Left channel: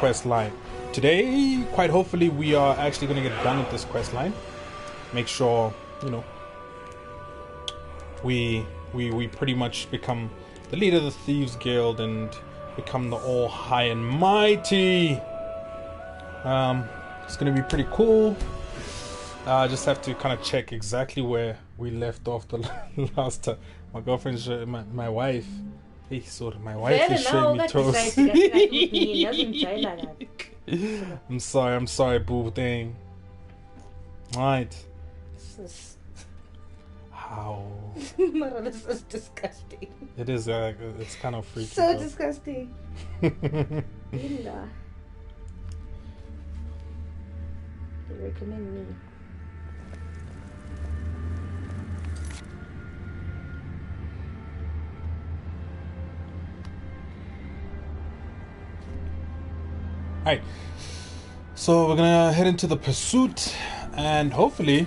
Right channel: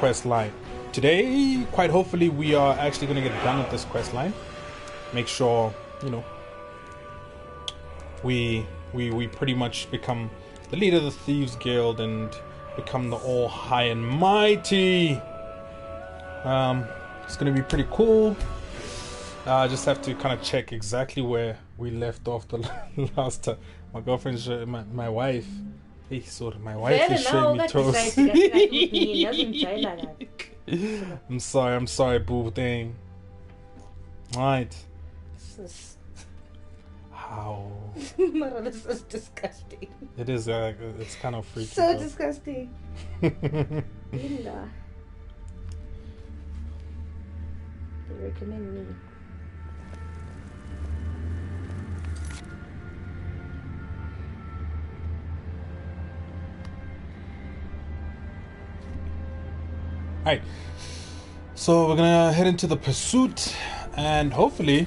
quest line. Today, quite hopefully, we are actually going to get done with this quest line. Make sure, you know, we pretty much become the leader of the Thieves Guild and become the all high and mighty. It's going to be pretty cool. I just have to kind of check exactly where we left off the last time. My girlfriend's my wife. Hey, sorry, my wife is showing me toes. I'm sorry, boo thing. Right. How? This is disgusting. It is. It's kind of freaky. So disgusting. Linda. They recommend me. Alright, so we're gonna head into the pursuit and hopefully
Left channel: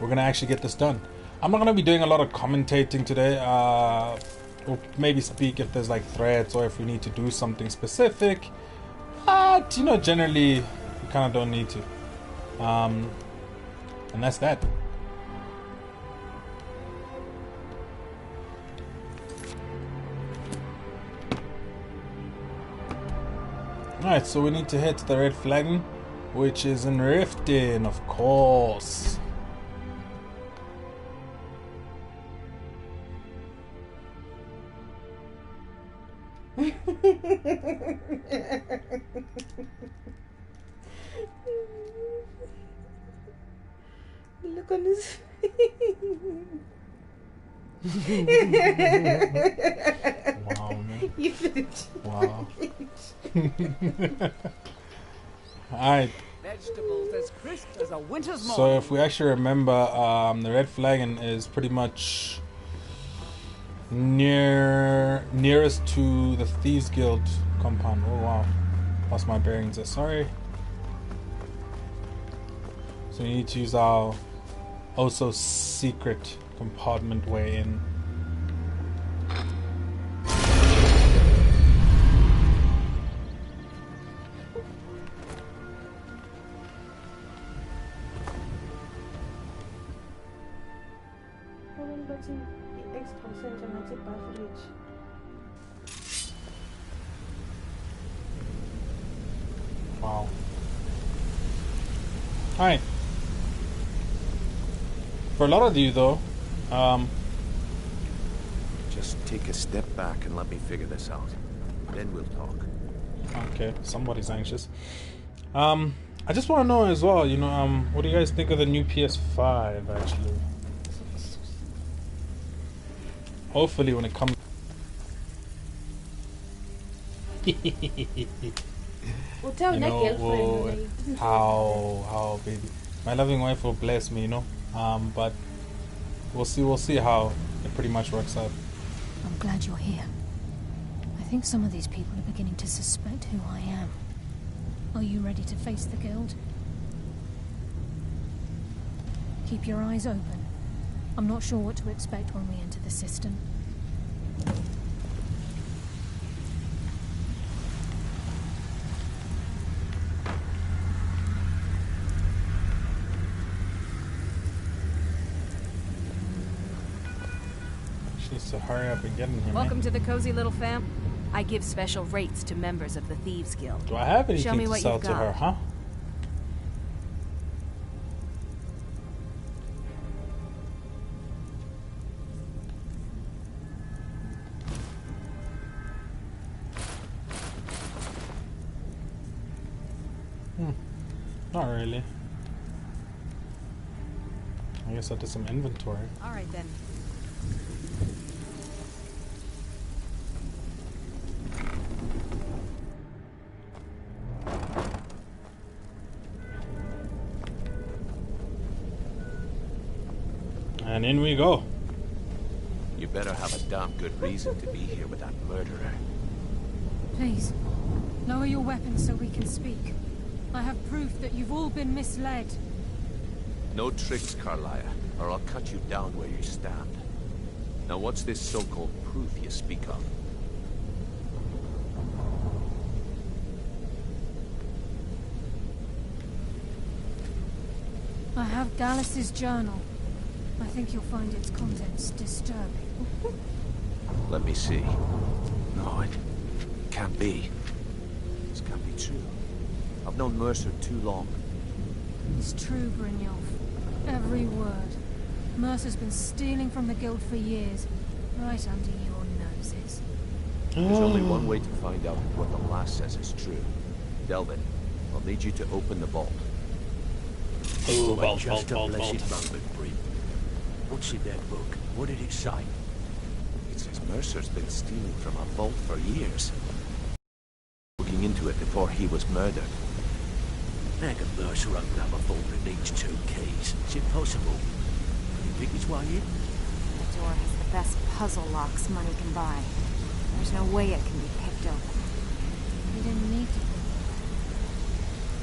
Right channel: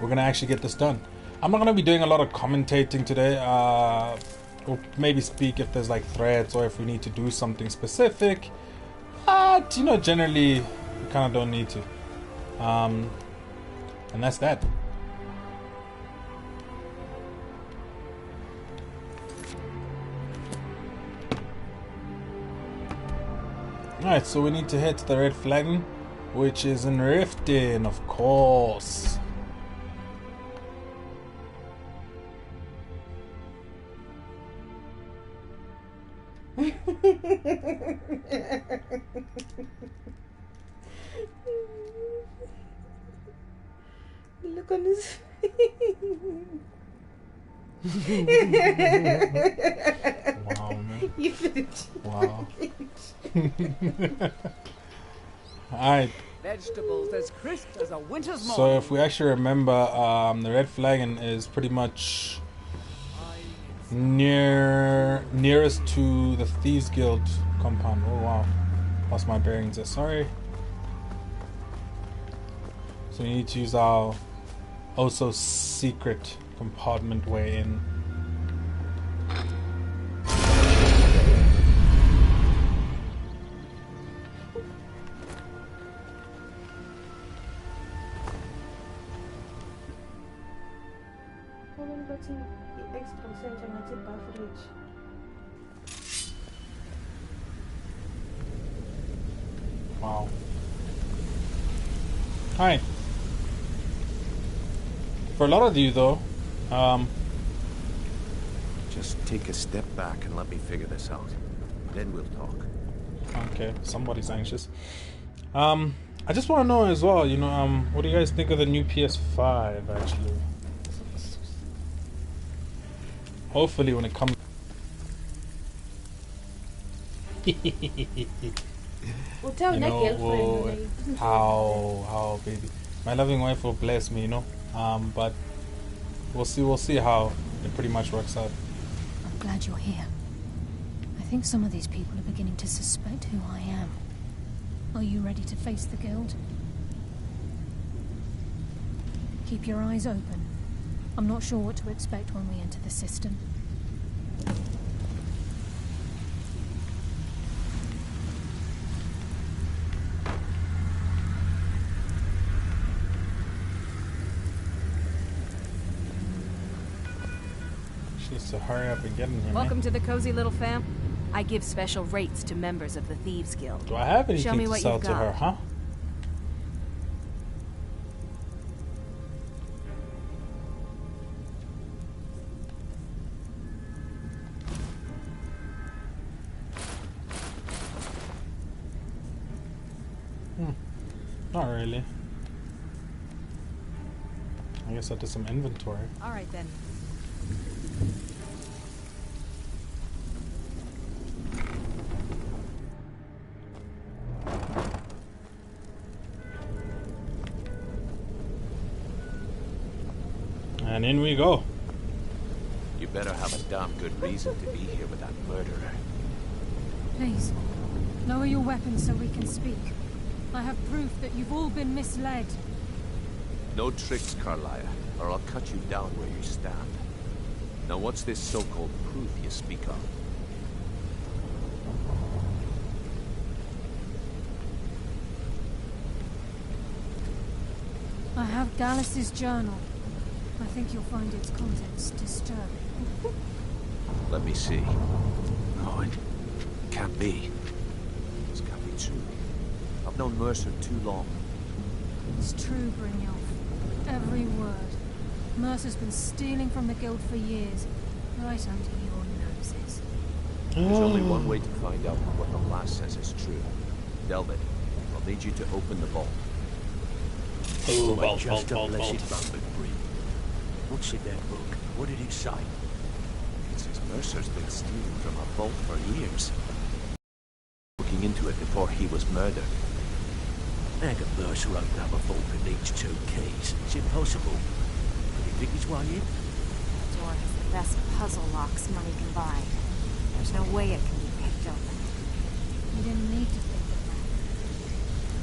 we're gonna actually get this done. I'm not gonna be doing a lot of commentating today. We'll maybe speak if there's like threads or if we need to do something specific, but you know, generally we kind of don't need to. And that's that. Alright, so we need to head to the red flagon, which is in Riften, of course. Look on his face. Wow, man. You finished. Wow. Alright. Vegetables as crisp as a winter's morning. So if we actually remember, the red flagon is pretty much nearest to the Thieves Guild compound. Oh wow. Lost my bearings there, sorry. So we need to use our also secret compartment way in. Wow. Hi. For a lot of you though, just take a step back and let me figure this out. Then we'll talk. Okay, somebody's anxious. I just want to know as well, you know, what do you guys think of the new PS5 actually? Hopefully when it comes you know, how baby, my loving wife will bless me, you know, but we'll see how it pretty much works out. I'm glad you're here. I think some of these people are beginning to suspect who I am. Are you ready to face the guild? Keep your eyes open. I'm not sure what to expect when we enter the system. She needs to hurry up and get in here. Welcome to the cozy little fam. I give special rates to members of the Thieves Guild. Do I have anything Show me to what sell you've to got. her, huh? Not really. I guess I'll do some inventory. All right then. And in we go. You better have a damn good reason to be here with that murderer. Please, lower your weapons so we can speak. I have proof that you've all been misled. No tricks, Carlia, or I'll cut you down where you stand. Now what's this so-called proof you speak of? I have Gallus' journal. I think you'll find its contents disturbing. Let me see. No, it can't be. This can't be true. I've known Mercer too long. It's true, Brynjolf. Every word. Mercer's been stealing from the guild for years, right under your noses. There's only one way to find out what the lass says is true. Delvin, I'll need you to open the vault. Oh, Vault. What's in that book? What did it say? It says Mercer's been stealing from a vault for years. Looking into it before he was murdered. How can Mercer open up a vault that needs 2 keys? It's impossible. Could he pick his way in? That door has the best puzzle locks money can buy. There's no way it can be picked open. You didn't need to pick them up.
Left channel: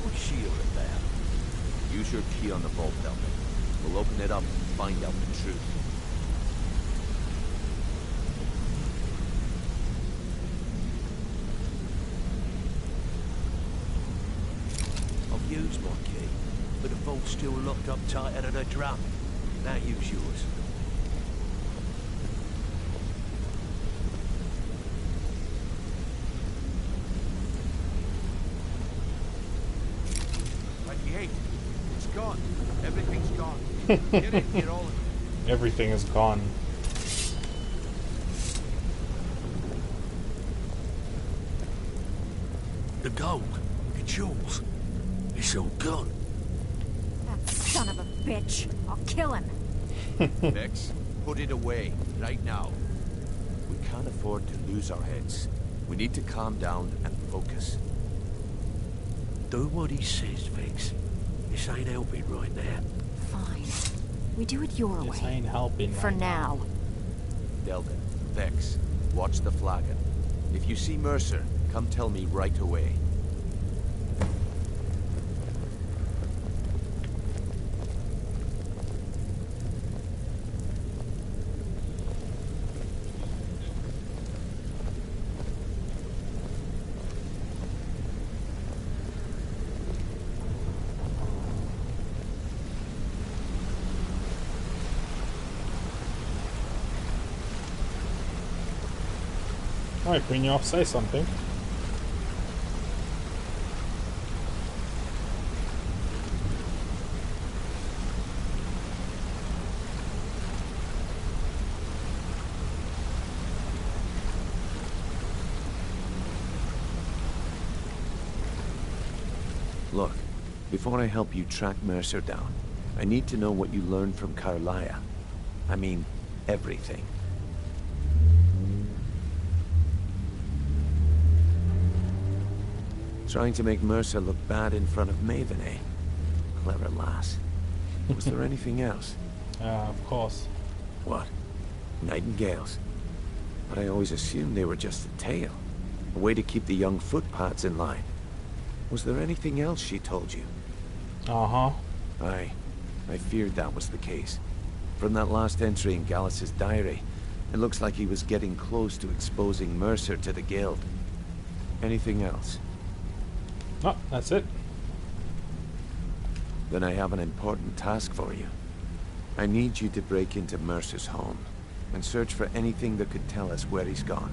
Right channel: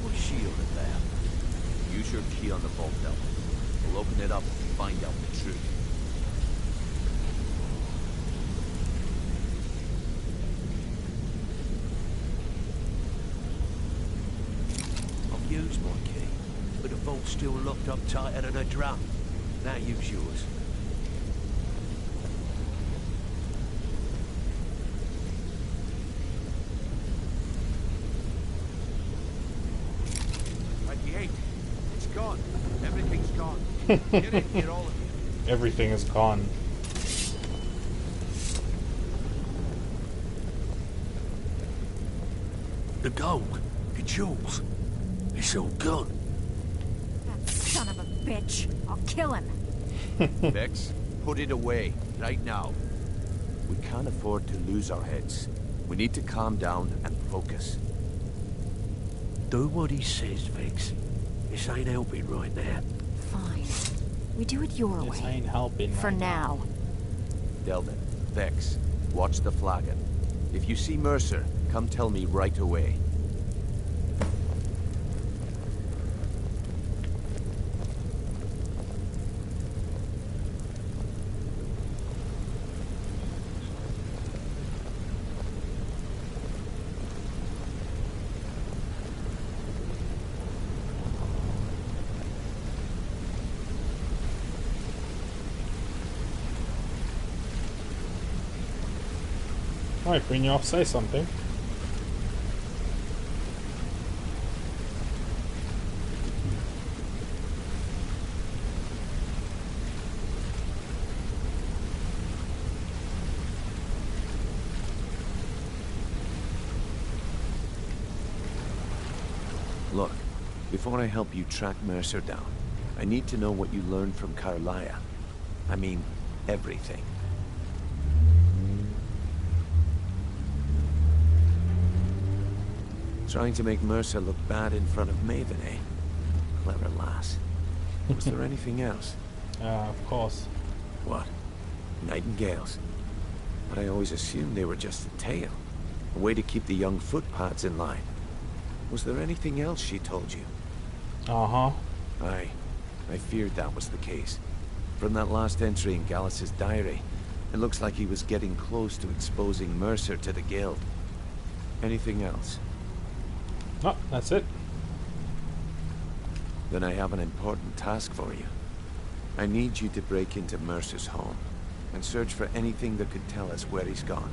What's she all about? Use your key on the vault, Delvin. We'll open it up and find out the truth. I've used my key, but the vault's still locked up tighter than a drum. Now use yours. It's gone. Everything's gone. Get in here, all of you. Everything is gone. The gold, the jewels, it's all gone. That son of a bitch. I'll kill him. Vex, put it away, right now. We can't afford to lose our heads. We need to calm down and focus. Do what he says, Vex. This ain't helping right now. Fine. We do it your This way. ain't helping For right now. Delvin, Vex, watch the flagon. If you see Mercer, come tell me right away. Alright, Brynjolf, say something. Look, before I help you track Mercer down, I need to know what you learned from Carlia. I mean, everything. Trying to make Mercer look bad in front of Maven, eh? Clever lass. Was there anything else? Of course. What? Nightingales? But I always assumed they were just a tale. A way to keep the young footpads in line. Was there anything else she told you? Uh-huh. Aye. I feared that was the case. From that last entry in Gallus's diary, it looks like he was getting close to exposing Mercer to the guild. Anything else? No, that's it. Then I have an important task for you. I need you to break into Mercer's home and search for anything that could tell us where he's gone.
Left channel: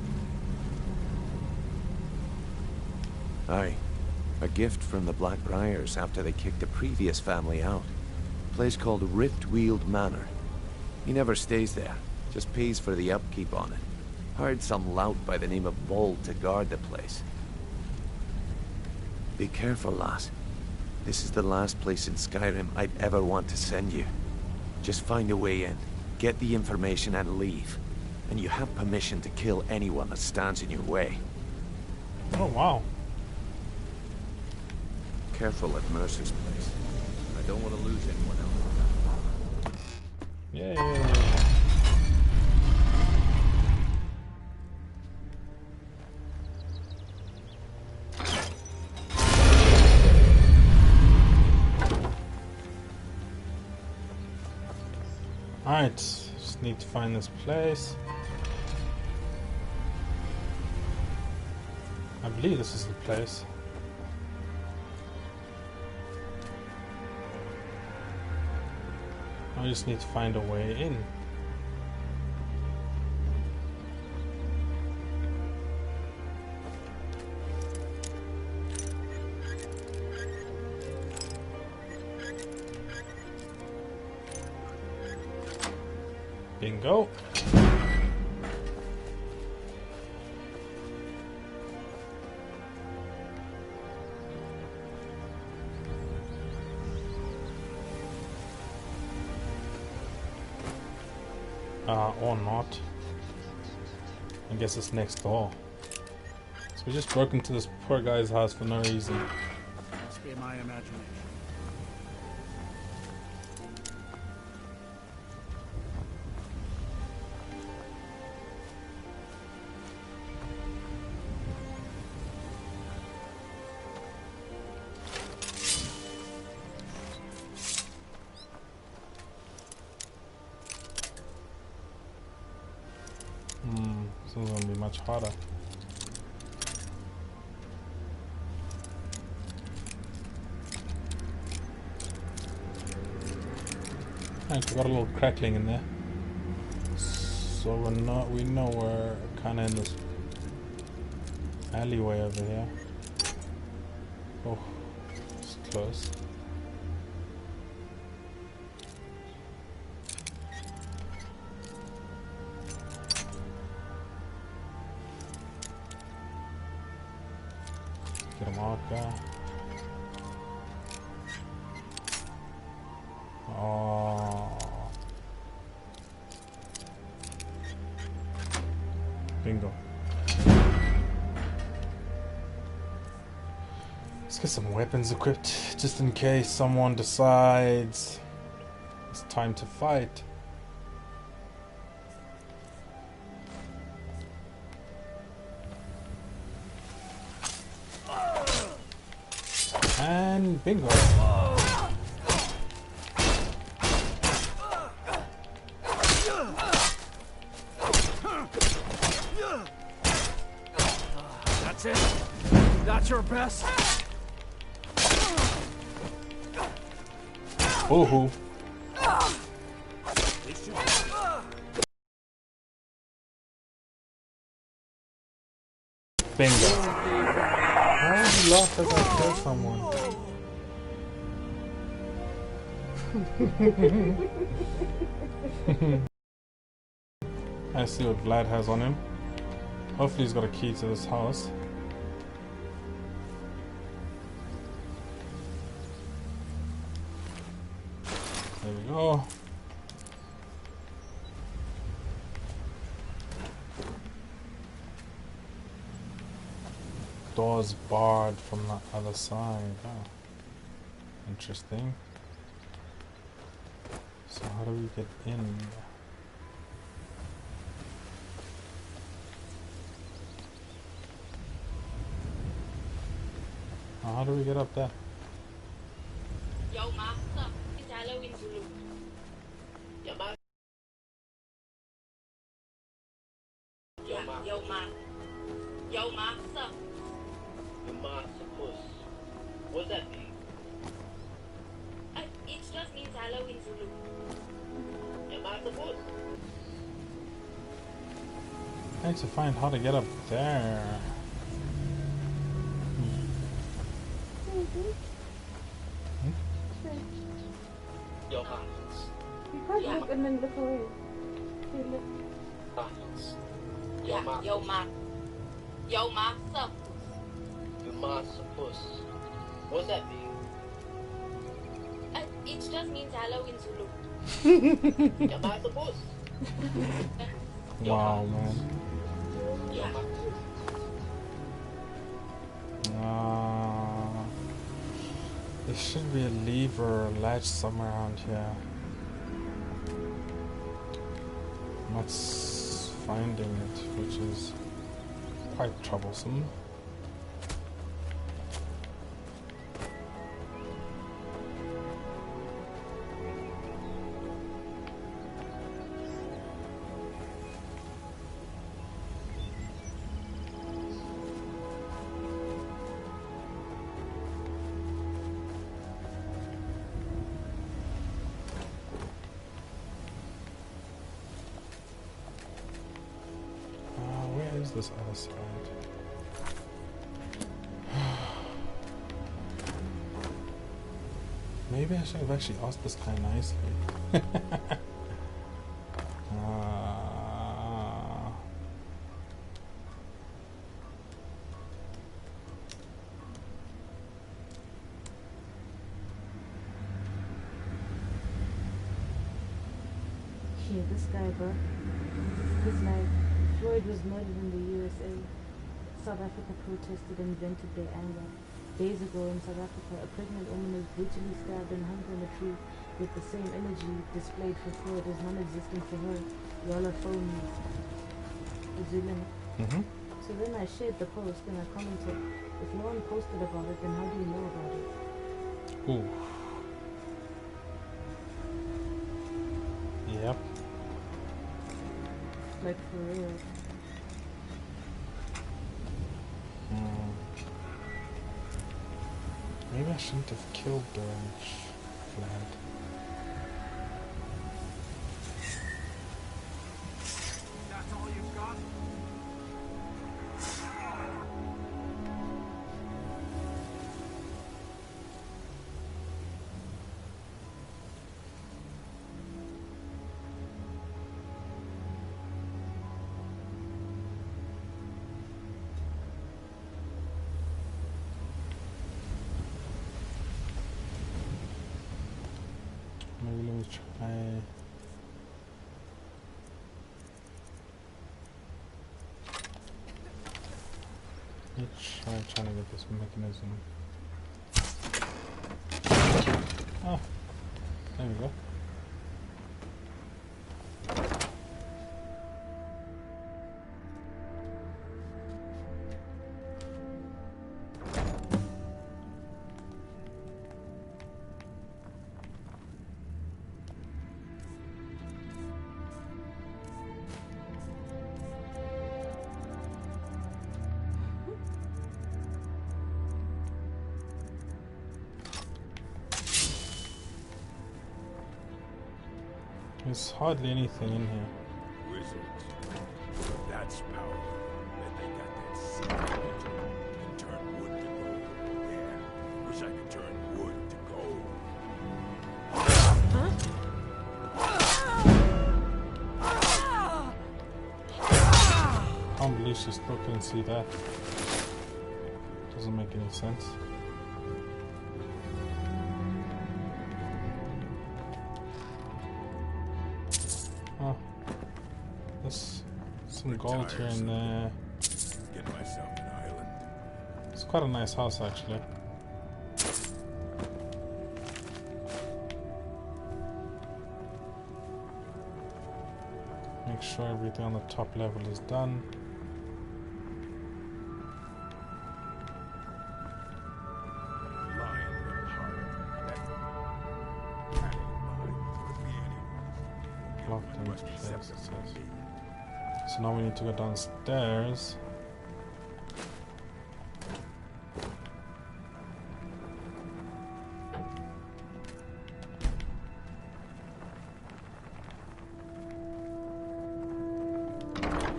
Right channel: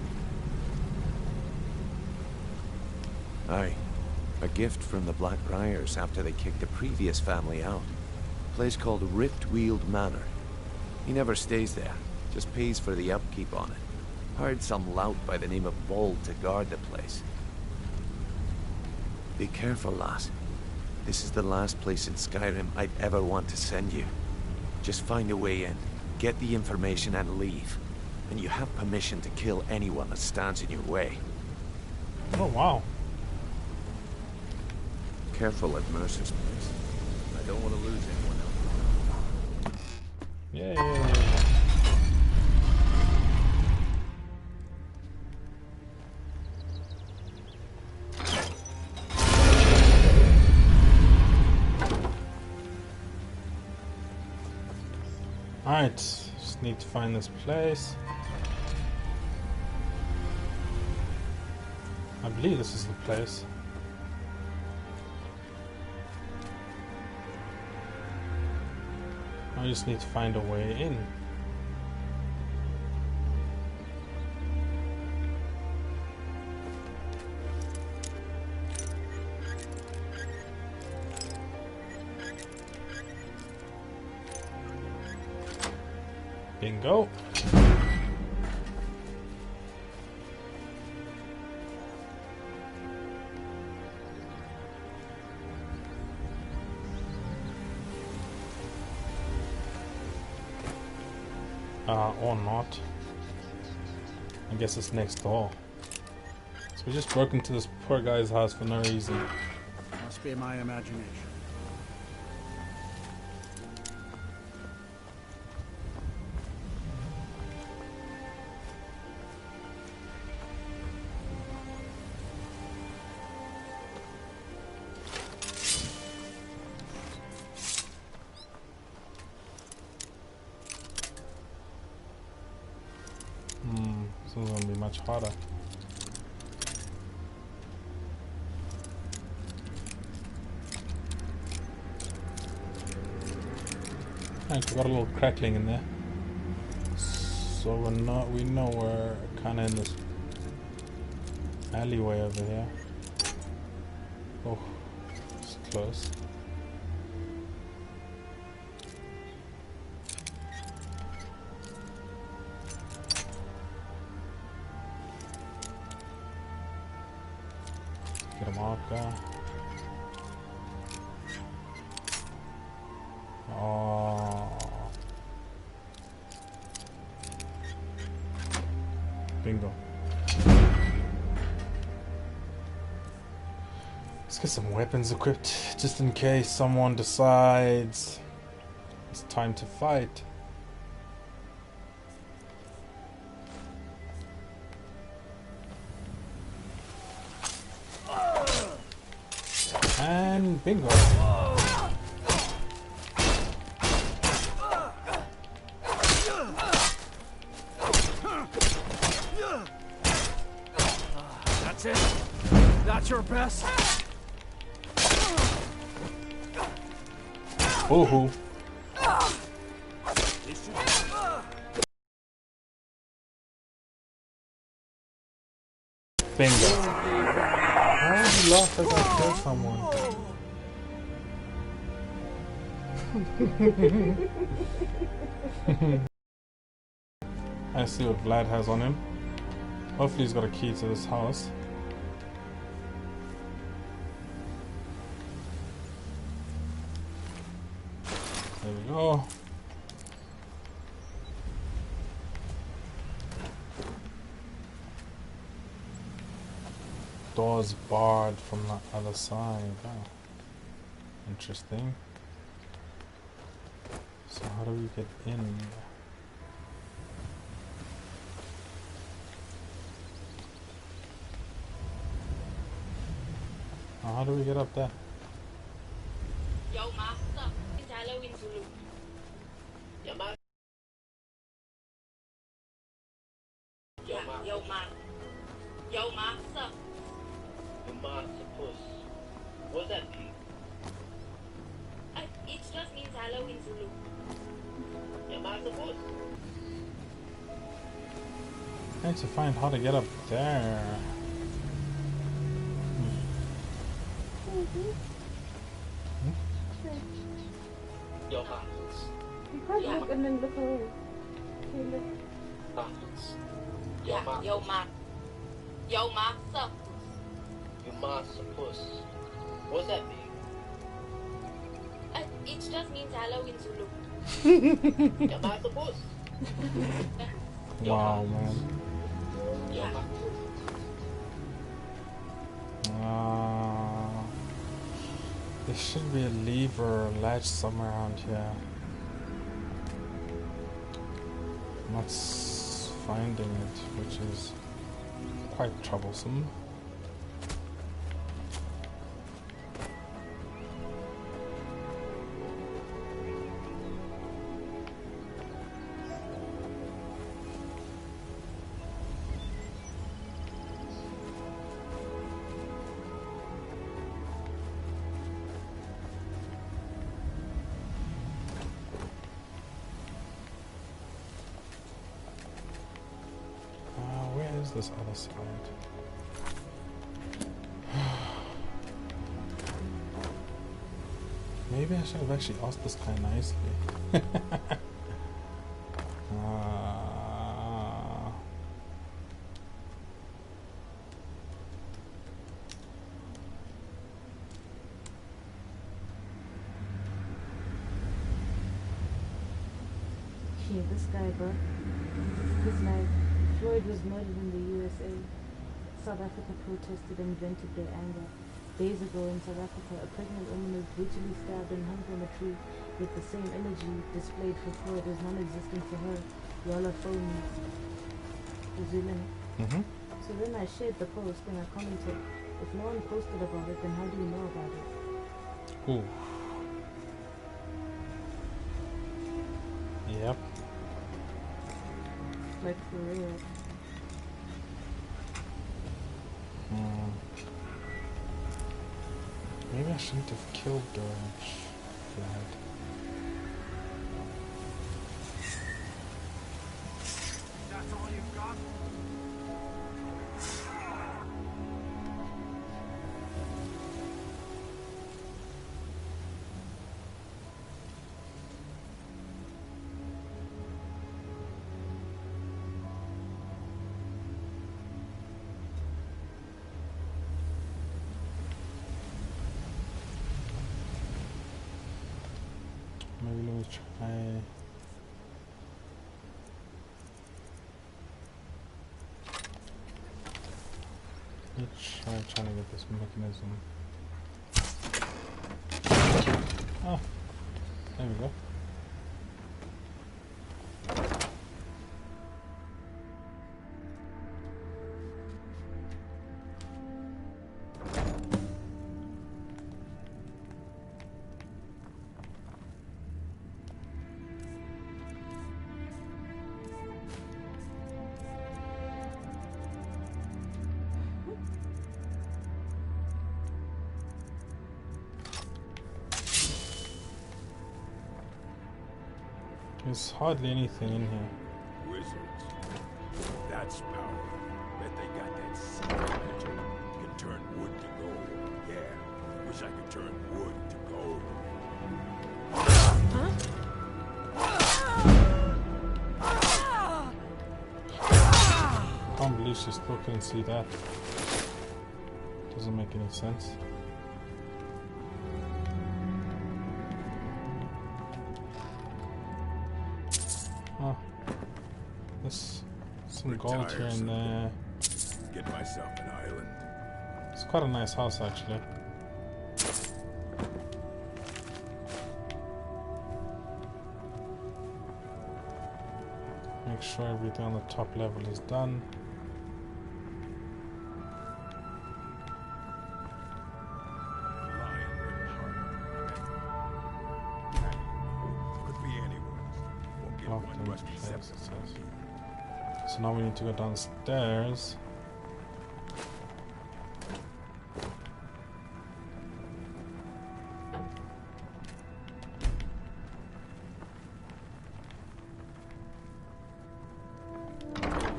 Aye. A gift from the Blackbriars after they kicked the previous family out. A place called Riftweald Manor. He never stays there, just pays for the upkeep on it. Hired some lout by the name of Bold to guard the place. Be careful, lass. This is the last place in Skyrim I'd ever want to send you. Just find a way in, get the information and leave. And you have permission to kill anyone that stands in your way. Oh, wow. Careful at Mercer's place. I don't want to lose anyone else. Yay. Alright, just need to find this place. I believe this is the place. I just need to find a way in. Bingo. Or not. I guess it's next door. So we just broke into this poor guy's house for no reason. Must be my imagination. This is gonna be much harder. Right, we got a little crackling in there. So we know we're kinda in this alleyway over here. Oh, it's close. Get a marker. Oh. Bingo. Let's get some weapons equipped just in case someone decides it's time to fight. And bingo. That's it? That's your best? Ooh. Bingo. Why would you laugh as I kill someone? I see what Vlad has on him. Hopefully he's got a key to this house. There we go. Door's barred from the other side. Oh. Interesting. So how do we get in? How do we get up there? Yo, master. It's Halloween Zulu. Yo, master. Yo, master. Yo, master. Yo, master. Yo, master puss. What's that mean? It just means Halloween Zulu. Yo, master puss. I need to find how to get up there. Yo, master. You can't look and then look away. Okay, look. Yo, master. Yo, master. Yo, master puss. What's that mean? It just means Halloween Zulu. Yo, master puss. Wow, man. Yeah. There should be a lever or a latch somewhere around here. I'm not finding it, which is quite troublesome. this other side? Maybe I should have actually asked this guy nicely. Yeah, this guy, bro. His life. Floyd was murdered in the USA. South Africa protested and vented their anger. Days ago in South Africa, a pregnant woman was brutally stabbed and hung from a tree, with the same energy displayed for Floyd as non-existent for her. Y'all are phonies. So then I shared the post and I commented, if no one posted about it, then how do you know about it? Ooh. Yep. Like for real. Maybe I shouldn't have killed Durridge, Vlad. That's all you've got? Maybe let me try. Let's try to get this mechanism. Ah, there we go. There's hardly anything in here. Wizards. That's power. Bet they got that secret magic. Can turn wood to gold. Yeah. Wish I could turn wood to gold. Can't believe she still couldn't see that. Doesn't make any sense. Oh, there's some gold here and there. Get myself an island. It's quite a nice house, actually. Make sure everything on the top level is done. So now we need to go downstairs.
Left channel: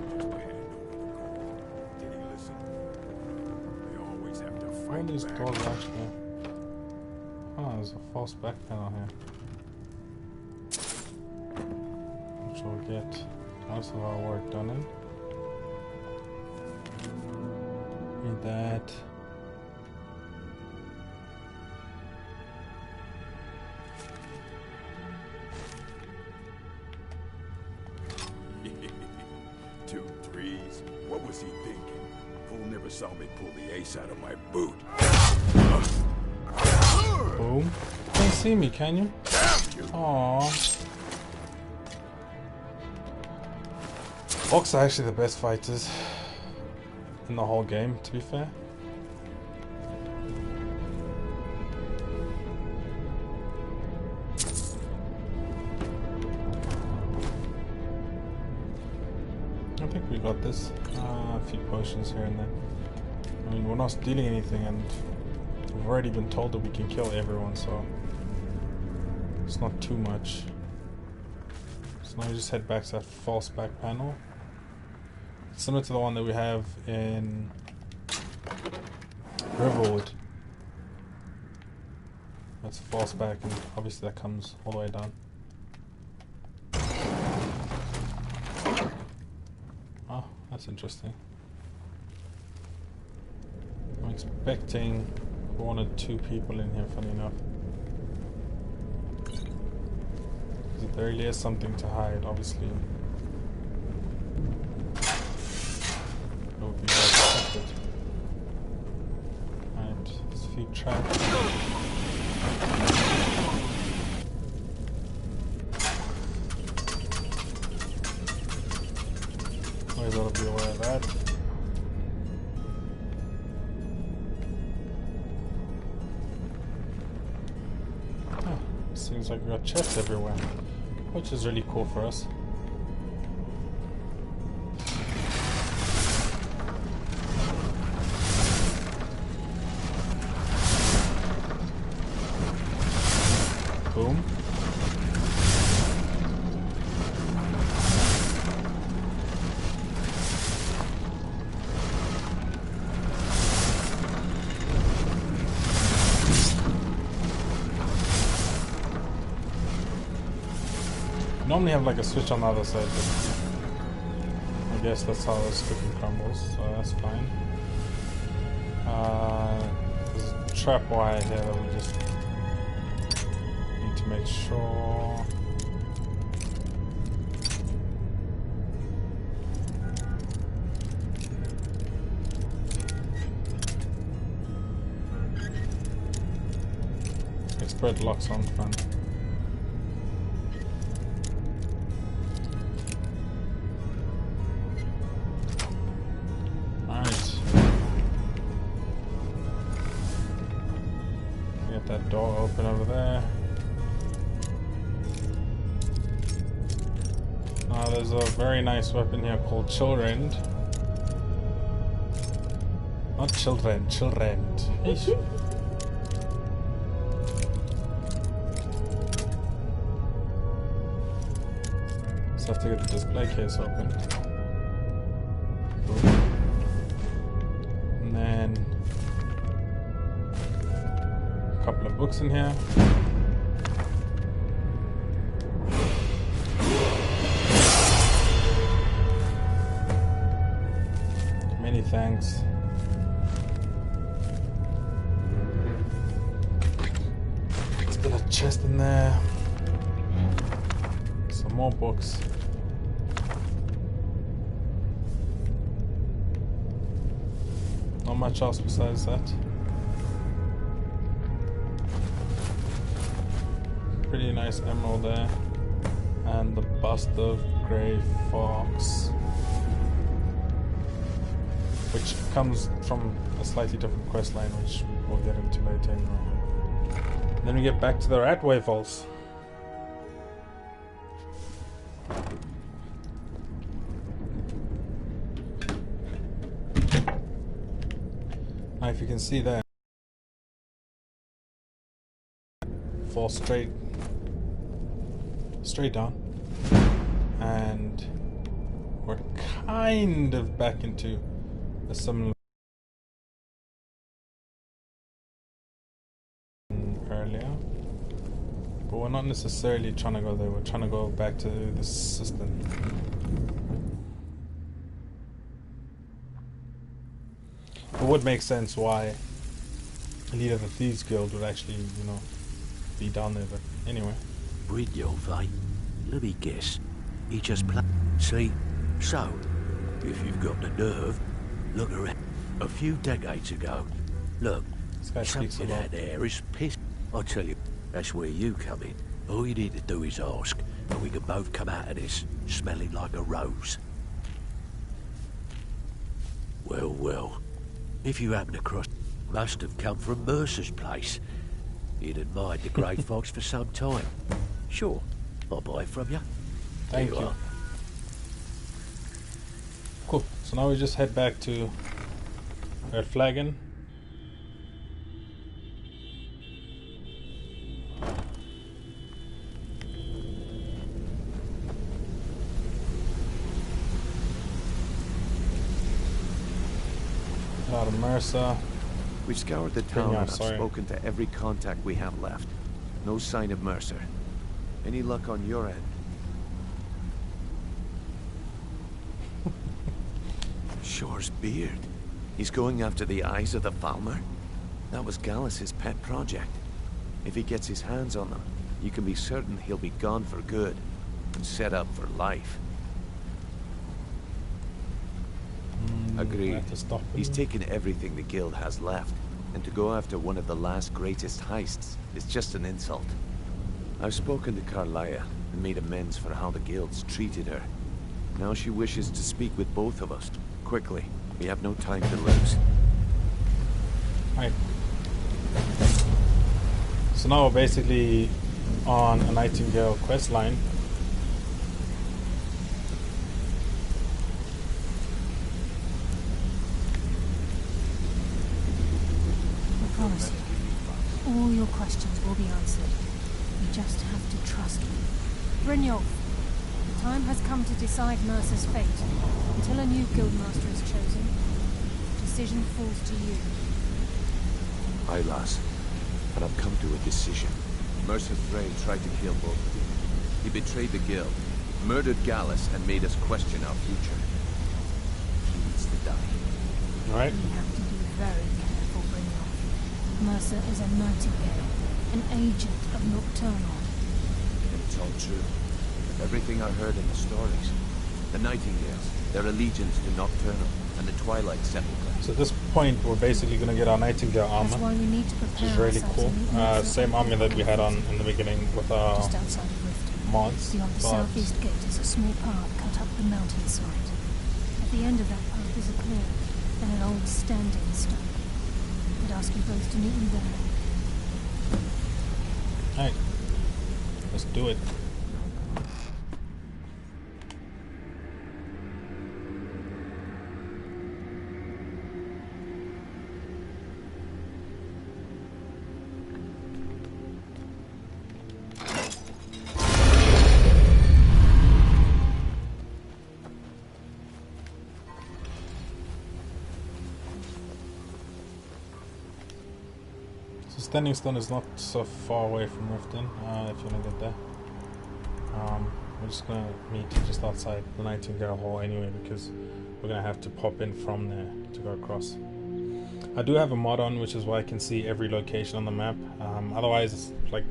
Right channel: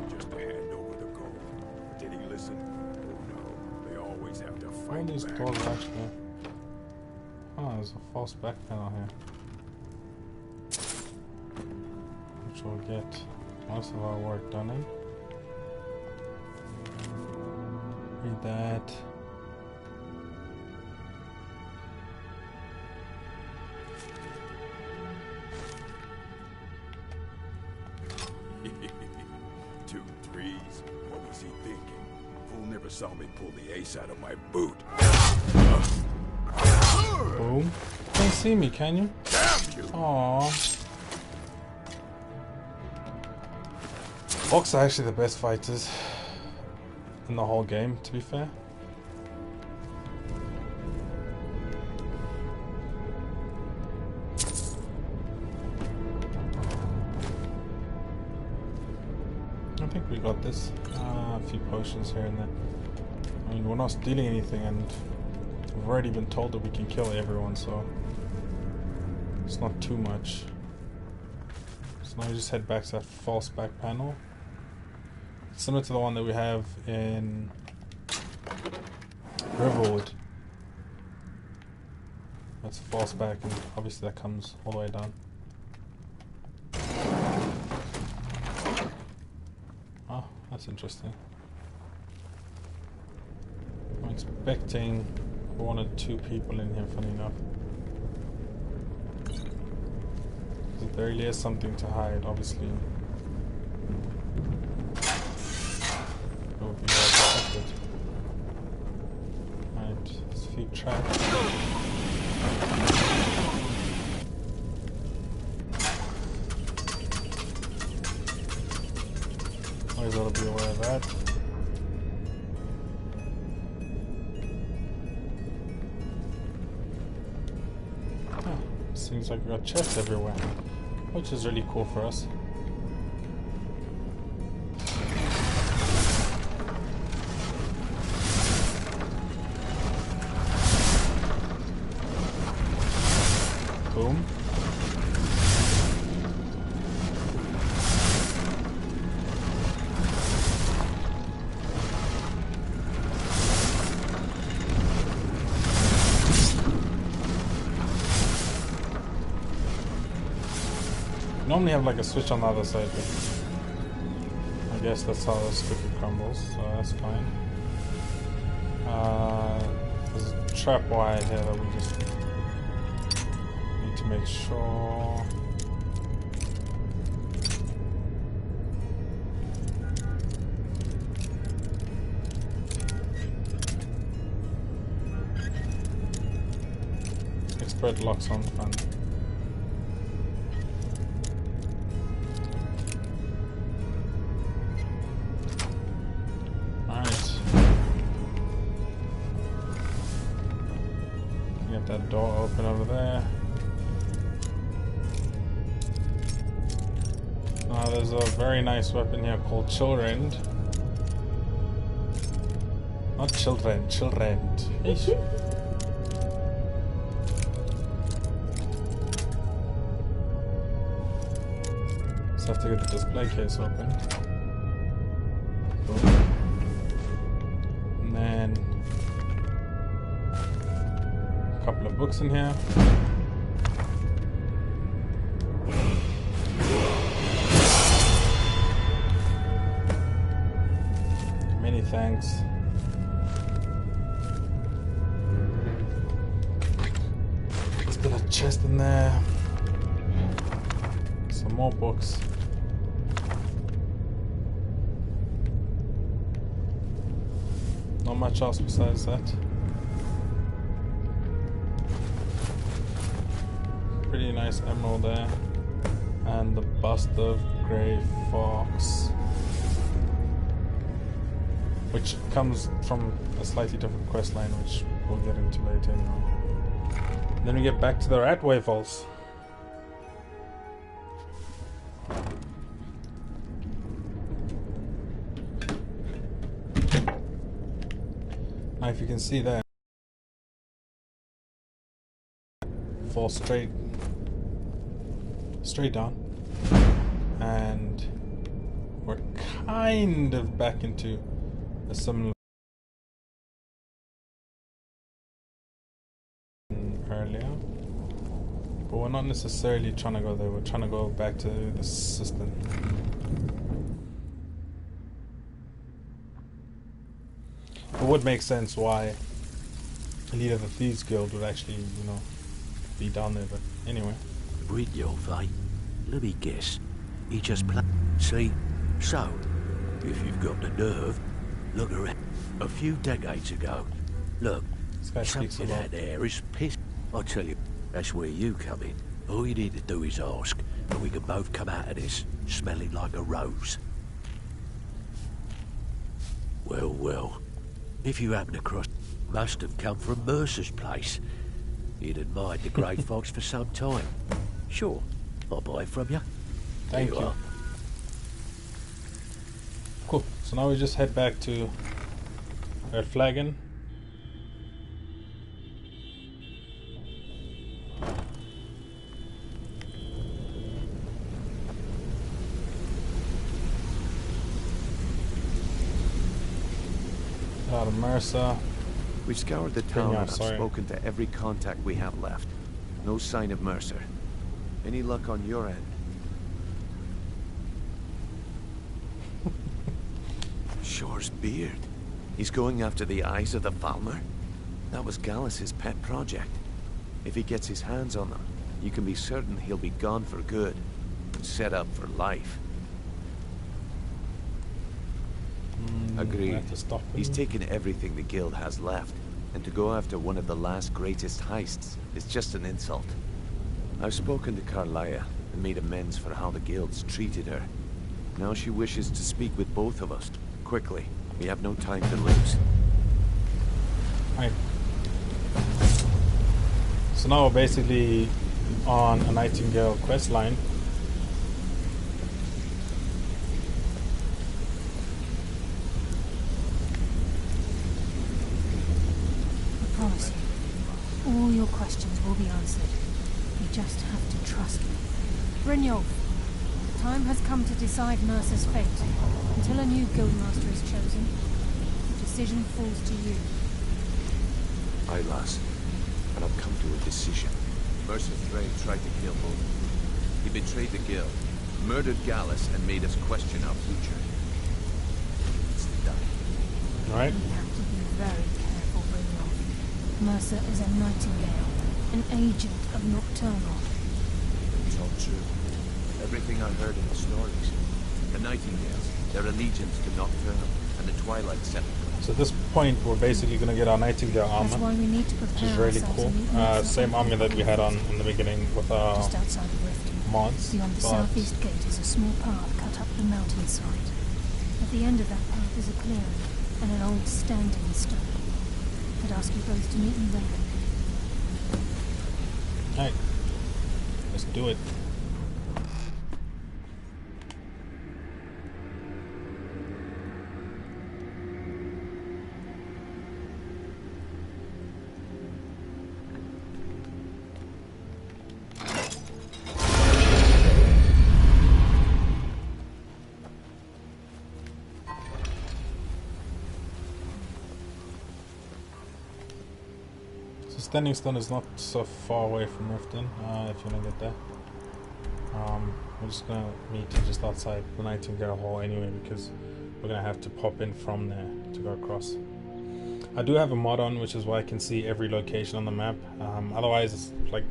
Just hand over the gold. Did he listen? Oh no, they always have to fight. All these back. doors actually. Oh, there's a false back panel here. Which will get most of our work done in. Read that. Two threes. What was he thinking? Fool never saw me pull the ace out of my boot. Boom. Can't see me, can you? Damn you! Aww. Orcs are actually the best fighters in the whole game, to be fair. I think we got this. A few potions here and there. I mean, we're not stealing anything, and we've already been told that we can kill everyone, so it's not too much. So now we just head back to that false back panel. similar to the one that we have in Riverwood. That's a false back, and obviously that comes all the way down. Oh, that's interesting. I'm expecting 1 or 2 people in here, funny enough. Because there really is something to hide, obviously. It would be well protected. Right, there's a few traps. Always ought to be aware of that. Oh, seems like we got chests everywhere, which is really cool for us. Boom. Normally have like a switch on the other side, but I guess that's how this cookie crumbles, so that's fine. There's a trap wire here that we just need to make sure. Expert locks on fun. Get that door open over there. Now there's a very nice weapon here called Children. Not children, children. Eesh. Just have to get the display case open. Boom. And then couple of books in here. Many thanks. Still a chest in there. Some more books. Not much else besides that. Pretty nice emerald there, and the bust of Grey Fox, which comes from a slightly different quest line, which we'll get into later anyway. And then we get back to the rat revolves. Now, if you can see there, fall straight down, and we're kind of back into a similar earlier, but we're not necessarily trying to go there. We're trying to go back to the system. It would make sense why the leader of the Thieves Guild would actually, you know, be down there, but anyway. Brynjolf, eh? Let me guess. He just see? So, if you've got the nerve, look around. A few decades ago, look, something out there is piss. I tell you, that's where you come in. All you need to do is ask, and we can both come out of this smelling like a rose. Well, well. If you happen across, must have come from Mercer's place. He'd admired the Grey Fox for some time. Sure, I'll buy it from you. Thank you. Cool. So now we just head back to Red Flagon. out of Mercer. We've scoured the town and I've sorry. spoken to every contact we have left. No sign of Mercer. Any luck on your end? Shore's beard. He's going after the eyes of the Falmer? That was Gallus's pet project. If he gets his hands on them, you can be certain he'll be gone for good and set up for life. Agreed. He's taken everything the guild has left, and to go after one of the last greatest heists is just an insult. I've spoken to Carlia and made amends for how the guild's treated her. Now she wishes to speak with both of us. Quickly. We have no time to lose. Right. So now we're basically on a Nightingale quest line. I promise you, all your questions will be answered. You just have to trust me. Brynjolf, the time has come to decide Mercer's fate. Until a new guildmaster is chosen, the decision falls to you. Aye, lass. And I've come to a decision. Mercer Frey tried to kill both of you. He betrayed the guild, murdered Gallus, and made us question our future. He needs to die. Right. You have to be very careful, Brynjolf. Mercer is a Nightingale, an agent of Nocturnal. And it's all true. Everything I heard in the stories. The Nightingales, their allegiance to Nocturnal, and the Twilight Sepulchre. So at this point, we're basically going to get our Nightingale armor, That's why we need to which prepare is really ourselves cool. to meet Mercer Same armor that we had on in the beginning with our just outside of Riften. mods. Beyond the but southeast gate is a small path cut up the mountainside. At the end of that path is a clearing and an old standing stone. I'd ask you both to meet me there. Alright, let's do it. Standing Stone is not so far away from Riften, if you want to get there. We're just going to meet you just outside the Nightingale Hall anyway, because we're going to have to pop in from there to go across. I do have a mod on, which is why I can see every location on the map. Otherwise, it's like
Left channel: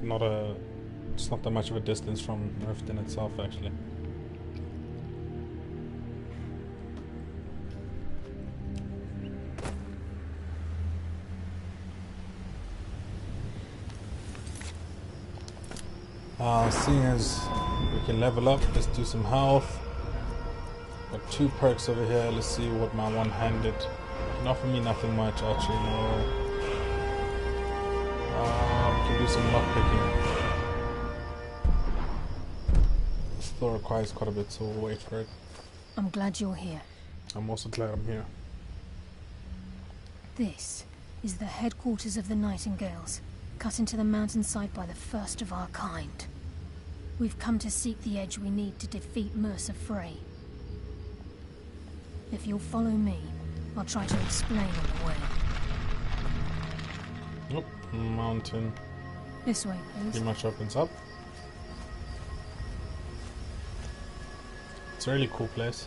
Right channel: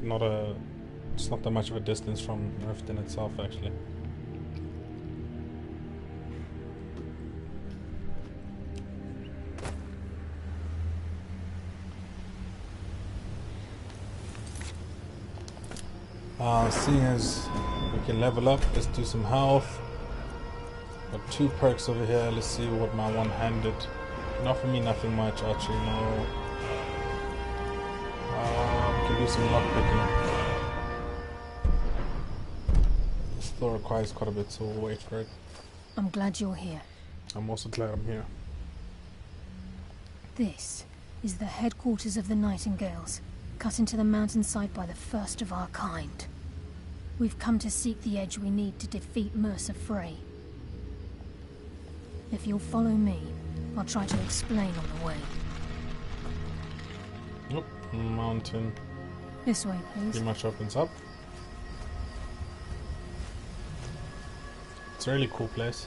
it's not that much of a distance from Riften itself, actually. Seeing as we can level up, let's do some health. Got 2 perks over here. Let's see what my one-handed can offer me. Nothing much. Archery, no. We can do some lockpicking. This still requires quite a bit, so we'll wait for it. I'm glad you're here. I'm also glad I'm here. This is the headquarters of the Nightingales, cut into the mountainside by the first of our kind. We've come to seek the edge we need to defeat Mercer Frey. If you'll follow me, I'll try to explain on the way. Nope, mountain. This way, please. Pretty much opens up. It's a really cool place.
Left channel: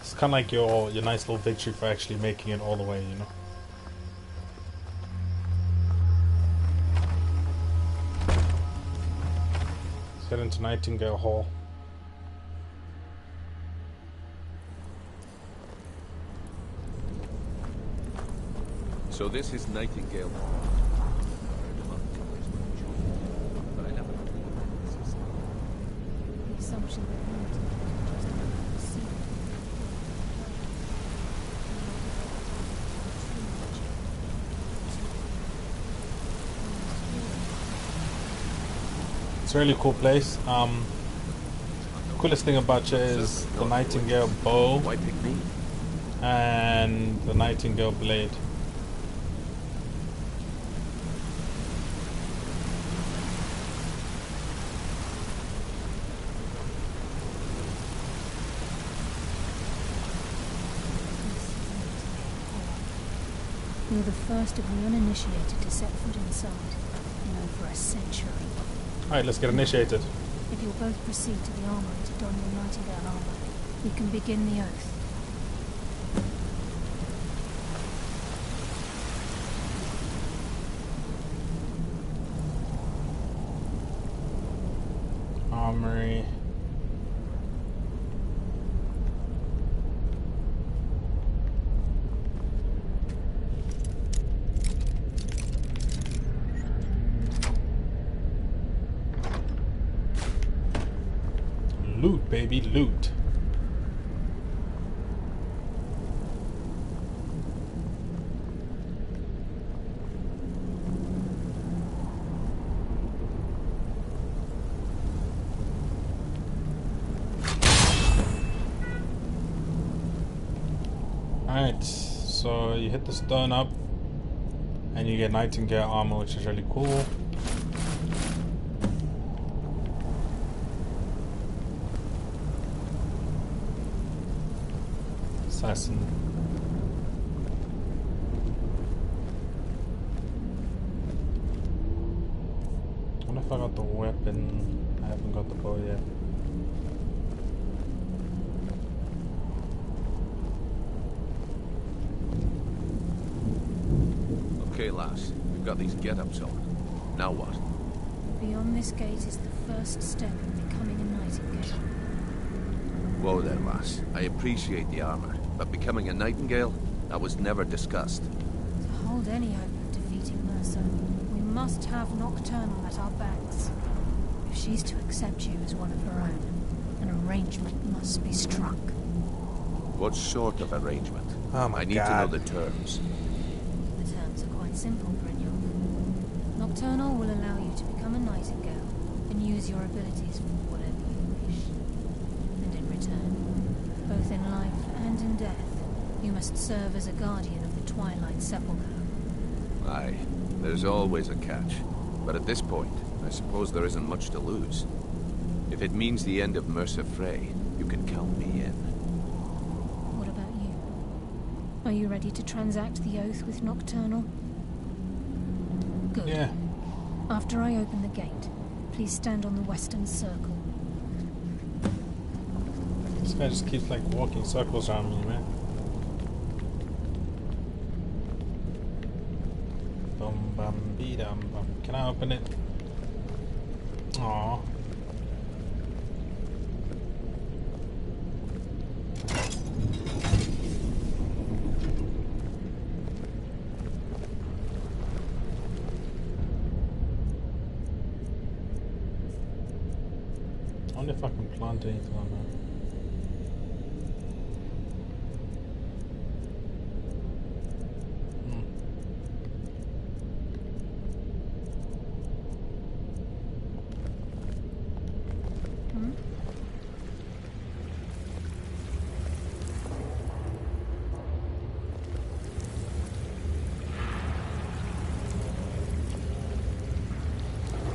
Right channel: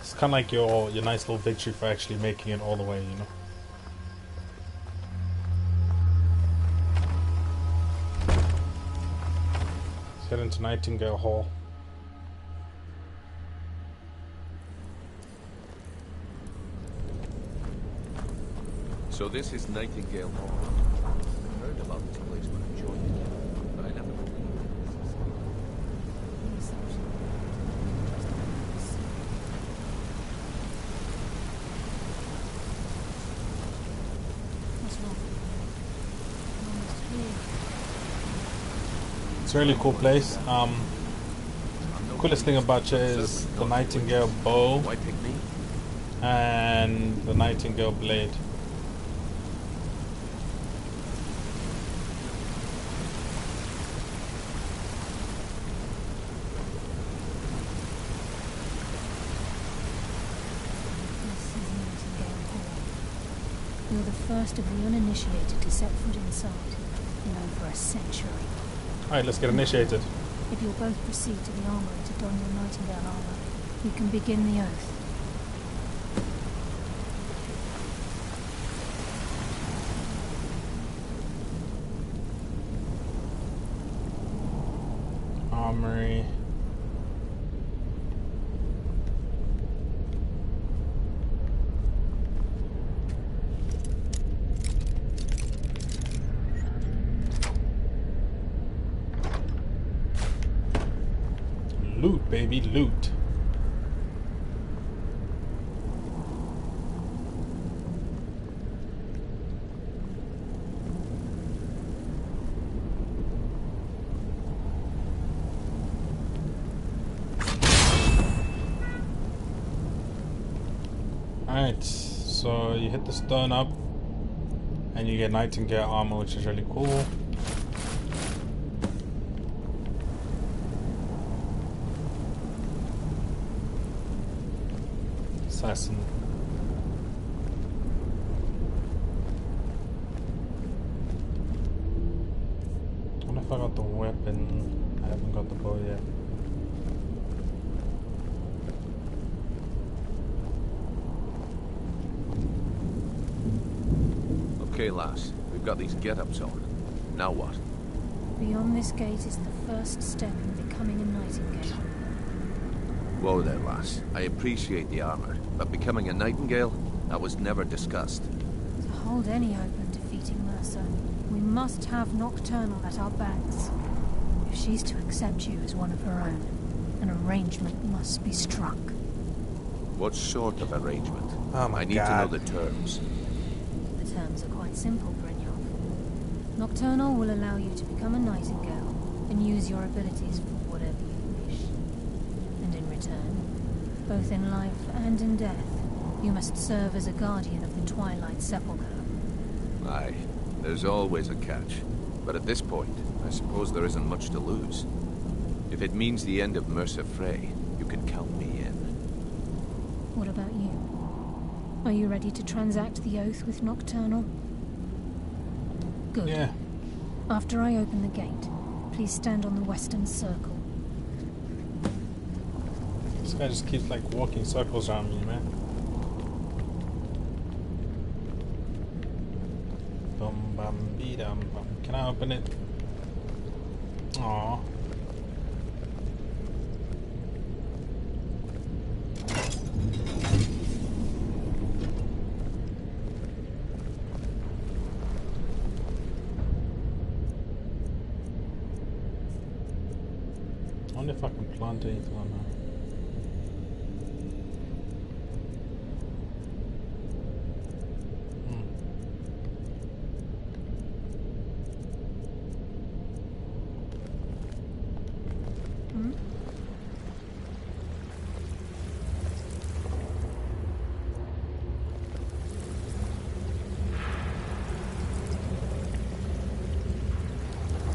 It's kind of like your nice little victory for actually making it all the way, you know. Let's head into Nightingale Hall. So this is Nightingale Hall. I heard about this place when I joined it, but I never believed it existed. The assumption that the Nightingales just see It's a really cool place. Coolest thing about it is the Nightingale bow Why pick me? and the Nightingale blade. You're the first of the uninitiated to set foot inside in over a century. Alright, let's get initiated. If you'll both proceed to the armory to don your Nightingale armor, we can begin the oath. Armory. Loot, baby, loot. Alright, so you hit the stone up and you get Nightingale armor, which is really cool. Assassin. I wonder if I got the weapon. I haven't got the bow yet. Okay, lass. We've got these get-ups on. Now what? Beyond this gate is the first step in becoming a Nightingale. Whoa there, lass. I appreciate the armor, but becoming a Nightingale? That was never discussed. To hold any hope of defeating Mercer, we must have Nocturnal at our backs. If she's to accept you as one of her own, an arrangement must be struck. What sort of arrangement? Oh my I need God. to know the terms. The terms are quite simple, Brynjolf. Nocturnal will allow you to become a Nightingale and use your abilities for whatever you wish. And in return, both in life and in death, you must serve as a guardian of the Twilight Sepulchre. Aye, there's always a catch. But at this point, I suppose there isn't much to lose. If it means the end of Mercer Frey, you can count me in. What about you? Are you ready to transact the oath with Nocturnal? Good. Yeah. After I open the gate, please stand on the western circle. This guy just keeps like walking circles around me, man. Bum bum bee dum bum. Can I open it? Aww. I wonder if I can plant anything on her.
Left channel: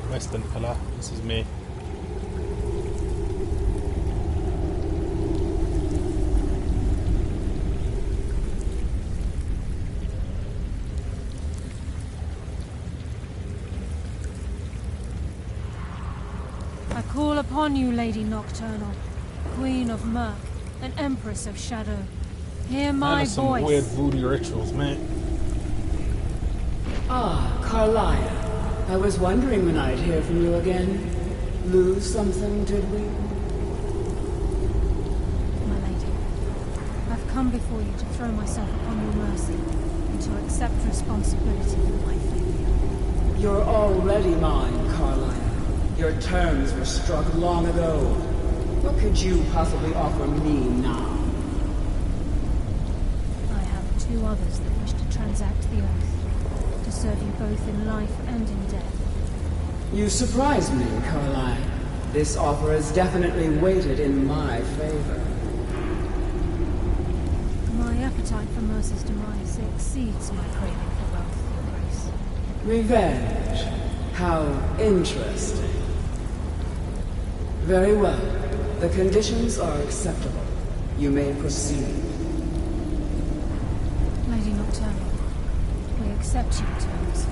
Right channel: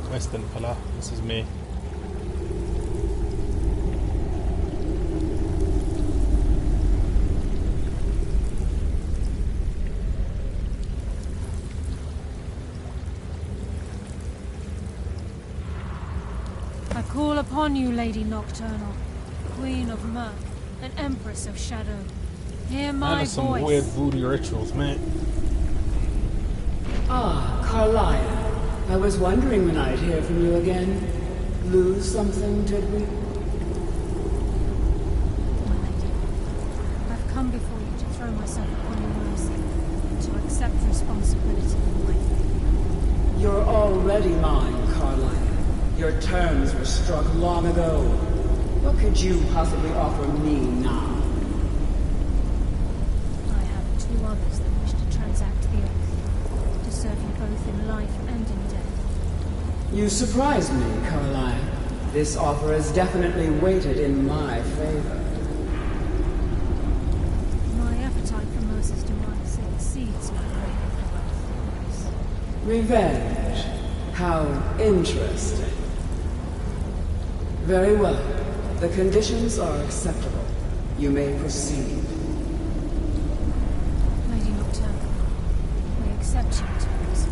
Western pillar, this is me. I call upon you, Lady Nocturnal, Queen of Murk, and Empress of Shadow. Hear my some voice. weird voodoo rituals, man. Ah, Carlia. I was wondering when I'd hear from you again. Lose something, did we? My lady, I've come before you to throw myself upon your mercy and to accept responsibility for my failure. You're already mine, Carlia. Your terms were struck long ago. What could you possibly offer me now? I have two others that wish to transact the oath, to serve you both in life and in death. You surprise me, Carlia. This offer is definitely weighted in my favor. My appetite for Mercer's demise exceeds my craving for wealth, Your Grace. Revenge. How interesting. Very well. The conditions are acceptable. You may proceed. Lady Nocturnal, accept your terms.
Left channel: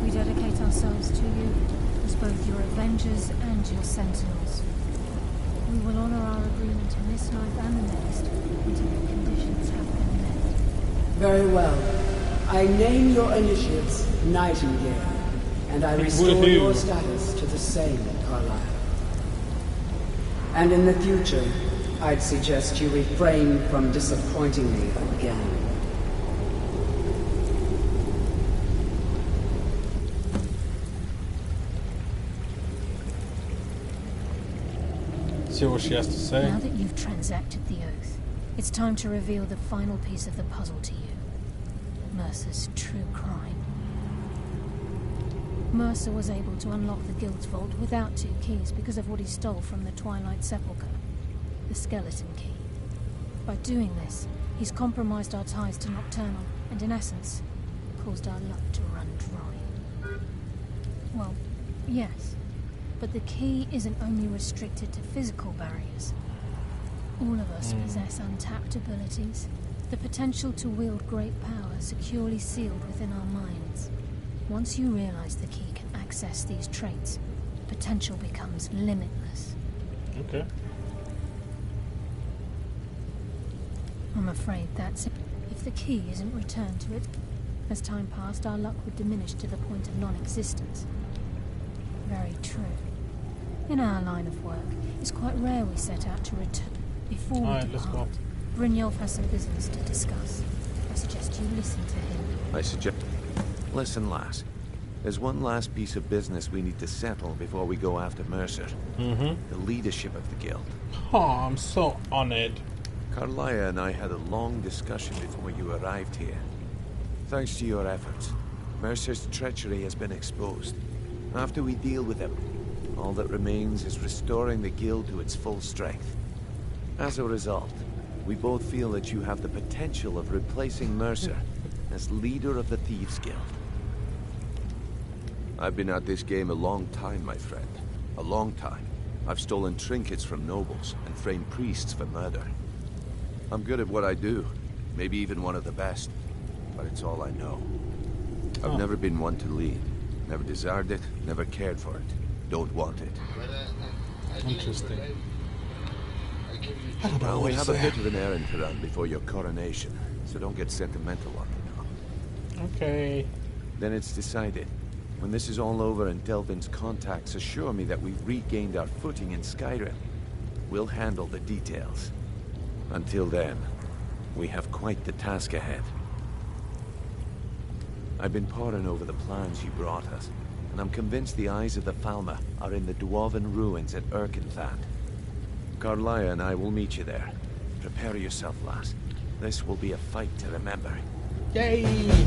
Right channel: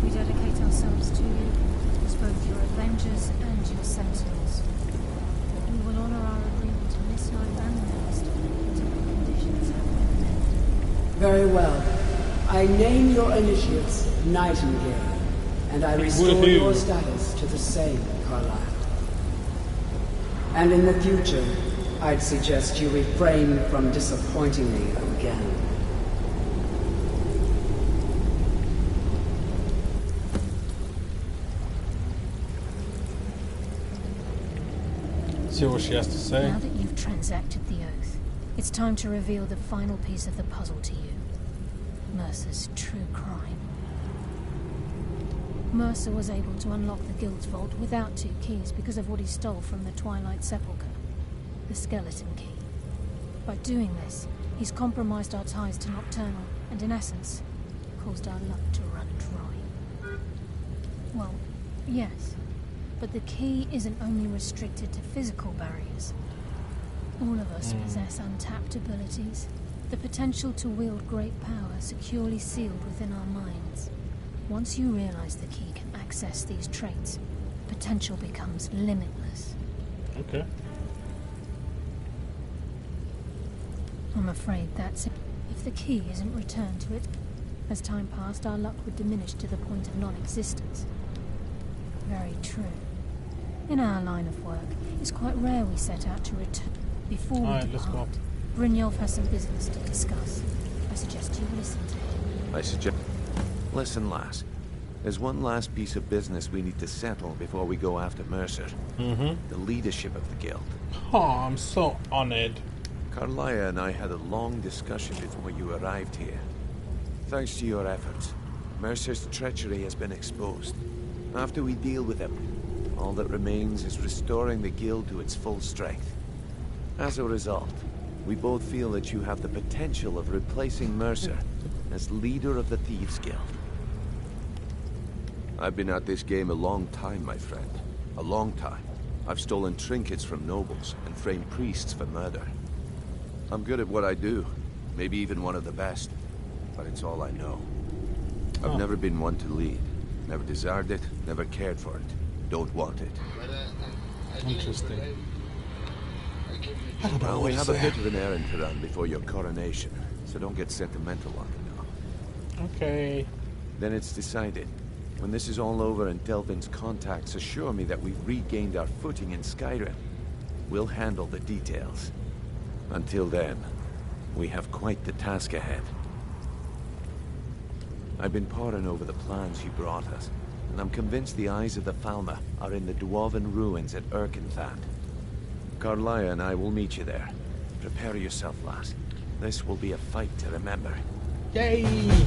We dedicate ourselves to you as both your avengers and your sentinels. We will honor our agreement in this life and the next until the conditions have been met. Very well. I name your initiates Nightingale, and I restore your status to the same, Carlyle. And in the future, I'd suggest you refrain from disappointing me again. See what she has to say. Now that you've transacted the oath, it's time to reveal the final piece of the puzzle to you. Mercer's true crime. Mercer was able to unlock the Guild's vault without 2 keys because of what he stole from the Twilight Sepulchre. The skeleton key. By doing this, he's compromised our ties to Nocturnal, and in essence, caused our luck to run dry. Well, yes. But the key isn't only restricted to physical barriers. All of us possess untapped abilities, the potential to wield great power securely sealed within our minds. Once you realize the key can access these traits, potential becomes limitless. Okay. I'm afraid that's it. If the key isn't returned to it, as time passed, our luck would diminish to the point of non-existence. Very true. In our line of work, it's quite rare we set out to return. Before we depart, Brynjolf has some business to discuss. I suggest you listen to him. Listen, lass. There's one last piece of business we need to settle before we go after Mercer. The leadership of the Guild. Oh, I'm so honored. Carlyle and I had a long discussion before you arrived here. Thanks to your efforts, Mercer's treachery has been exposed. After we deal with him, all that remains is restoring the Guild to its full strength. As a result, we both feel that you have the potential of replacing Mercer as leader of the Thieves Guild. I've been at this game a long time, my friend. A long time. I've stolen trinkets from nobles and framed priests for murder. I'm good at what I do, maybe even one of the best, but it's all I know. I've never been one to lead. Never desired it, never cared for it. Don't want it. Interesting. Well, we have a bit of an errand to run before your coronation, so don't get sentimental on me now. Okay. Then it's decided. When this is all over and Delvin's contacts assure me that we've regained our footing in Skyrim, we'll handle the details. Until then, we have quite the task ahead. I've been poring over the plans you brought us, and I'm convinced the eyes of the Falmer are in the Dwarven ruins at Erkenthand. Carlyle and I will meet you there. Prepare yourself, lass. This will be a fight to remember. Yay!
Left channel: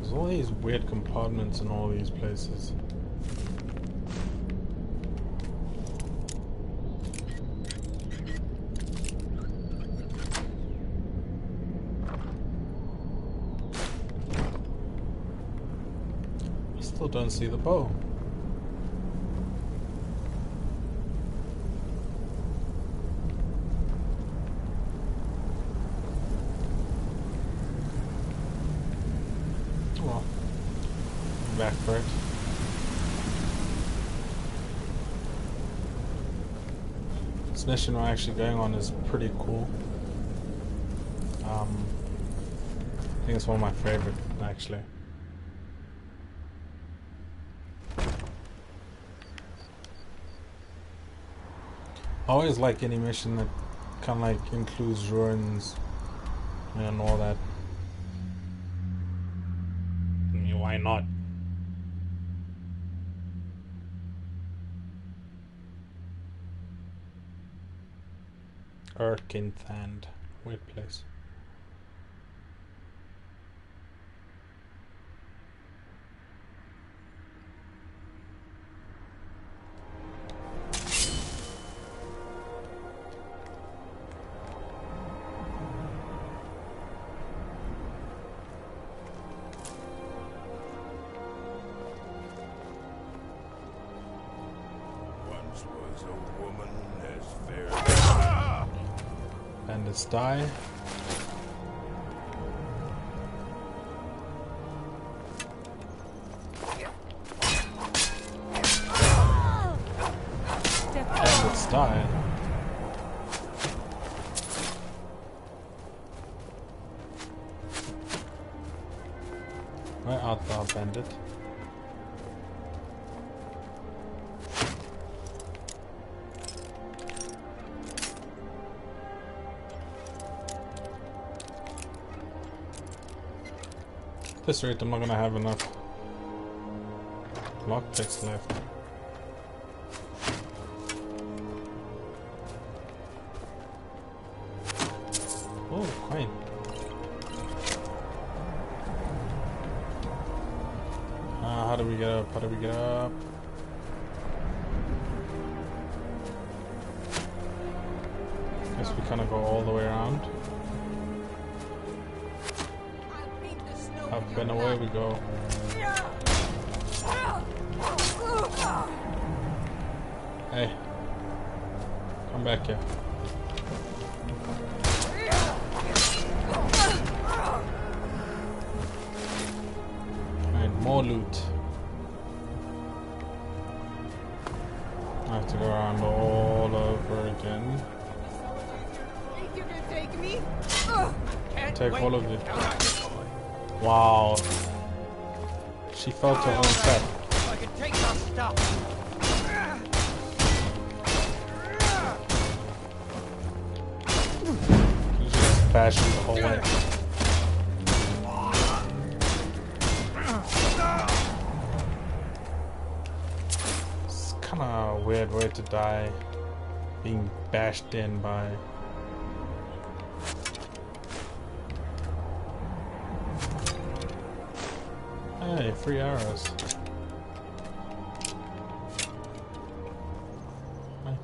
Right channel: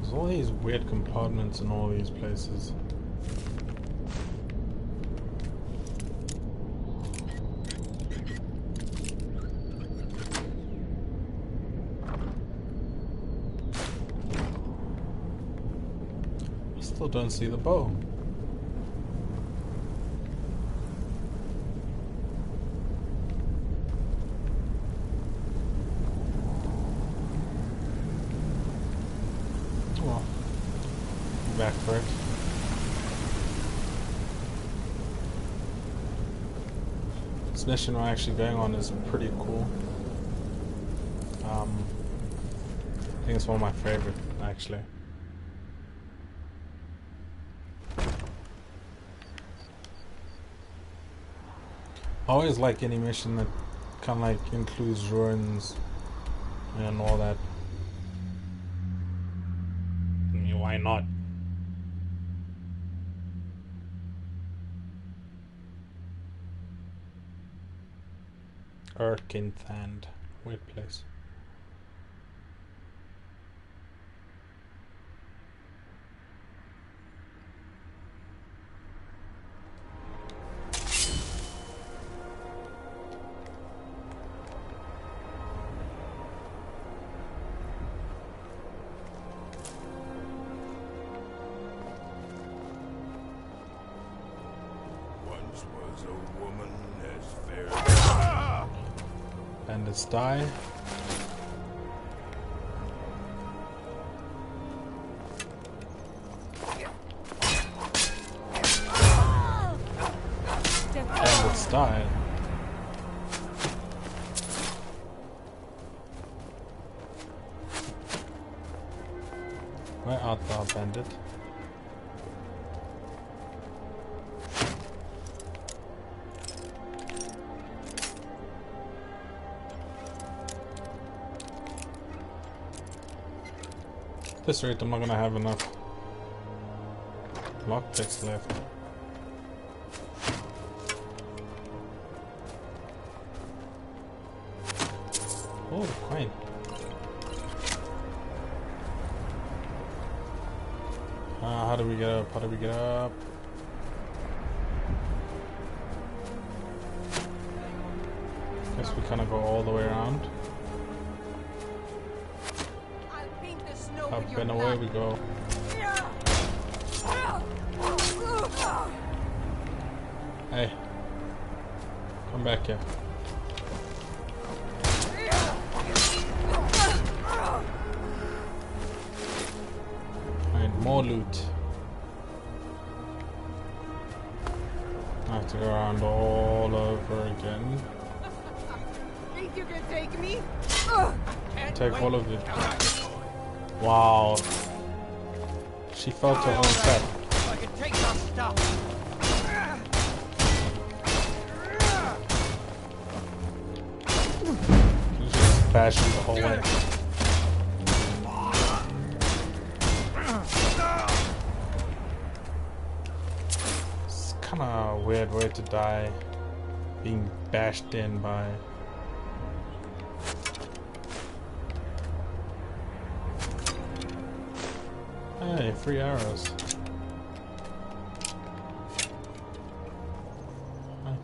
There's all these weird compartments in all these places. Still don't see the bow. Well, back for it. This mission we're actually going on is pretty cool. I think it's one of my favorite, actually. I always like any mission that kind of like includes ruins and all that. I mean, why not? Erkenthand, weird place. Was a woman as fair. Bandits die. Bandits die. Where art thou, bandit? At this rate, I'm not gonna have enough lockpicks left. Oh, coin. How do we get up? How do we get up? Guess we kind of go all the way around. Up and away we go. Hey, come back here. Alright, more loot. I have to go around all over again. Think you can take me? Take all of you. Wow. She fell to her own trap. I can take some stuff. She just bashed me the whole way. It's kind of a weird way to die. Being bashed in by... Hey, free arrows. Right.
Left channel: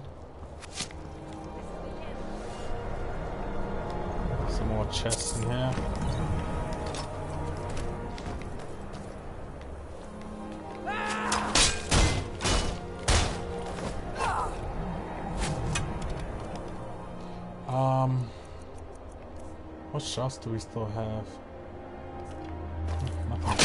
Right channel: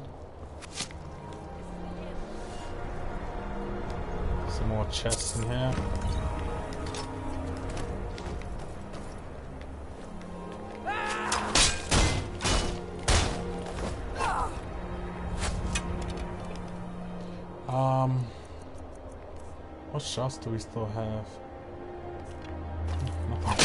Some more chests in here. What shots do we still have? Nothing.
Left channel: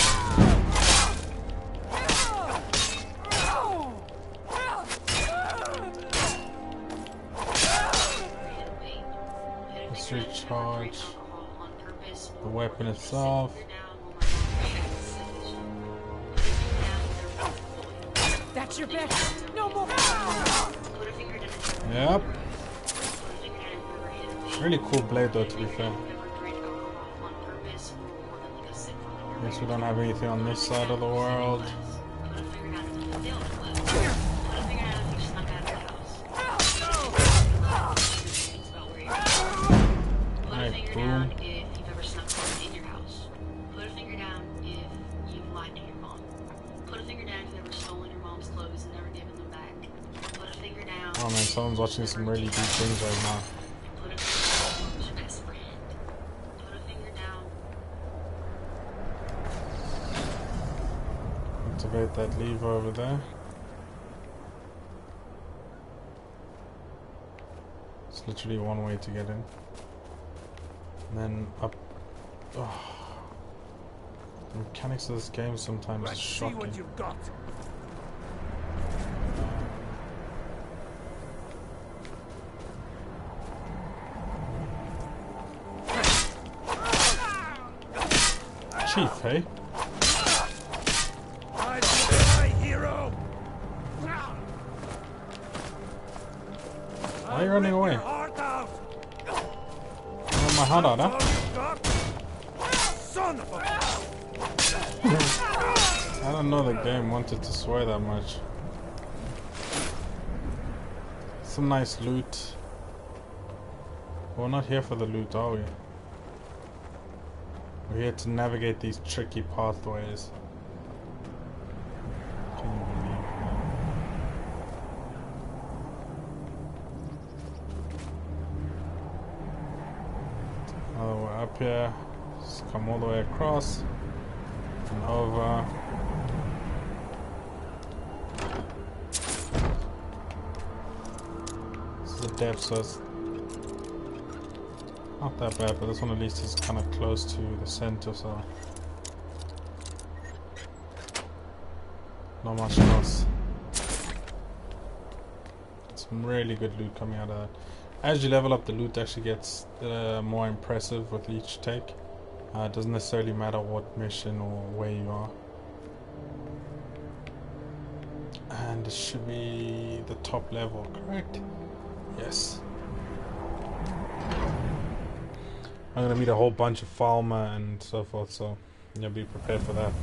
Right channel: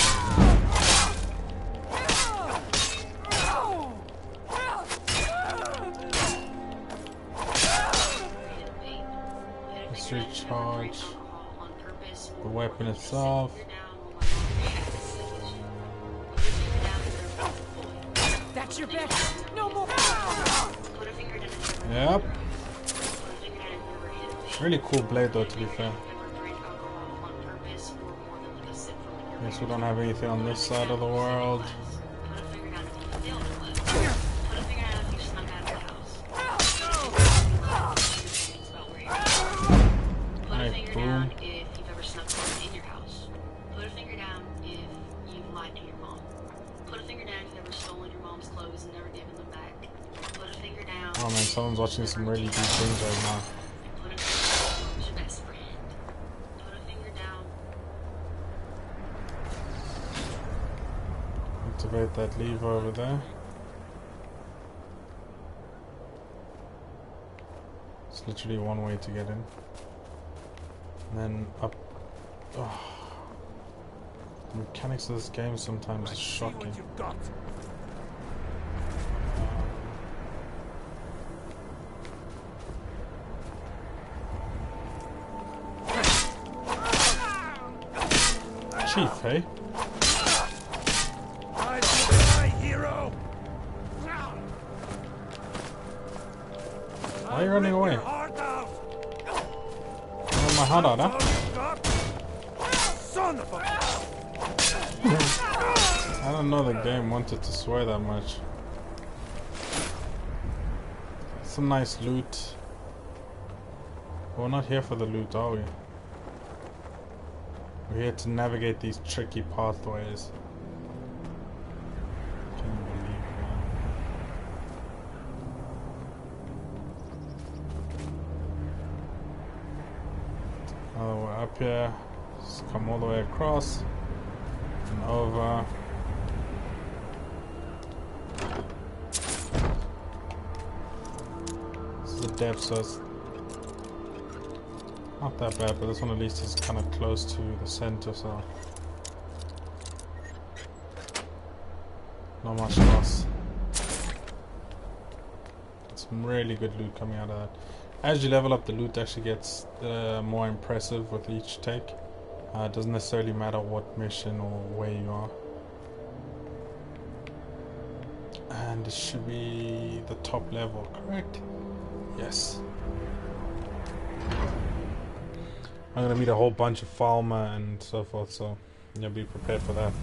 Let's recharge the weapon itself. That's your bet. No more. Yep. Really cool blade though, to be fair. Guess we don't have anything on this side of the world. Alright, boom. If you've ever snuck someone in your house. Put a finger down if you've lied to your mom. Put a finger down if you've ever stolen your mom's clothes and never given them back. Put a finger down. Oh man, someone's watching some really deep things right now. Put a finger down who's your best friend. Put a finger down. Activate that lever over there. It's literally one way to get in. And then up. Oh. The mechanics of this game sometimes is shocking. See what you've got. Chief, hey? My hero. Why are you running away? Heart out. Want my heart out, huh? Son of a... I don't know the game wanted to swear that much. Some nice loot. We're not here for the loot, are we? We're here to navigate these tricky pathways. Can you believe that? Oh, we're up here. Just come all the way across and over. the depth, so it's not that bad, but this one at least is kind of close to the center, so not much loss. Some really good loot coming out of that. As you level up, the loot actually gets more impressive with each take. It doesn't necessarily matter what mission or where you are. And it should be the top level, correct? Yes. I'm gonna meet a whole bunch of Falmer and so forth, so you'll be prepared for that.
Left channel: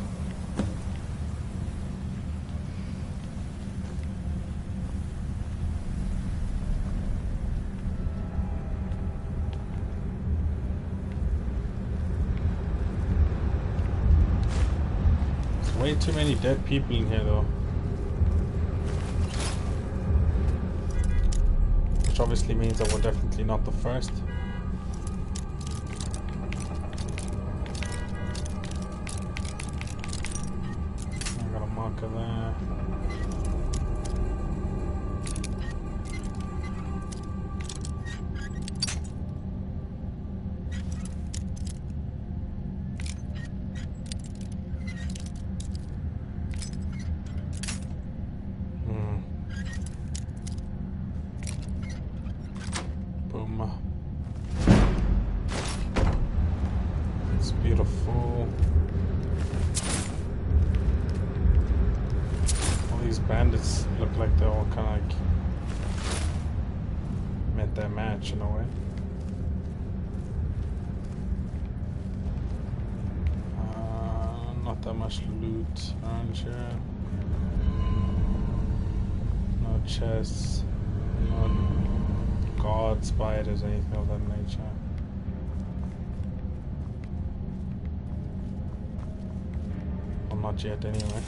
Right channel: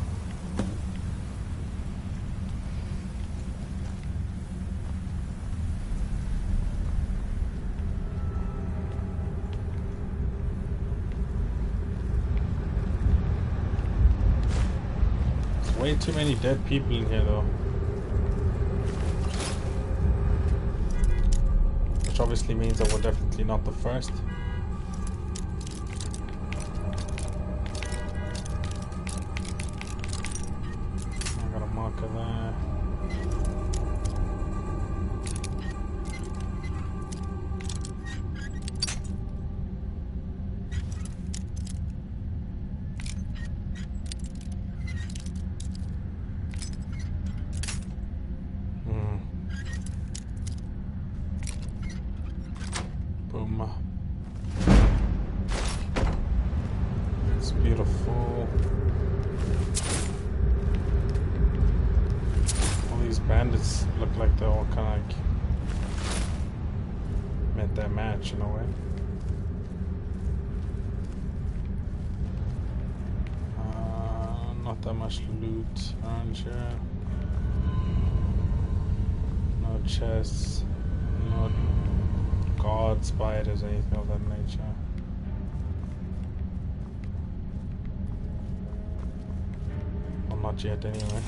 There's way too many dead people in here though. Which obviously means that we're definitely not the first. Marker there. Boom. It's beautiful. These bandits look like they're all kind of like met their match in a way. Not that much loot around here. No chests, no guard spiders, anything of that nature. Well, not yet anyway.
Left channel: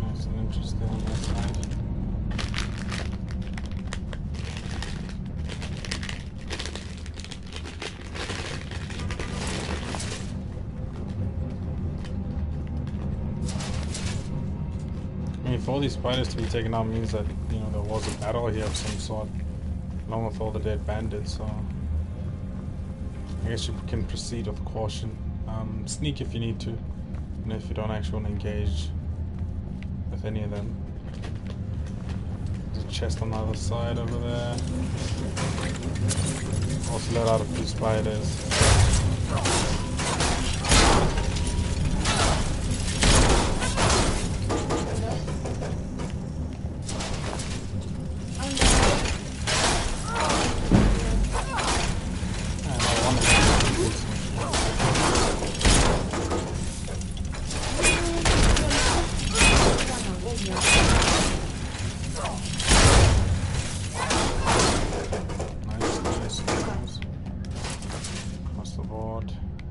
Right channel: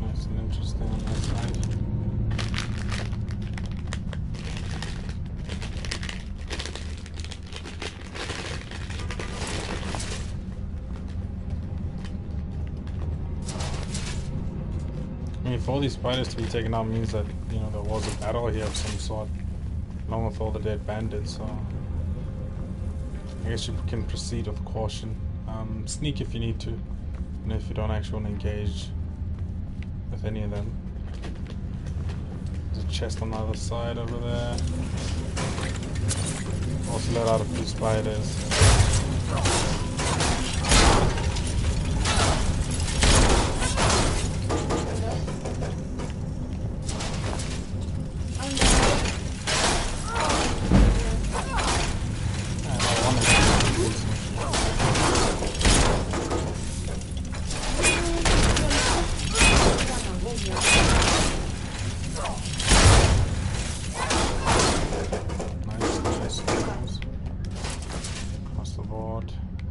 Nice and interesting on that side. I mean, for all these spiders to be taken out means that, you know, there was a battle here of some sort, along with all the dead bandits, so I guess you can proceed with caution. Sneak if you need to, and if you don't actually want to engage with any of them. There's a chest on the other side over there. Also let out a few spiders.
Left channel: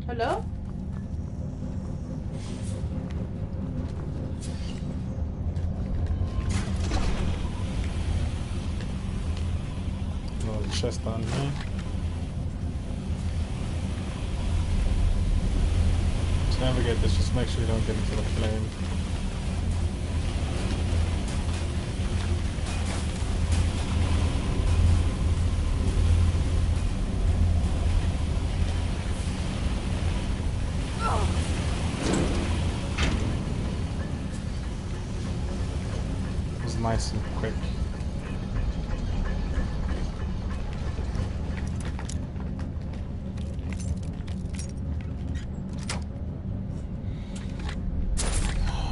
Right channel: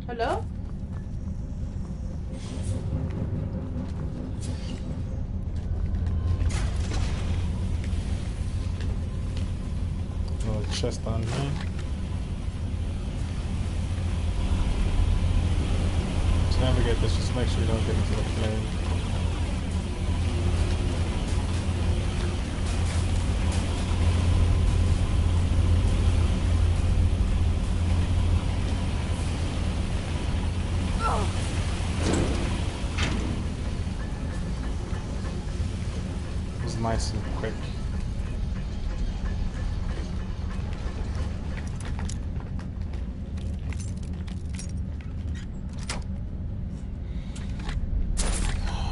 Hello? Little chest on here. To navigate this, just make sure you don't get into the flame. Nice and quick.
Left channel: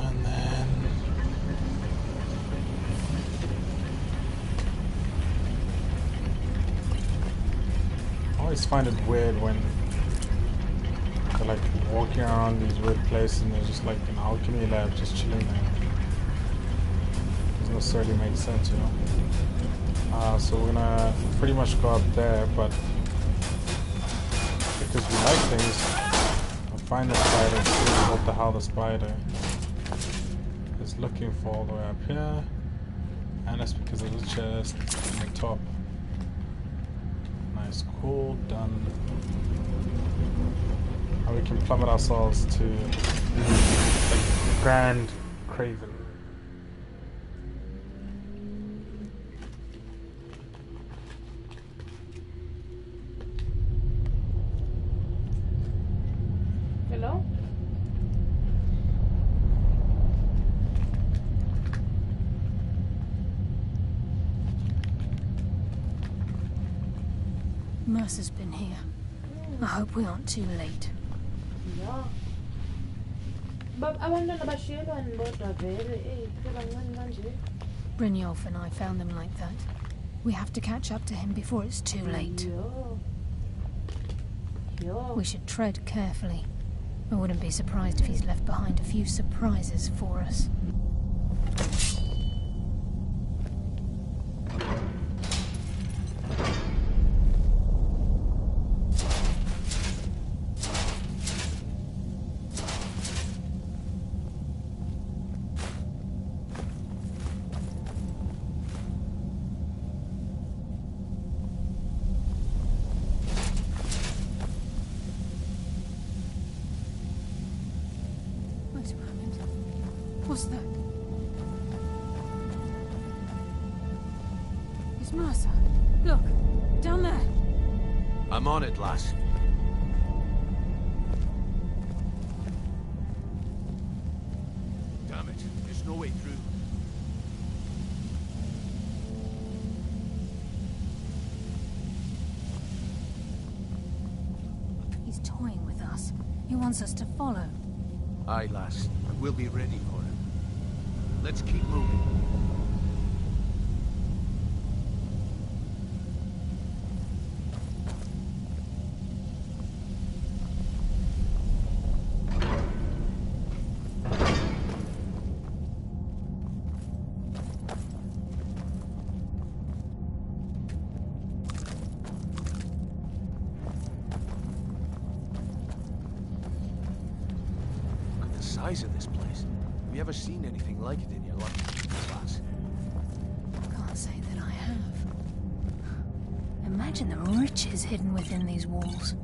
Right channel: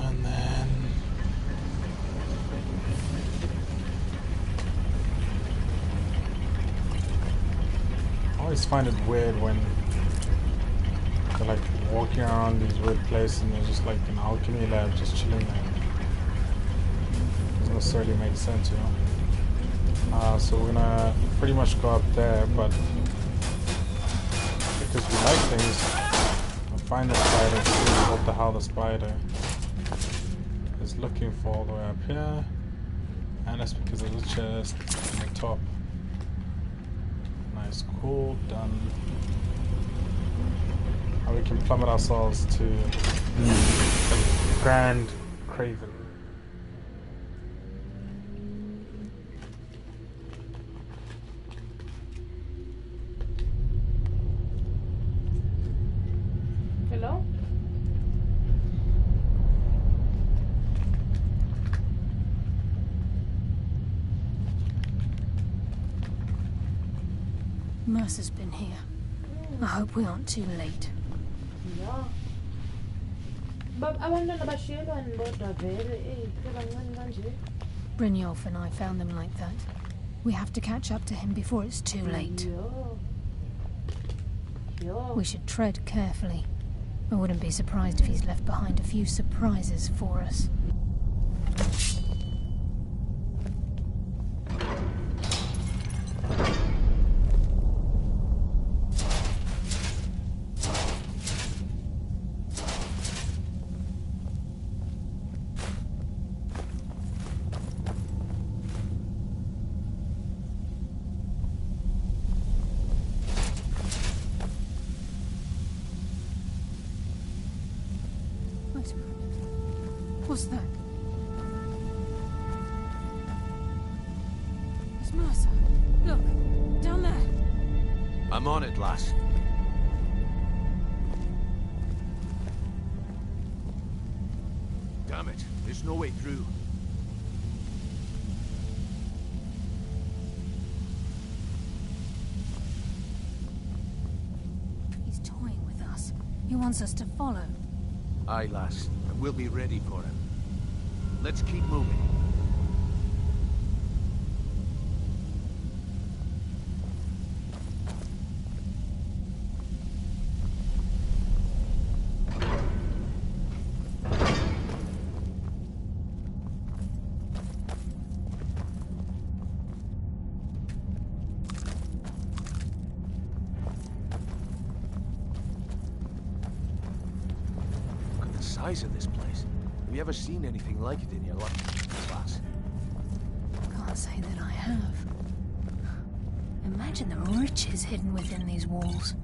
And then I always find it weird when they're like walking around these weird places and there's just like an alchemy lab just chilling there. Necessarily makes sense, you know. So we're gonna pretty much go up there, but because we like things, we'll find the spider and see what the hell the spider is looking for all the way up here. And that's because of the chest on the top. Nice, cool, done. Now we can plummet ourselves to the Grand Craven. Hello? Mercer's been here. I hope we aren't too late. Yeah. But abantwana bashiyelwani bodwa vele bancane kanje. Brynjolf and I found them like that. We have to catch up to him before it's too late. We should tread carefully. I wouldn't be surprised if he's left behind a few surprises for us. Wait a moment. What's that? It's Mercer. Look, down there. I'm on it, lass. Damn it, there's no way through. He's toying with us. He wants us to follow. Aye, lass, and we'll be ready for him. Let's keep moving. Size of this place. Have you ever seen anything like it in your life, lass? Can't say that I have. Imagine the riches hidden within these walls.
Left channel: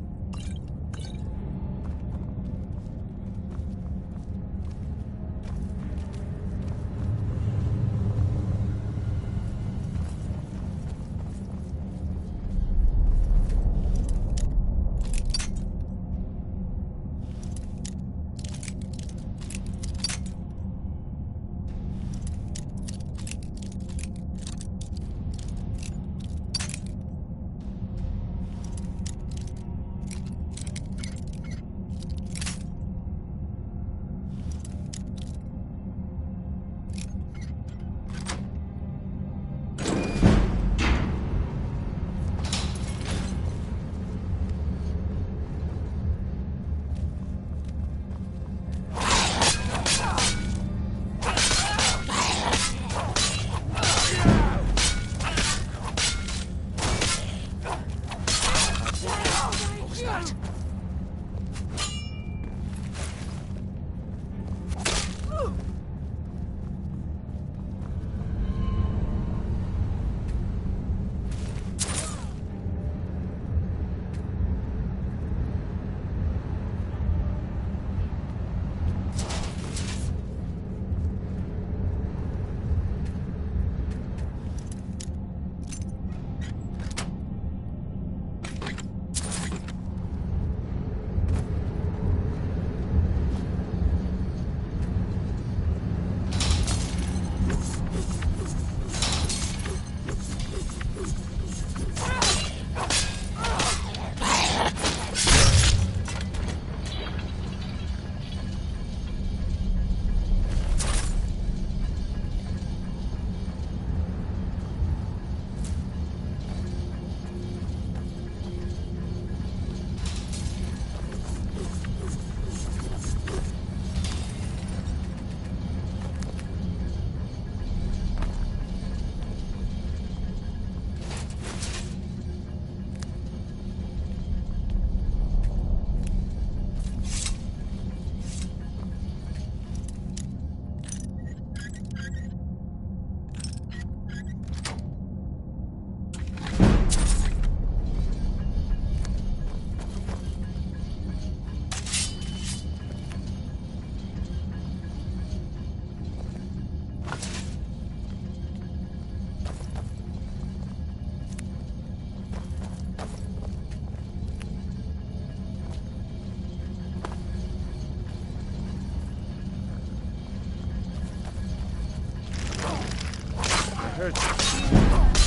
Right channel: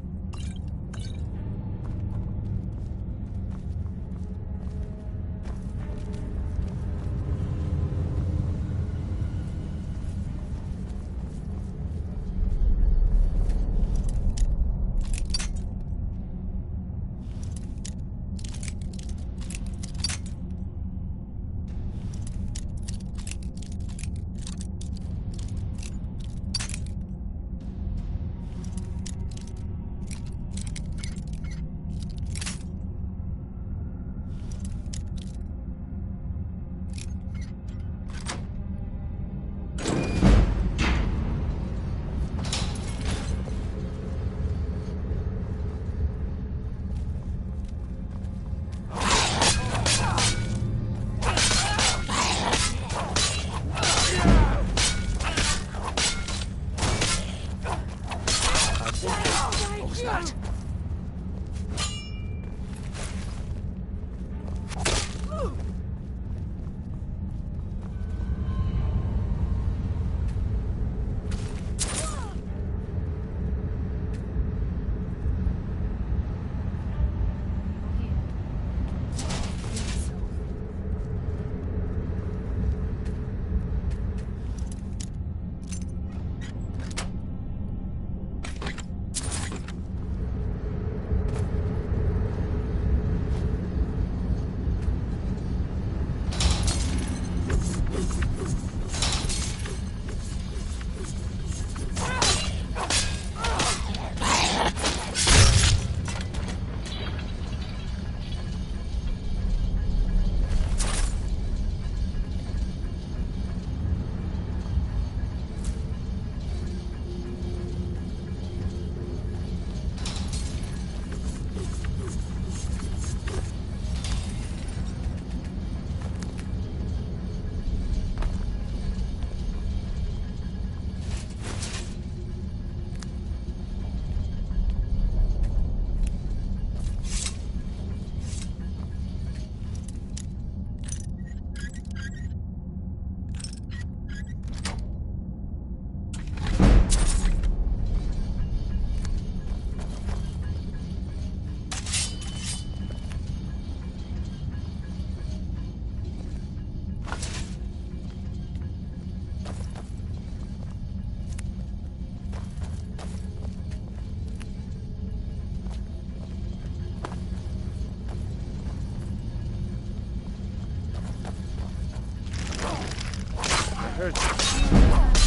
hurt.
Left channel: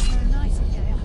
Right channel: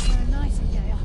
You're a nightingale.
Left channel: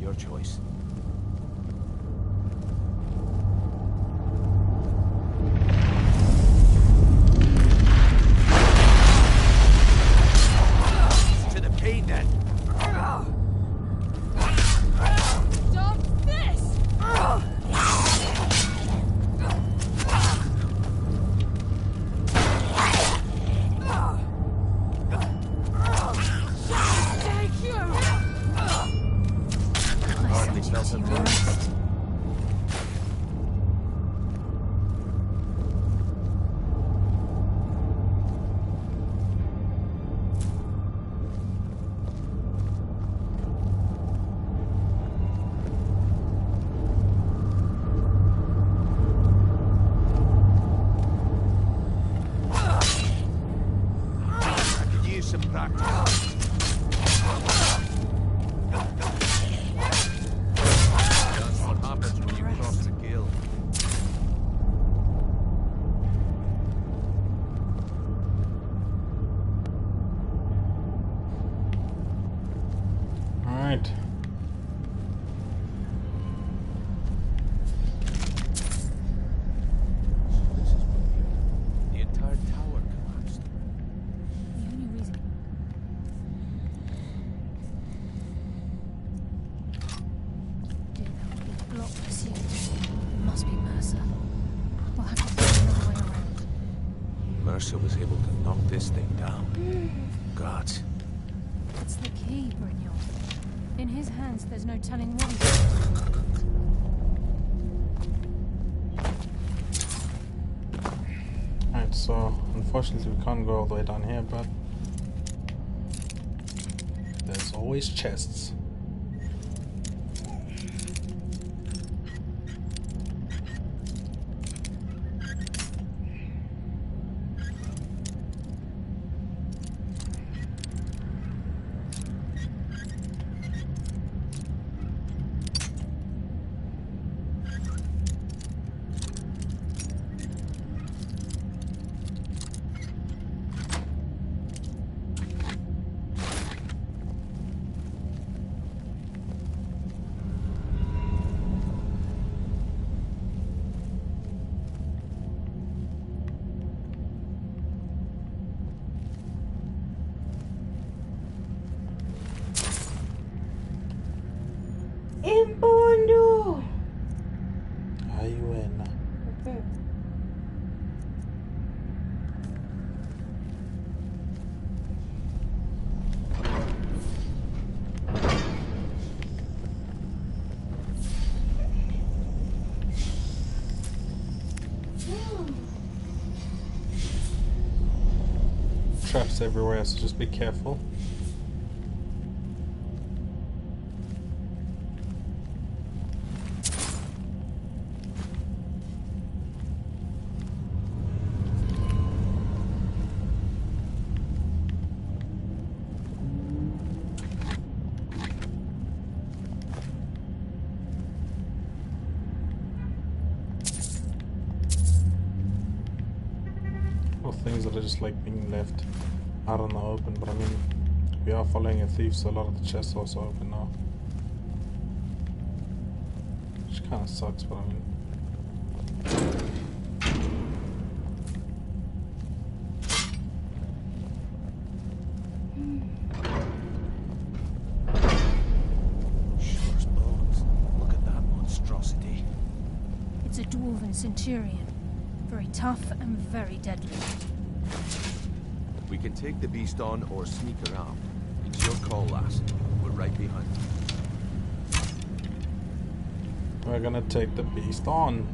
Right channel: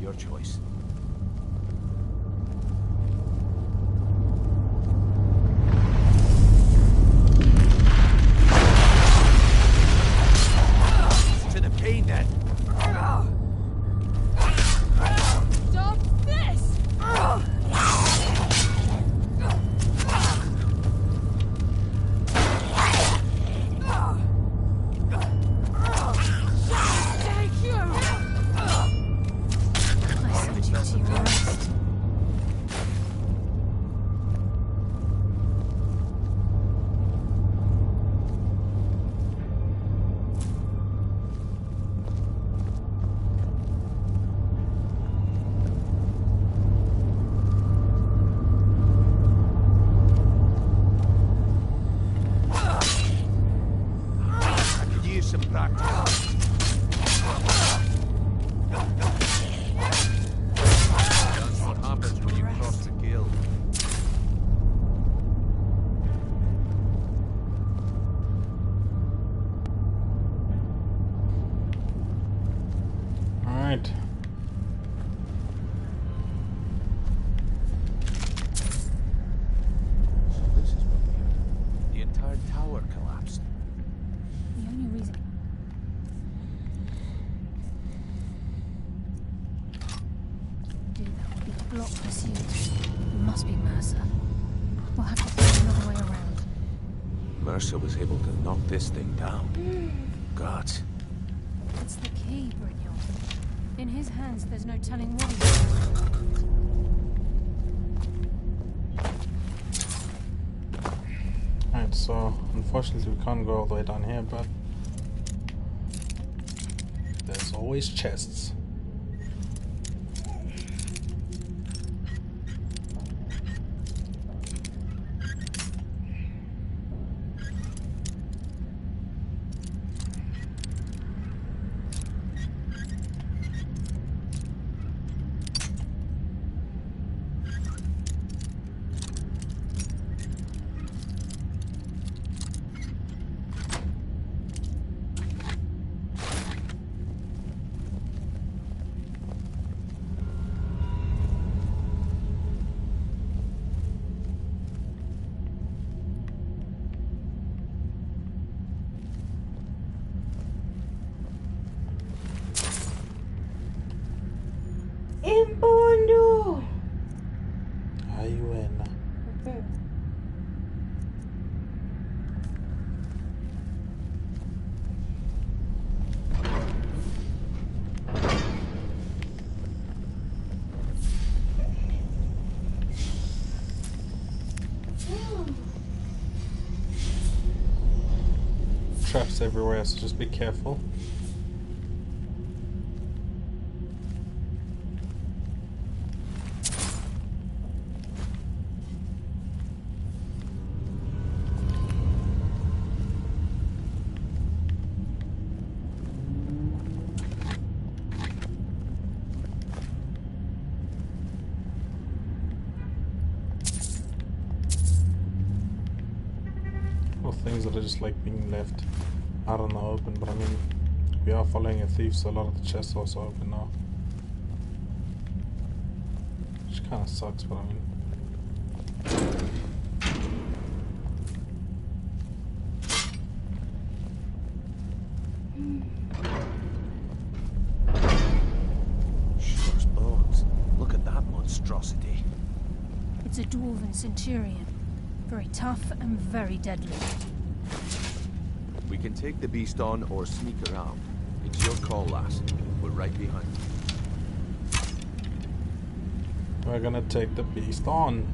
Your choice. To the pain then. Stop this! Take you! I could use some practice. What happens when you cross the guild? All right. So this is what the entire tower collapsed. The only reason... Do that would be block pursuit. It must be Mercer. We'll have to find another way around. Mercer was able to knock this thing down. Gods. It's the key, Brynjolf. In his hands, there's no telling what he's doing. Alright, so unfortunately we can't go all the way down here, but there's always chests. traps everywhere, so just be careful. Things that are just like being left out in the open, but I mean, we are following a thief, so a lot of the chests are also open now, which kind of sucks, but I mean, Shucks bones, look at that monstrosity. It's a dwarven centurion. Very tough and very deadly. We can take the beast on or sneak around. It's your call, lass. We're right behind you. we're gonna take the beast on.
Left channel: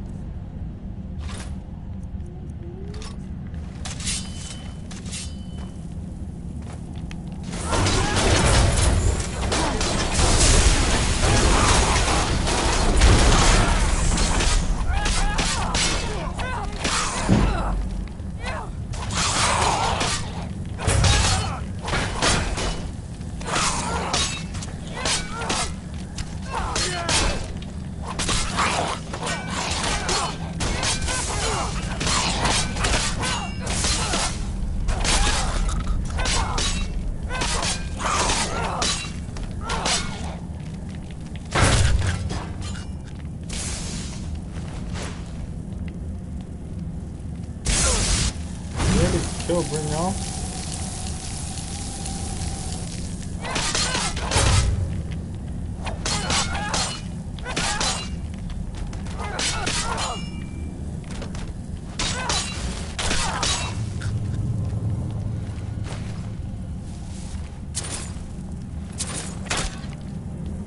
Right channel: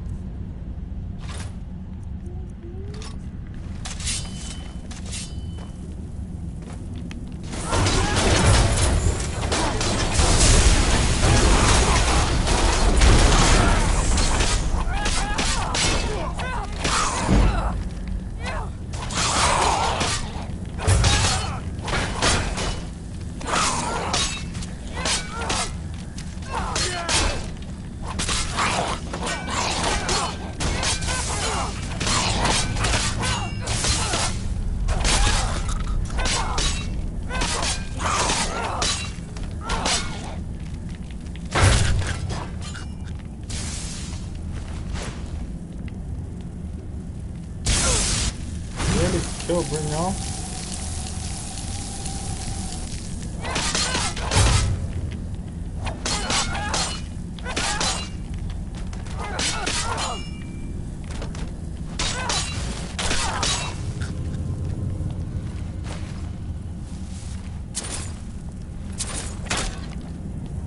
Kill, bring y'all.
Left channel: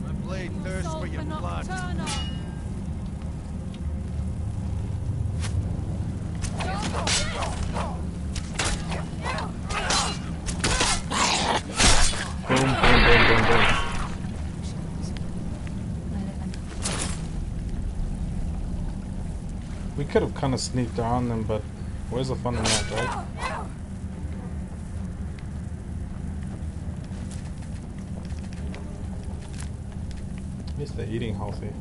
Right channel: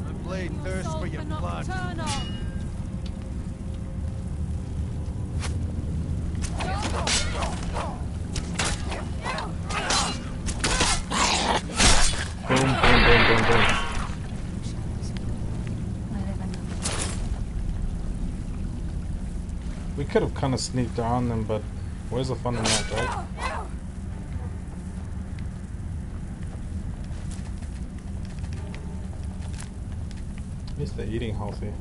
My blade thirsts for your blood. We could have kind of sneaked around them, but where's the fun in that, right? At least they're eating healthy.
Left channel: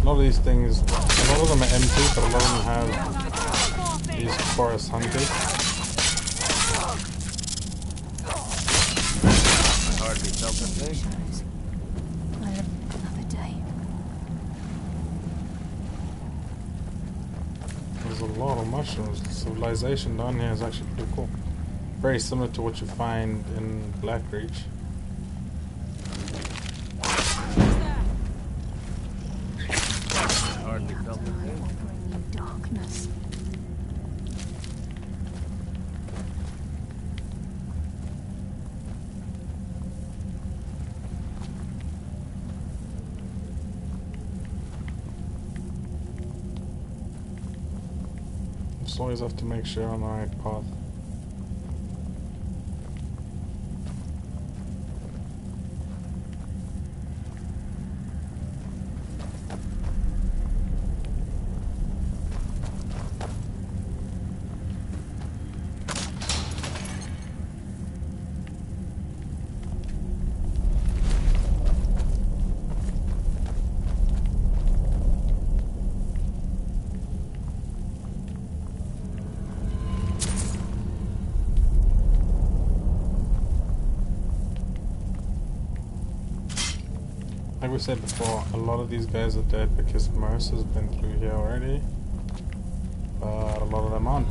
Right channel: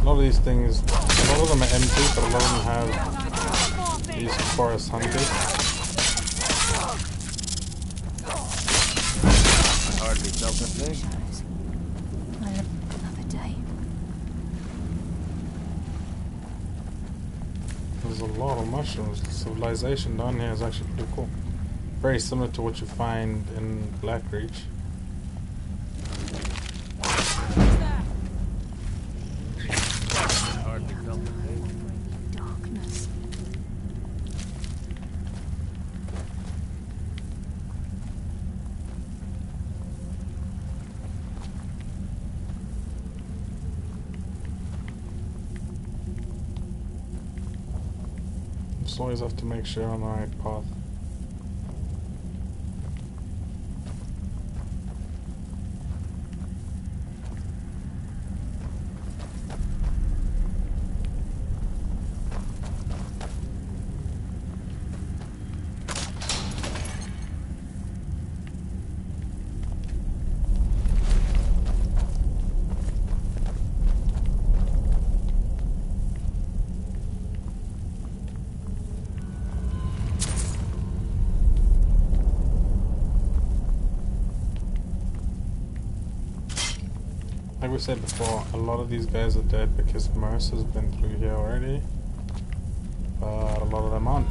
A lot of these things, a lot of them are empty, but a lot of them have these forest hunters. I hardly felt a thing. I live another day. There's a lot of mushrooms. The civilization down here is actually pretty cool. Very similar to what you find in Blackreach. Hardly felt a thing. Bring you darkness. Just always have to make sure I'm on the right path. Like we said before, a lot of these guys are dead because Merce has been through here already, but a lot of them aren't.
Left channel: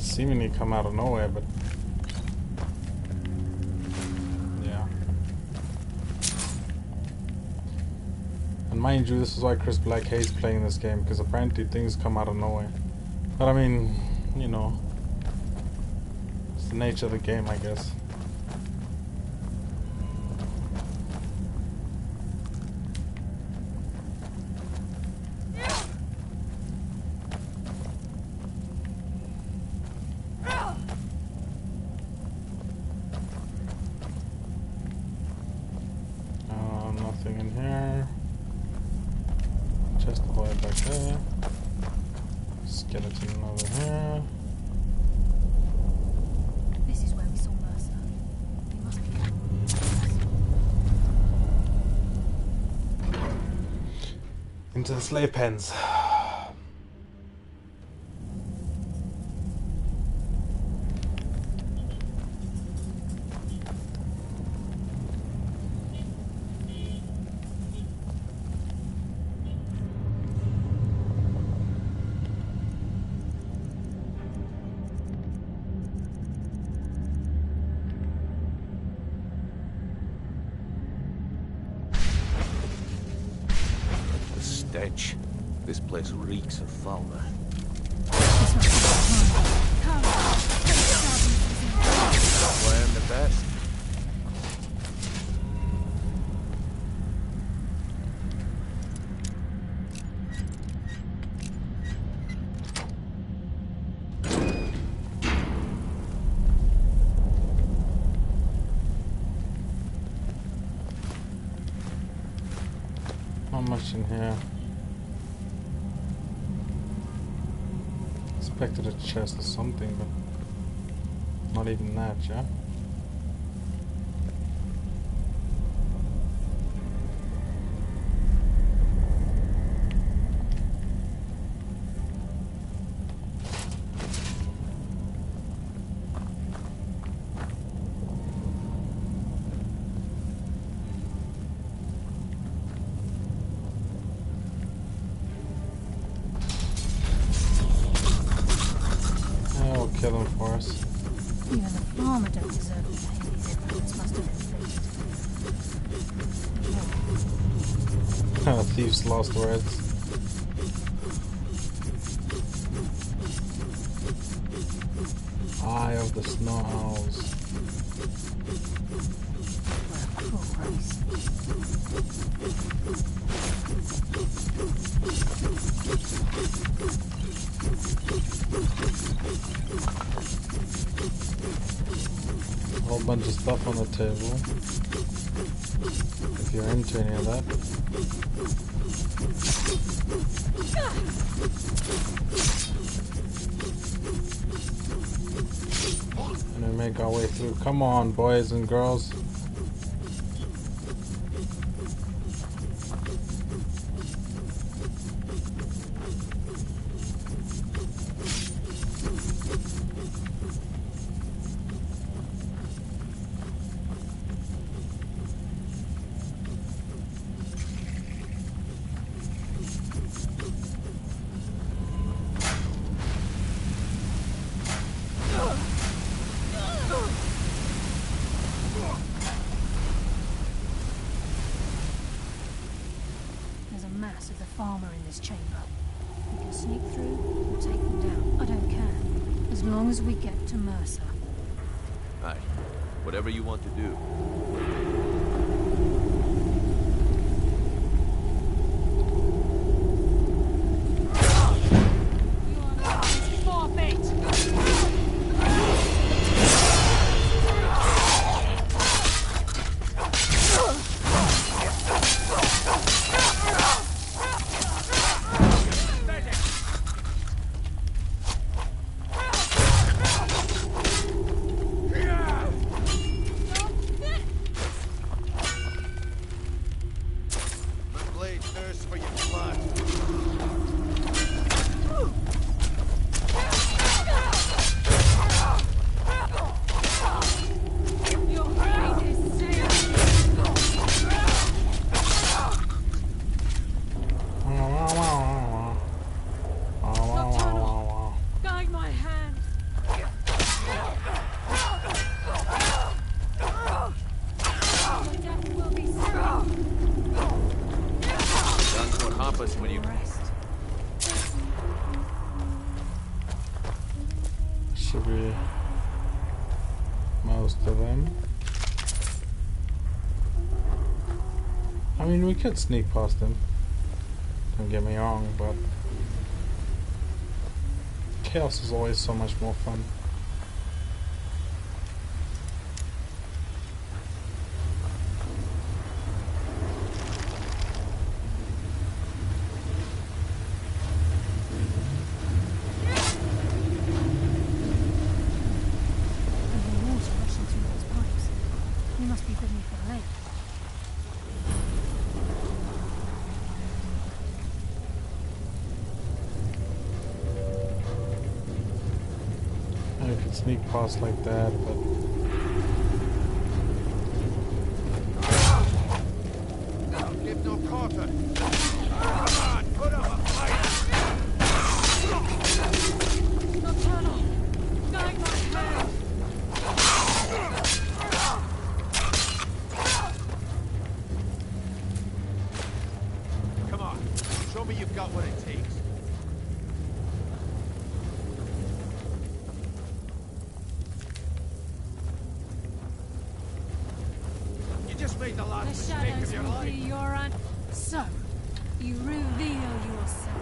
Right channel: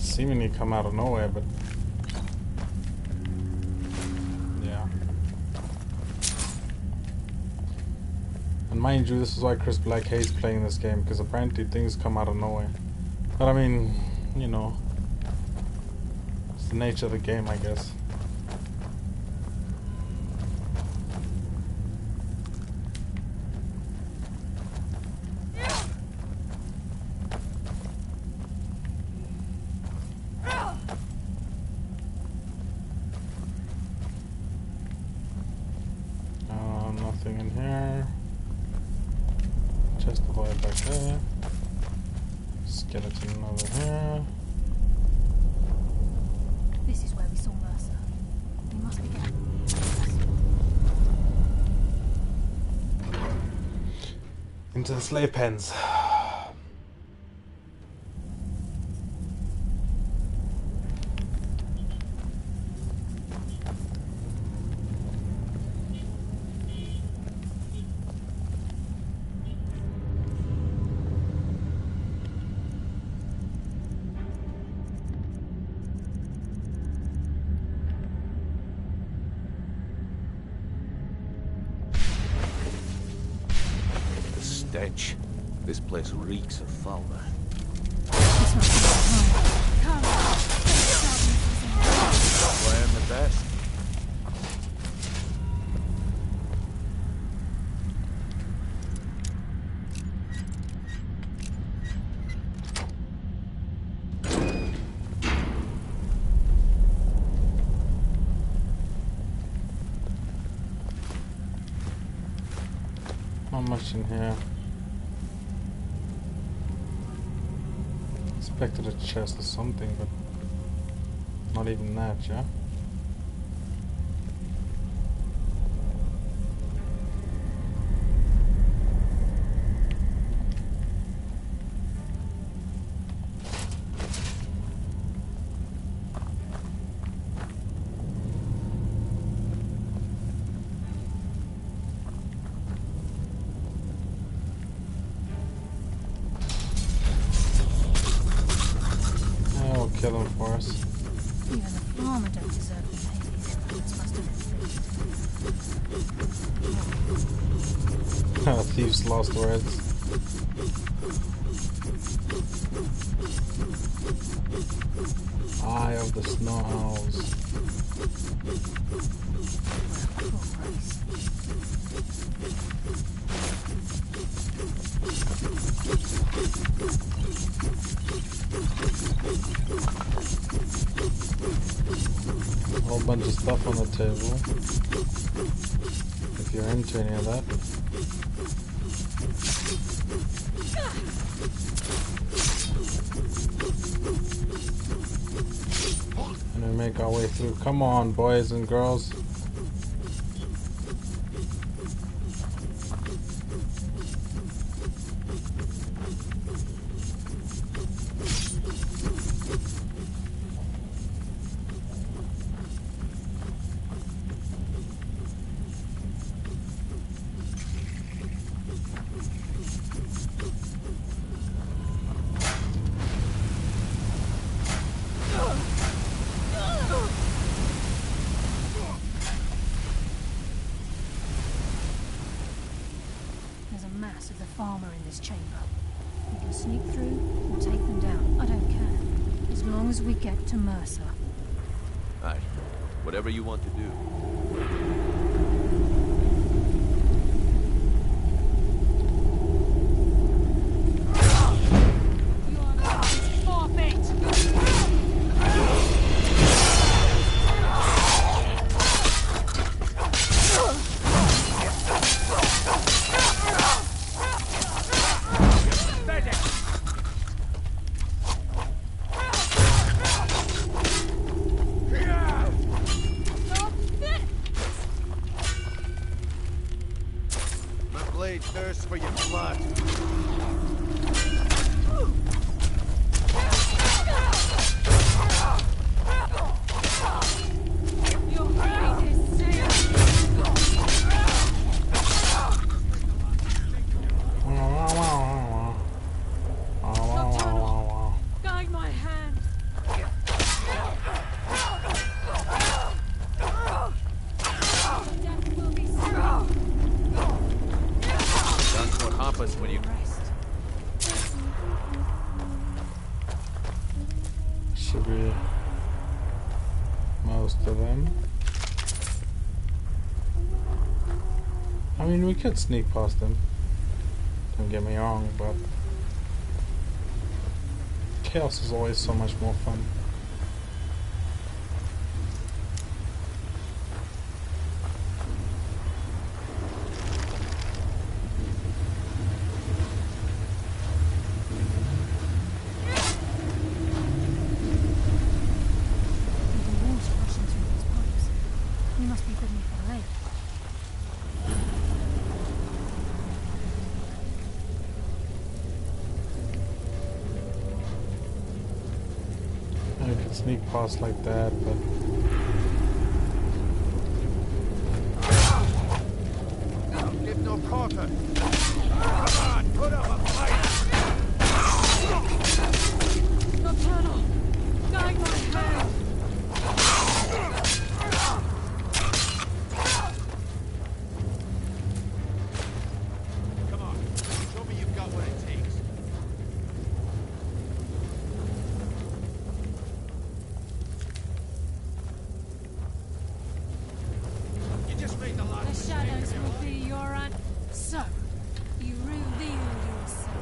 seemingly come out of nowhere, but yeah. And mind you, this is why Chris Black hates playing this game, because apparently things come out of nowhere. But I mean, you know, it's the nature of the game, I guess. Nothing in here. Chest all the way back there. Skeleton over here. This is where we saw Mercer. We must be getting... Into the slave pens. Stench. This place reeks of fauna. This must be behind. Come on. That's why I'm the best. Not much in here. Expected a chest or something, but not even that, yeah? We'll kill him for us. Even the farmer don't deserve the pain these infants must have inflicted. Thieves' lost words. Eye of the snow owls. A whole bunch of stuff on the table. If you're into any of that. And we make our way through. Come on, boys and girls. Of the farmer in this chamber. We can sneak through or take them down. I don't care. As long as we get to Mercer. Aye. Whatever you want to do. Thirst for your blood. Your hate is safe. Guide my hand. should be most of them. I mean, we could sneak past them. Don't get me wrong, but chaos is always so much more fun. Sneak past like that, but give no quarter. Come on, put up a fight. Nocturnal, guide my hand. Come on, show me you've got what it takes. The shadows will be your aunt. So, you reveal yourself.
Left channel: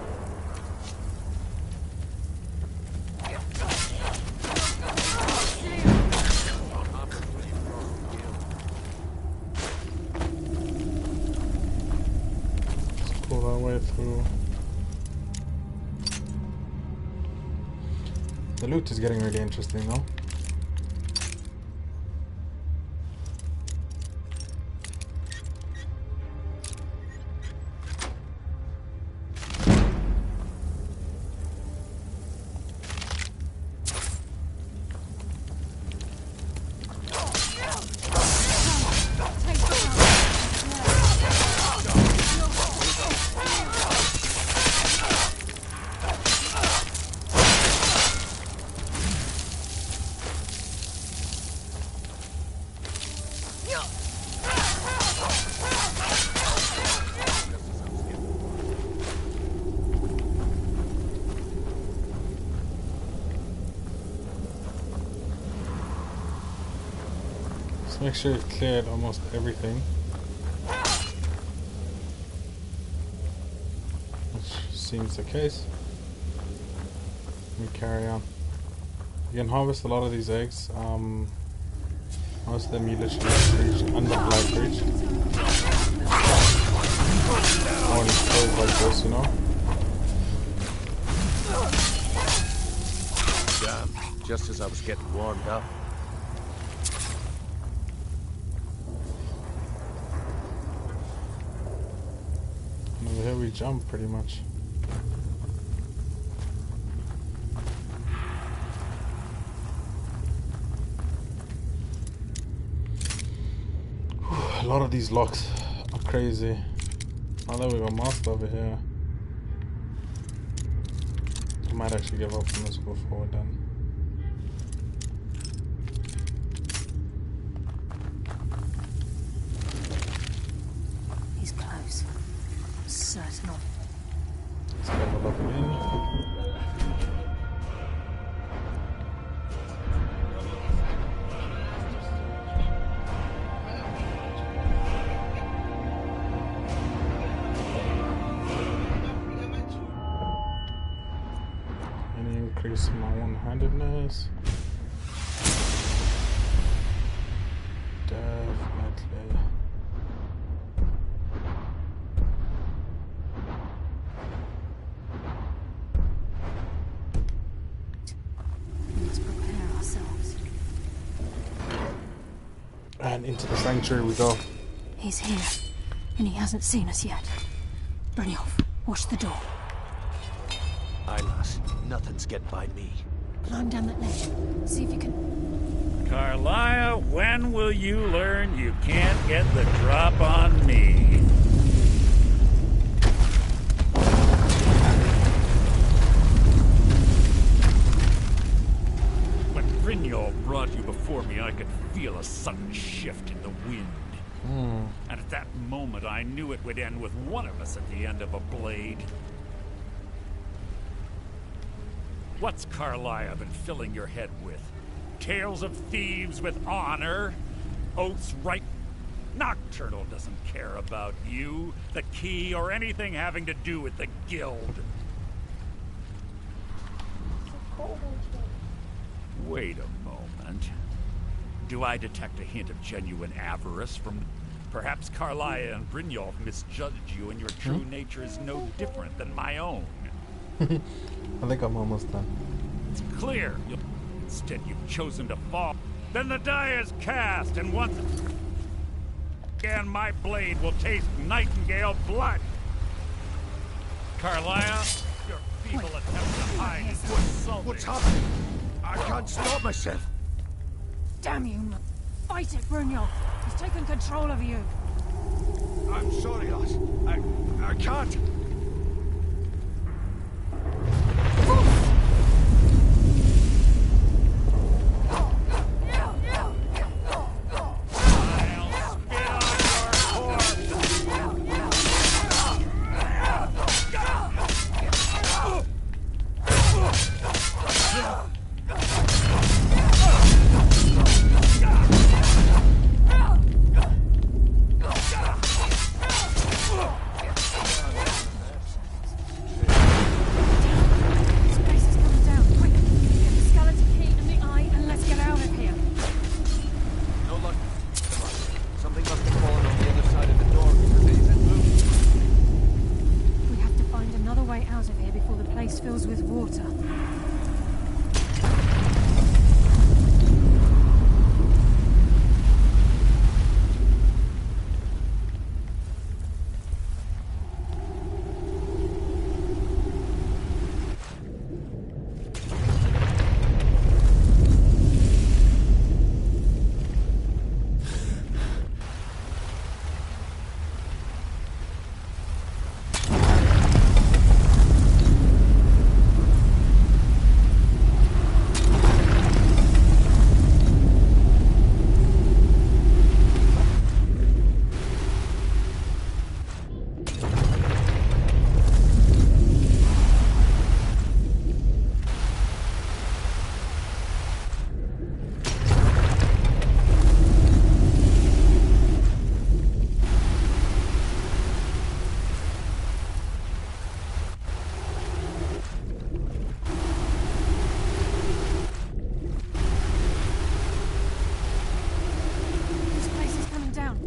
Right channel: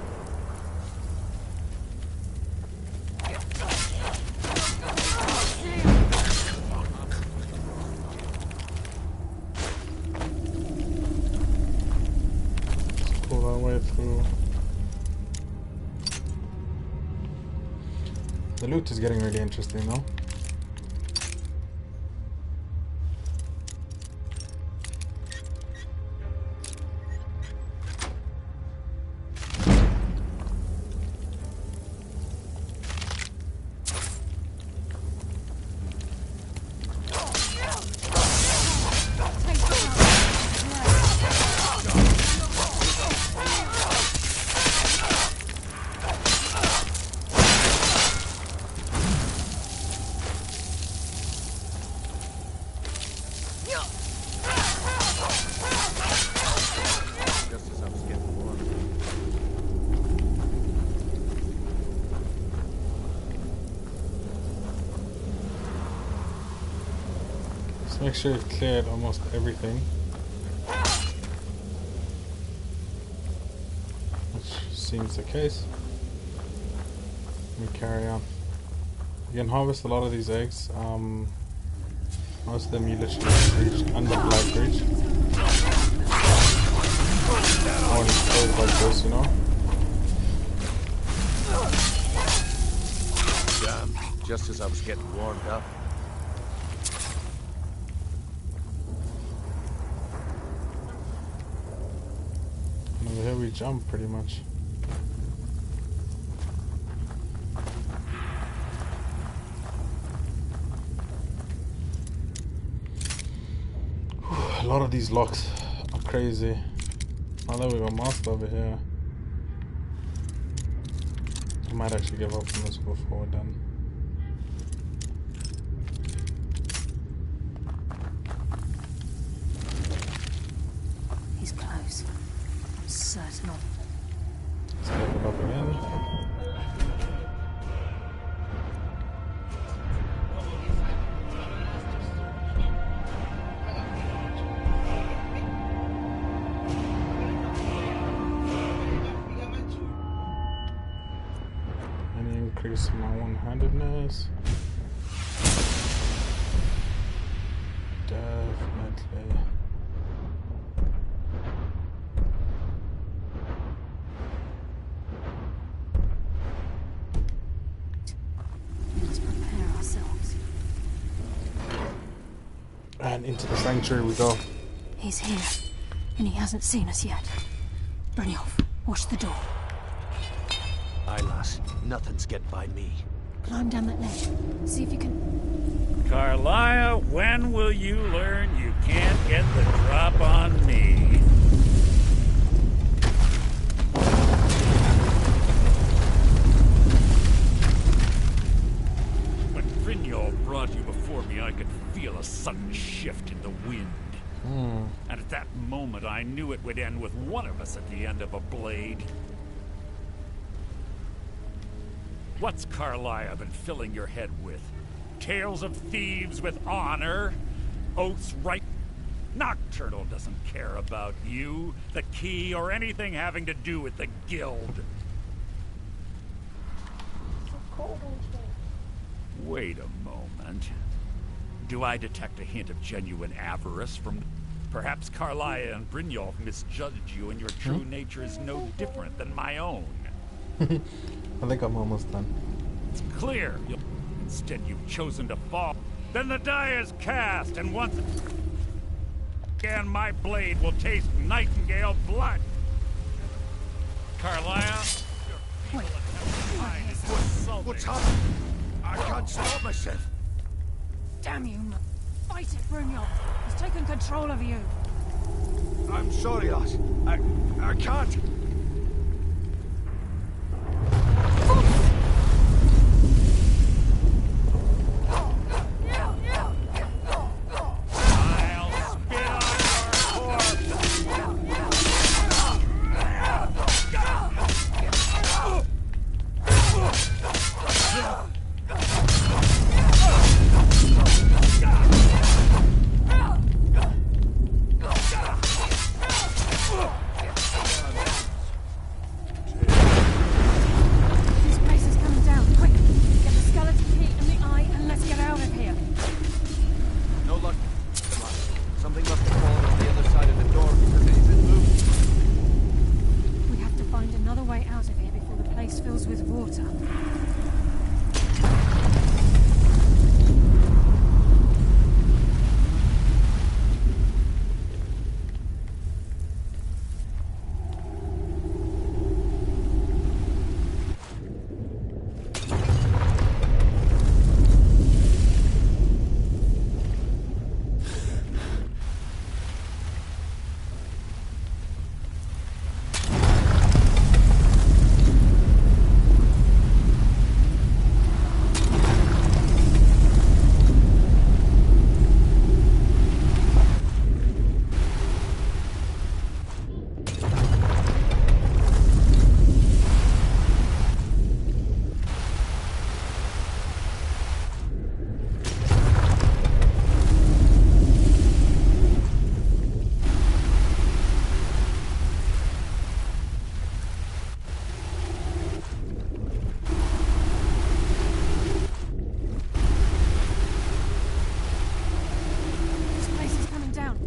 Let's pull our way through. The loot is getting really interesting though. Make sure you've cleared almost everything, which seems the case. We carry on. You can harvest a lot of these eggs. Most of them you literally reach under black reach. When it's closed like this, you know. Damn, just as I was getting warmed up. Over here we jump pretty much. Whew, a lot of these locks are crazy. Now that we got master over here, I might actually give up on this before we're done. He's close. Certain of. Let's level up again. Any increase in my one-handedness? Definitely. And into the sanctuary we go. He's here, and he hasn't seen us yet. Brynjolf, watch the door. Aye, lass. Nothing's getting by me. Climb down that ledge. See if you can... Carlia, when will you learn you can't get the drop on me? When Brynjolf brought you before me, I could feel a sudden shift in the wind. And at that moment, I knew it would end with one of us at the end of a blade. What's Carlisle been filling your head with? Tales of thieves with honor? Oaths right? Nocturnal doesn't care about you, the key, or anything having to do with the guild. Wait a moment. Do I detect a hint of genuine avarice from... Perhaps Carlisle and Brynjolf misjudged you and your true nature is no different than my own. I think I'm almost done. It's clear. Instead, you've chosen to fall. Then the die is cast, and once again, my blade will taste Nightingale blood. Carlisle, your feeble attempt to hide is insulting. What's happening? I can't stop myself. Damn you, fight it, Brynjolf. He's taken control of you. I'm sorry, lass. I can't.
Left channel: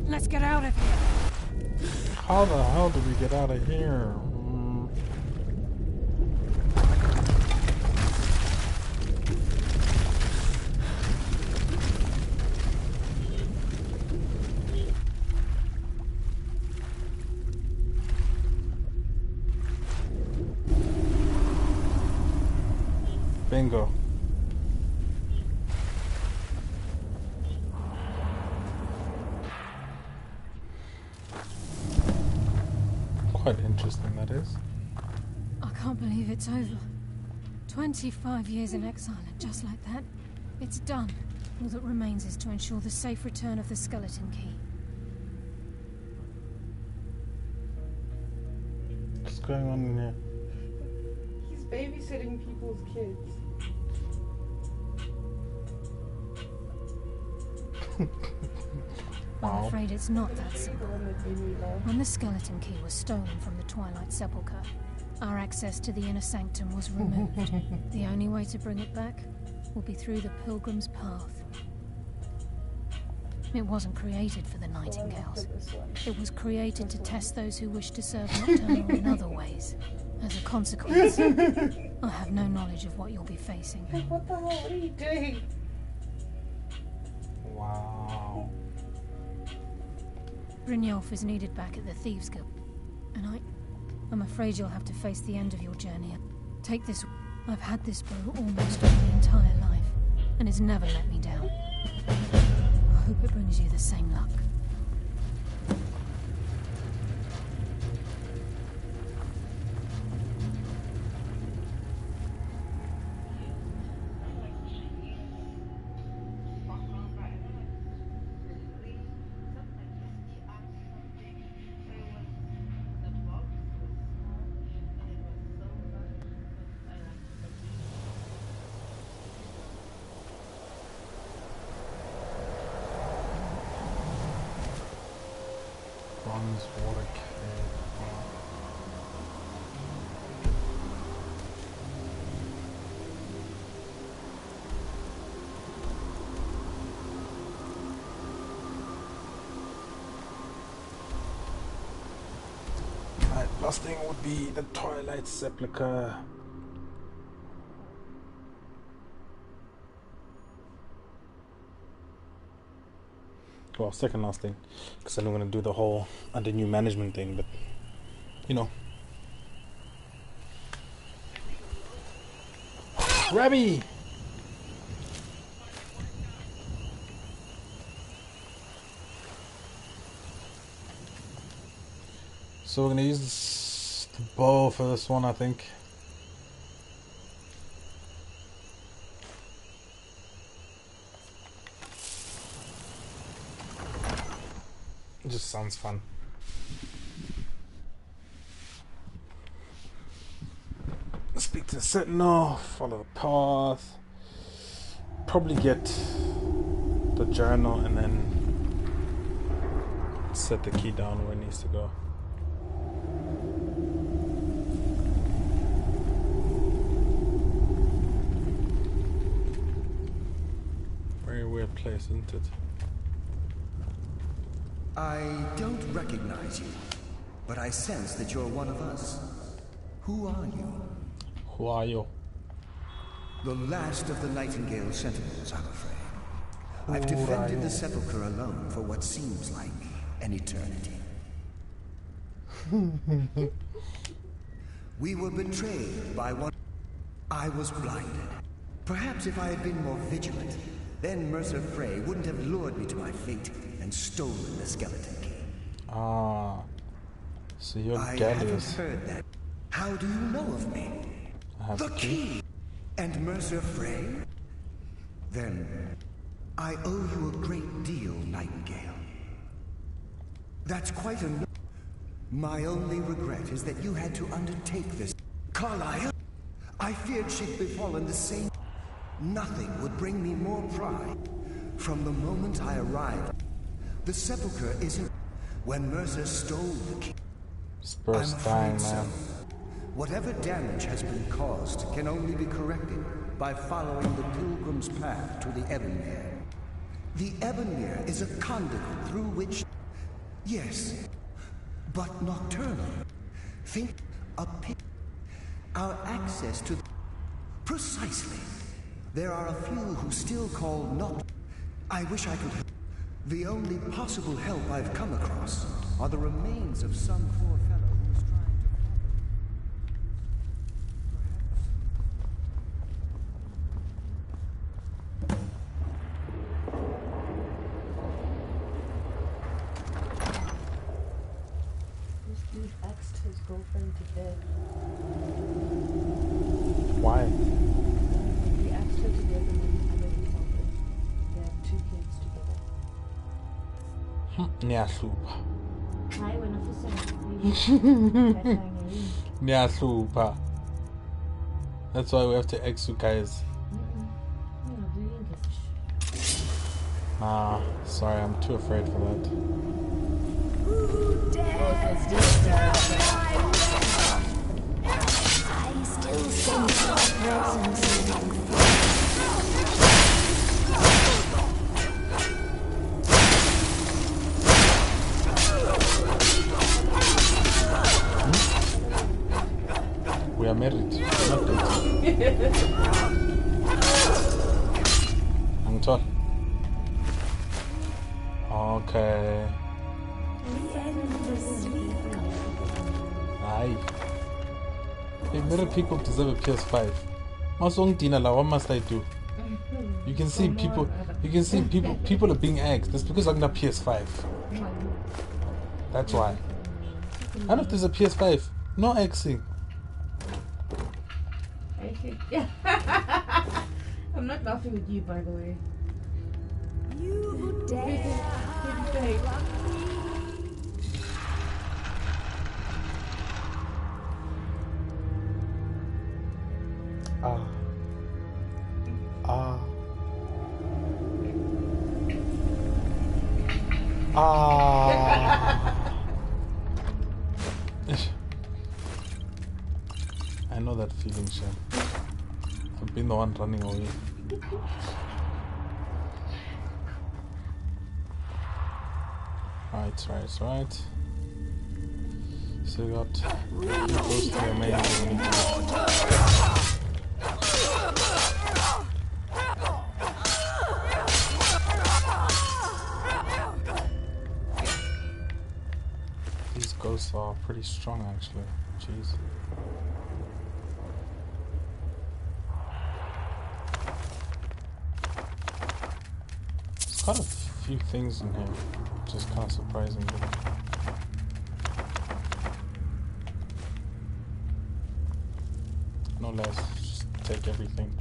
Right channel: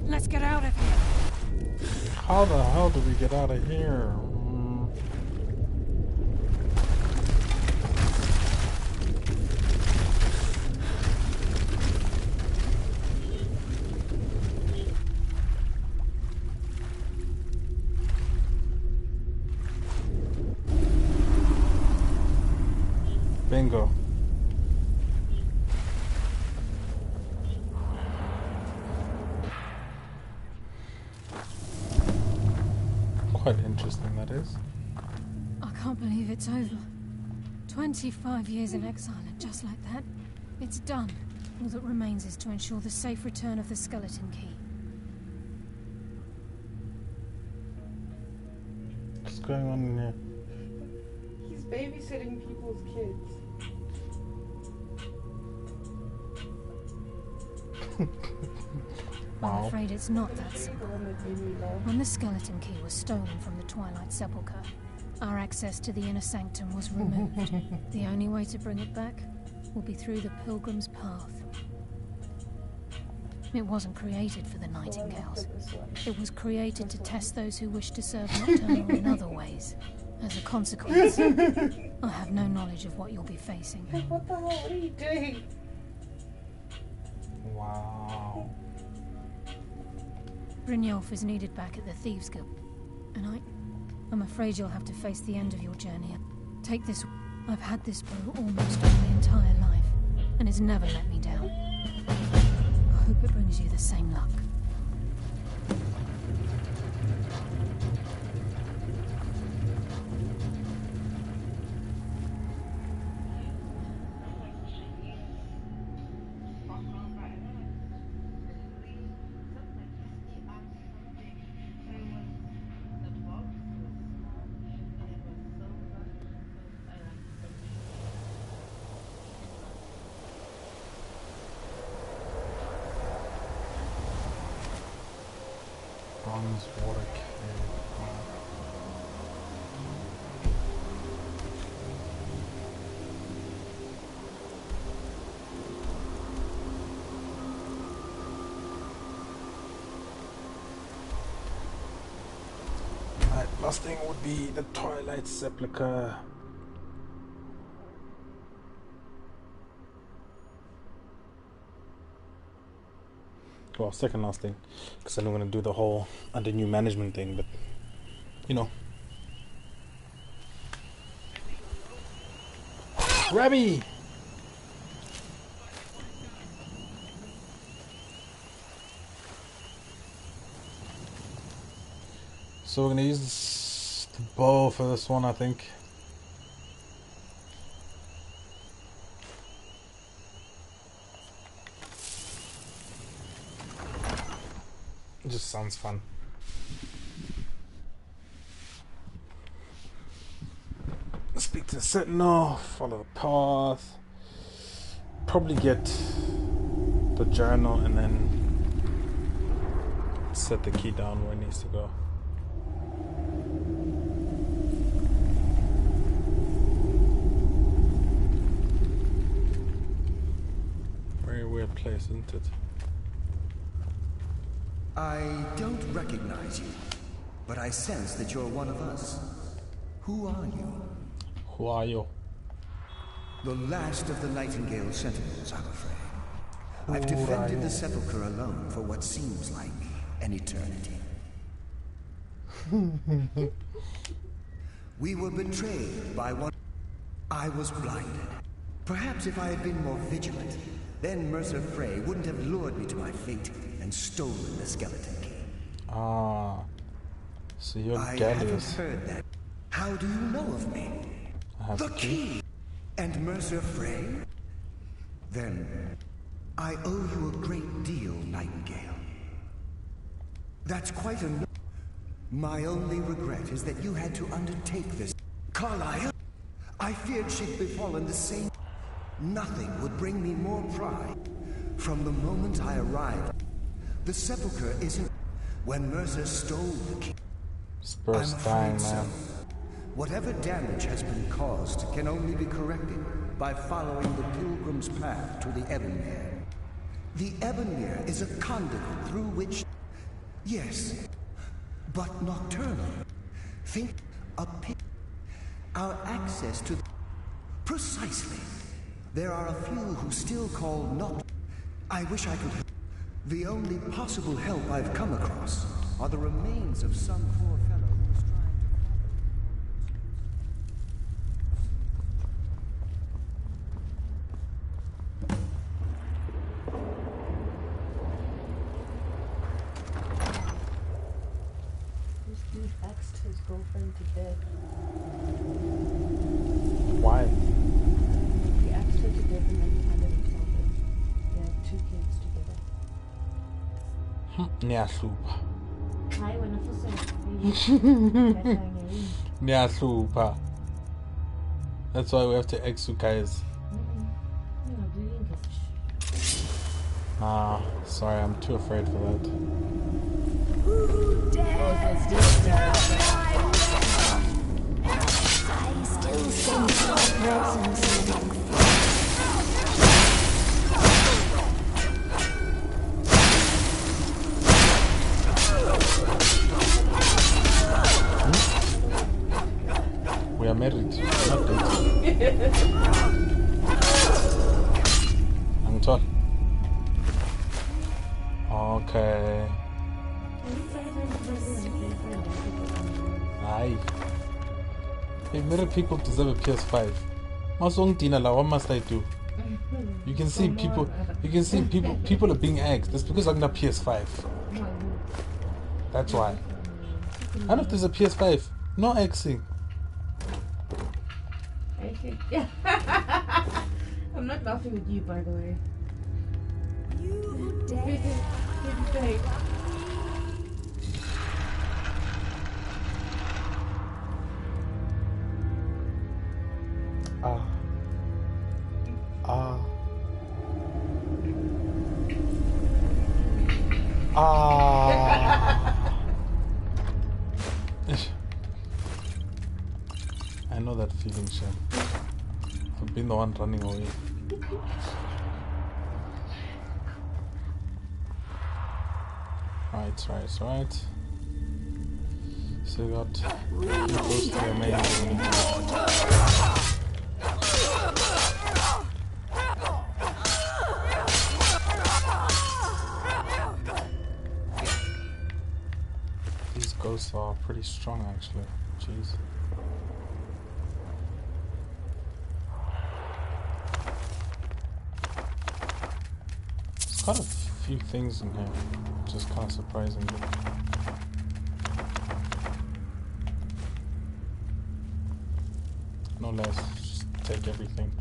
Let's get out of here. How the hell do we get out of here? Bingo. Quite interesting, that is. I can't believe it's over. 25 years in exile, and just like that, it's done. All that remains is to ensure the safe return of the skeleton key. What's going on in here? He's babysitting people's kids. I'm afraid it's not that simple. When the skeleton key was stolen from the Twilight Sepulchre, our access to the inner sanctum was removed. The only way to bring it back will be through the Pilgrim's Path. It wasn't created for the Nightingales. It was created to test those who wish to serve Nocturnal in other ways. As a consequence, I have no knowledge of what you'll be facing. What the hell? What are you doing? Wow. Brynjolf is needed back at the Thieves Guild, and I'm afraid you'll have to face the end of your journey. Take this. I've had this bow almost all my entire life, and it's never let me down. I hope it brings you the same luck. Bronze water cave. Alright, last thing would be the Twilight Sepulchre. Well, second last thing, because I'm going to do the whole under new management thing, but you know. Rabbi! So we're going to use the bow for this one, I think. It just sounds fun. Speak to the sentinel, follow the path, probably get the journal and then set the key down where it needs to go. Very weird place, isn't it? I don't recognize you, but I sense that you're one of us. Who are you? Who are you? The last of the Nightingale Sentinels, I'm afraid. I've defended the Sepulchre alone for what seems like an eternity. We were betrayed by one. I was blinded. Perhaps if I had been more vigilant, then Mercer Frey wouldn't have lured me to my fate and stolen the skeleton key. Ah, so you're I Gallius. haven't heard that. How do you know of me? I have the key. And Mercer Frey? Then I owe you a great deal, Nightingale. That's quite enough. My only regret is that you had to undertake this. Carlyle, I feared she'd befallen the same. Nothing would bring me more pride. From the moment I arrived, the Sepulchre isn't. When Mercer stole the key, Spurs dying, man. Whatever damage has been caused can only be corrected by following the Pilgrim's path to the Ebonmere. The Ebonmere is a conduit through which... Yes, but nocturnal. Think a pit. Our access to... Precisely. There are a few who still call not... I wish I could... The only possible help I've come across are the remains of some poor fellow who was trying to... This dude axed his girlfriend to death. Why? He axed her to death and then handed himself in. They have 2 kids together. Niyahlupa. Hi, wena futhi. Niyahlupa. That's why we have to ex you guys. Nah, sorry, I'm too afraid for that. Who dares I still sense your presence. We are married, we're not dating. I'm tall. Okay. Aye. Hey, married people deserve a PS5. What must I do? You can see people are being axed. That's because I'm not PS5. That's why. I don't know if there's a PS5. No axing. I'm not laughing with you, by the way. You dare. I know that feeling, Shem. I've been the one running away. Right. So we got close to the main thing. These ghosts are pretty strong, actually. Jeez. There's quite a few things in here, which is kind of surprising. No less, just take everything.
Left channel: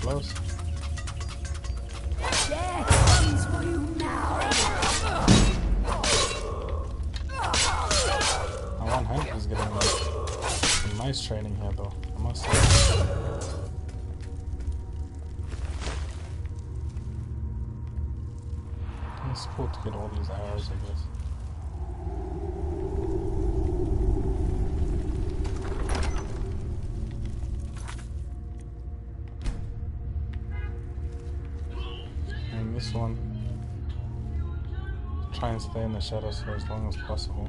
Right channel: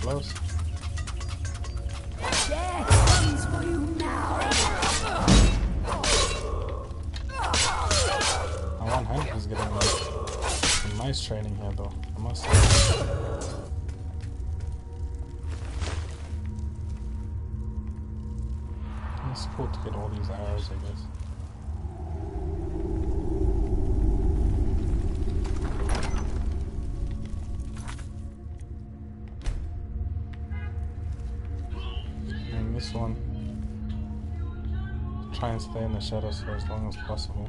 Close. Death comes for you now. My one hand is getting like some nice training here, though. I must say. It's cool to get all these arrows, I guess. This one, try and stay in the shadows for as long as possible.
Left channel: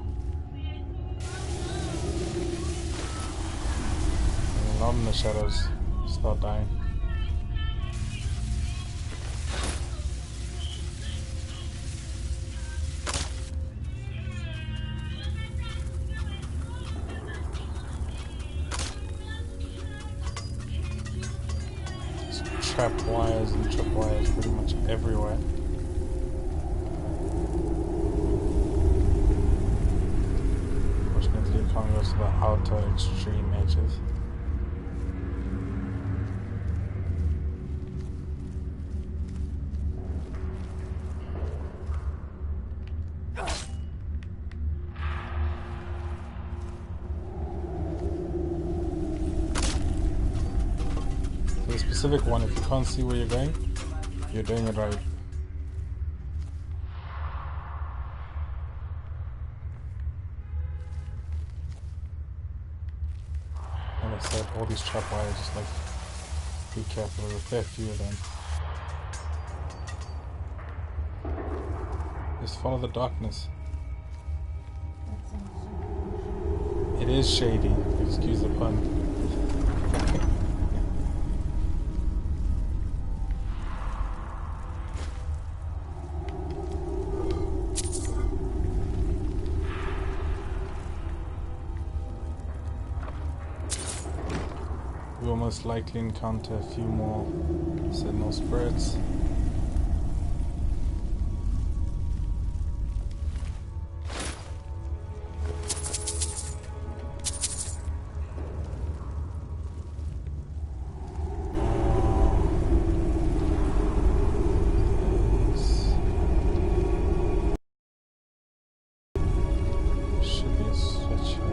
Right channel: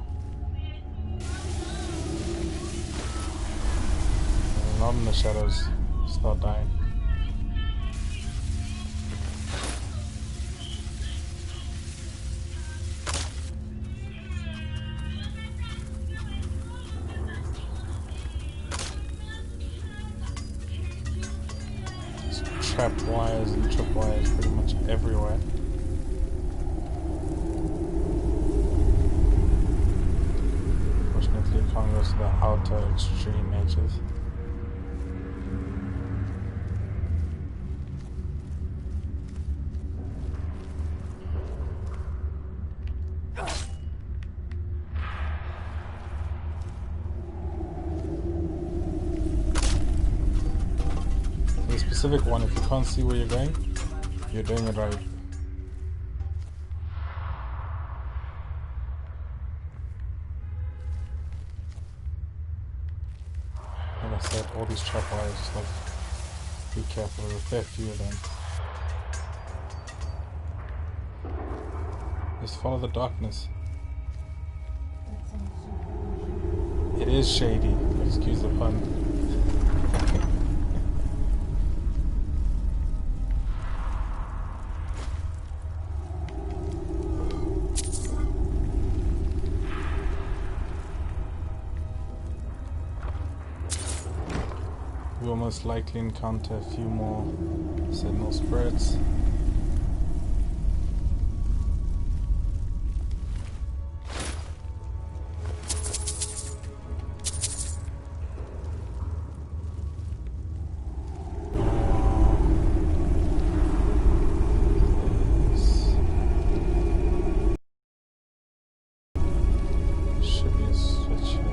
And not in the shadows, start dying. Trap wires and trip wires pretty much everywhere. Fortunately, you can't go to the outer extreme edges. Specific one, if you can't see where you're going, you're doing it right. Like I said, all these trap wires, just like be careful, there's a fair few of them. Just follow the darkness. It is shady, excuse the pun. We will most likely encounter a few more sentinel spirits. Should be a switch here.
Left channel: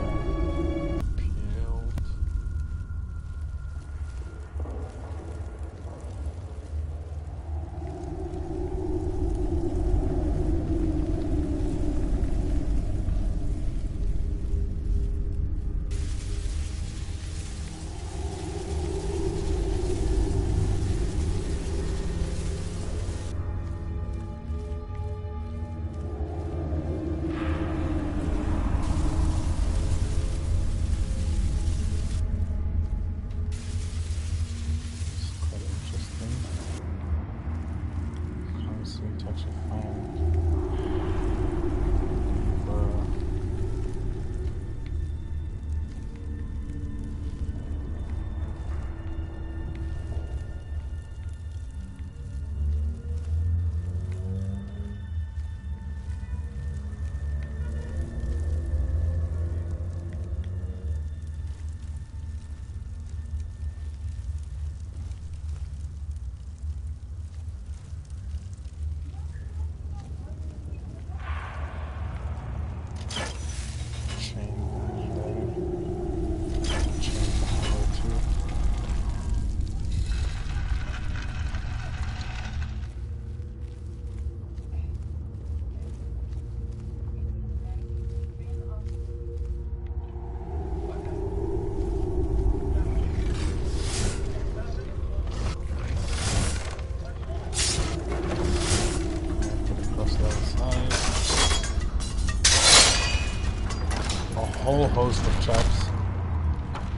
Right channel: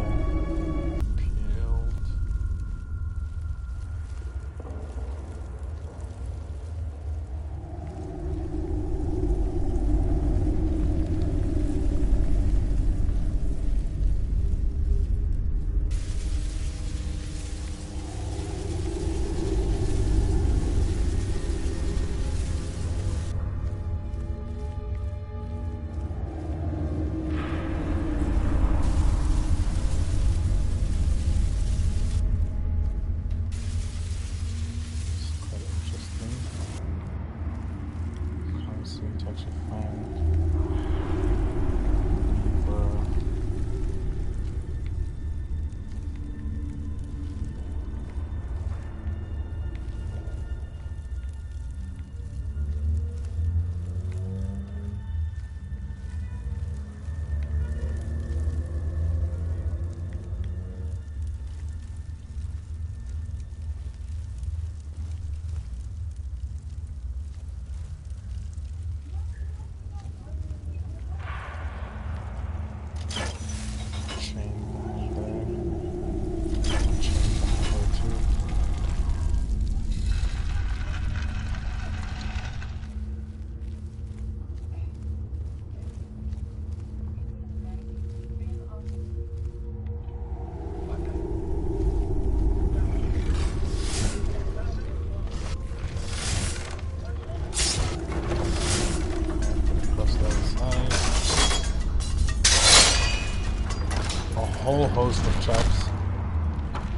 whole host of traps.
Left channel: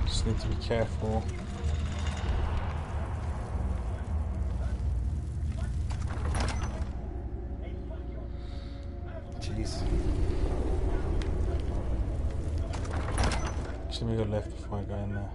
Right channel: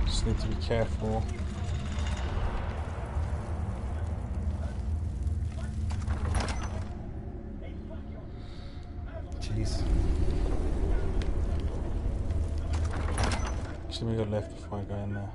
Just need to be careful. Jeez. Actually, we go left before I go in there.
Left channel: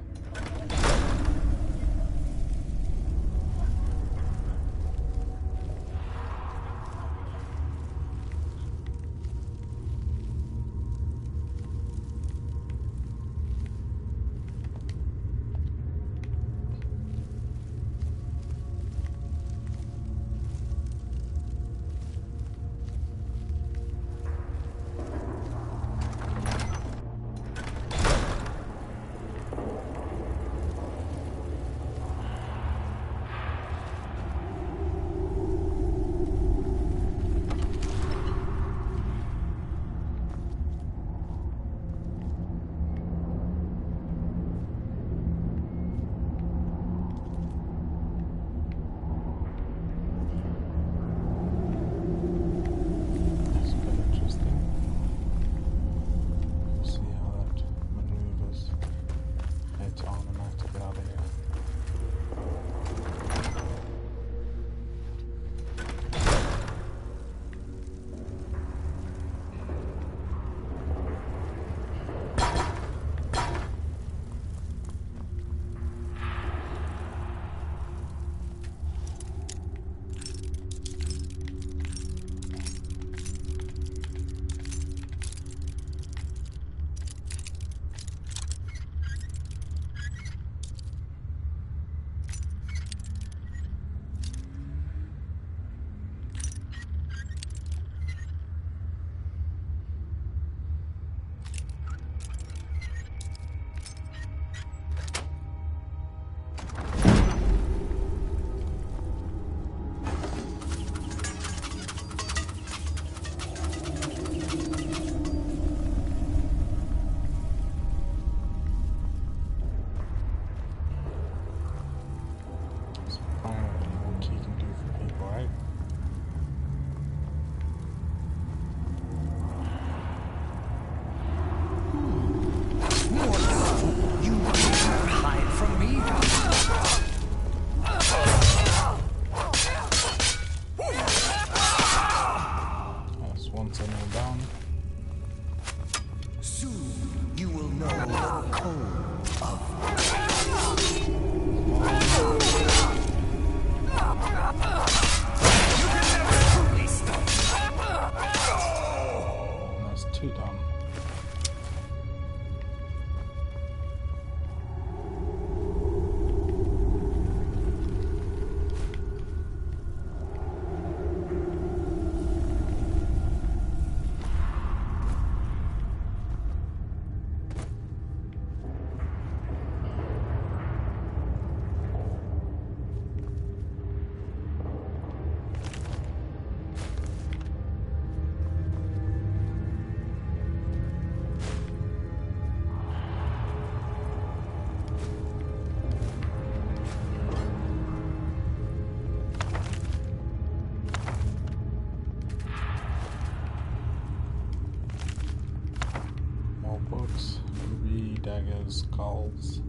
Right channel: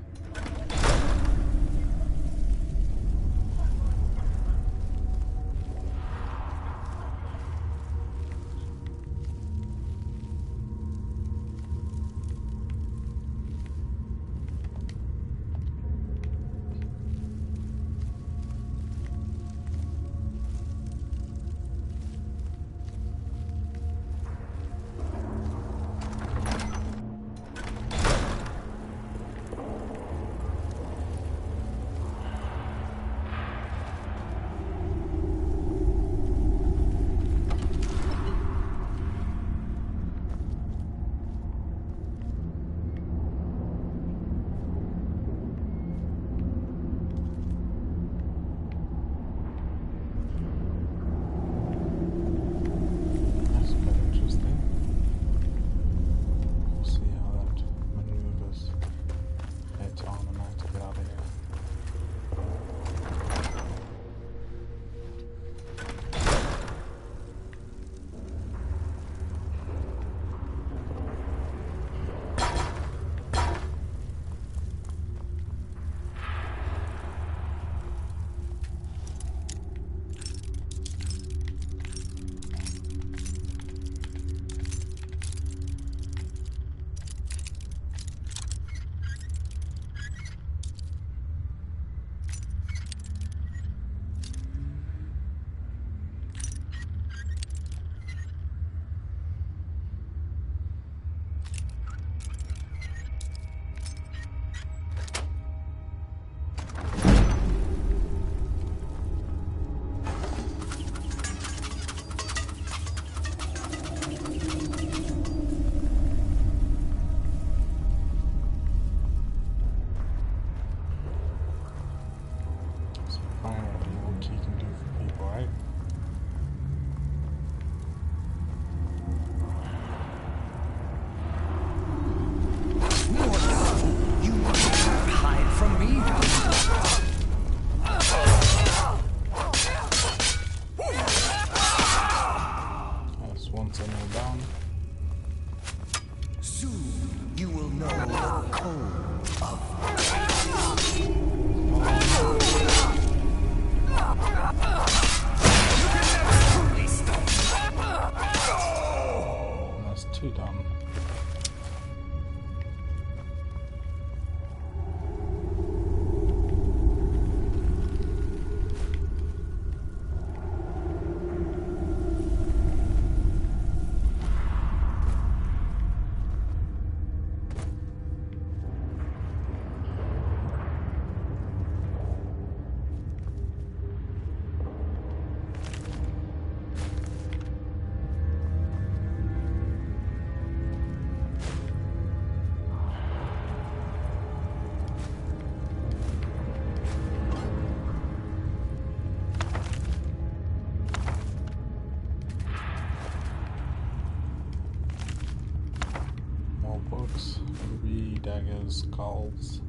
Books, ruby, daggers, skulls.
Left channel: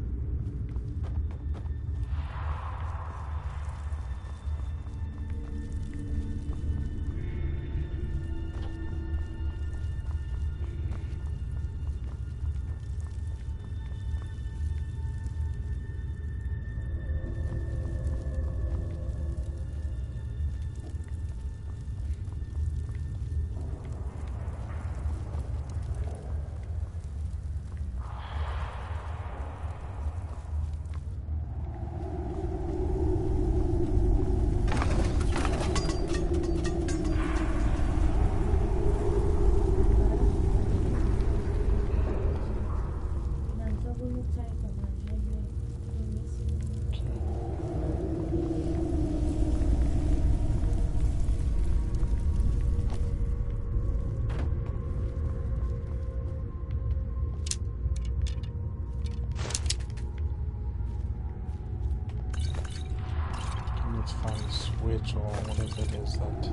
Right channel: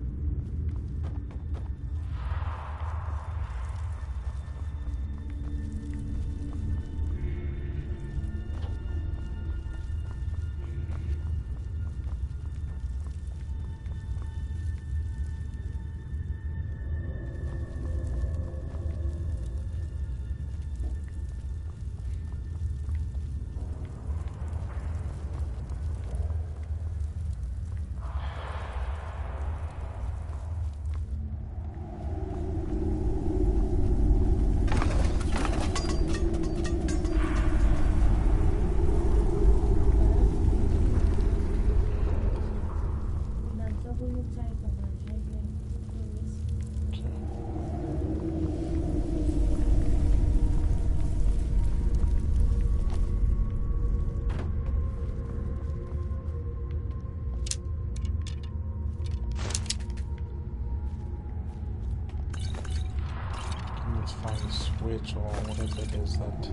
Let's find a switch or whatever it is that...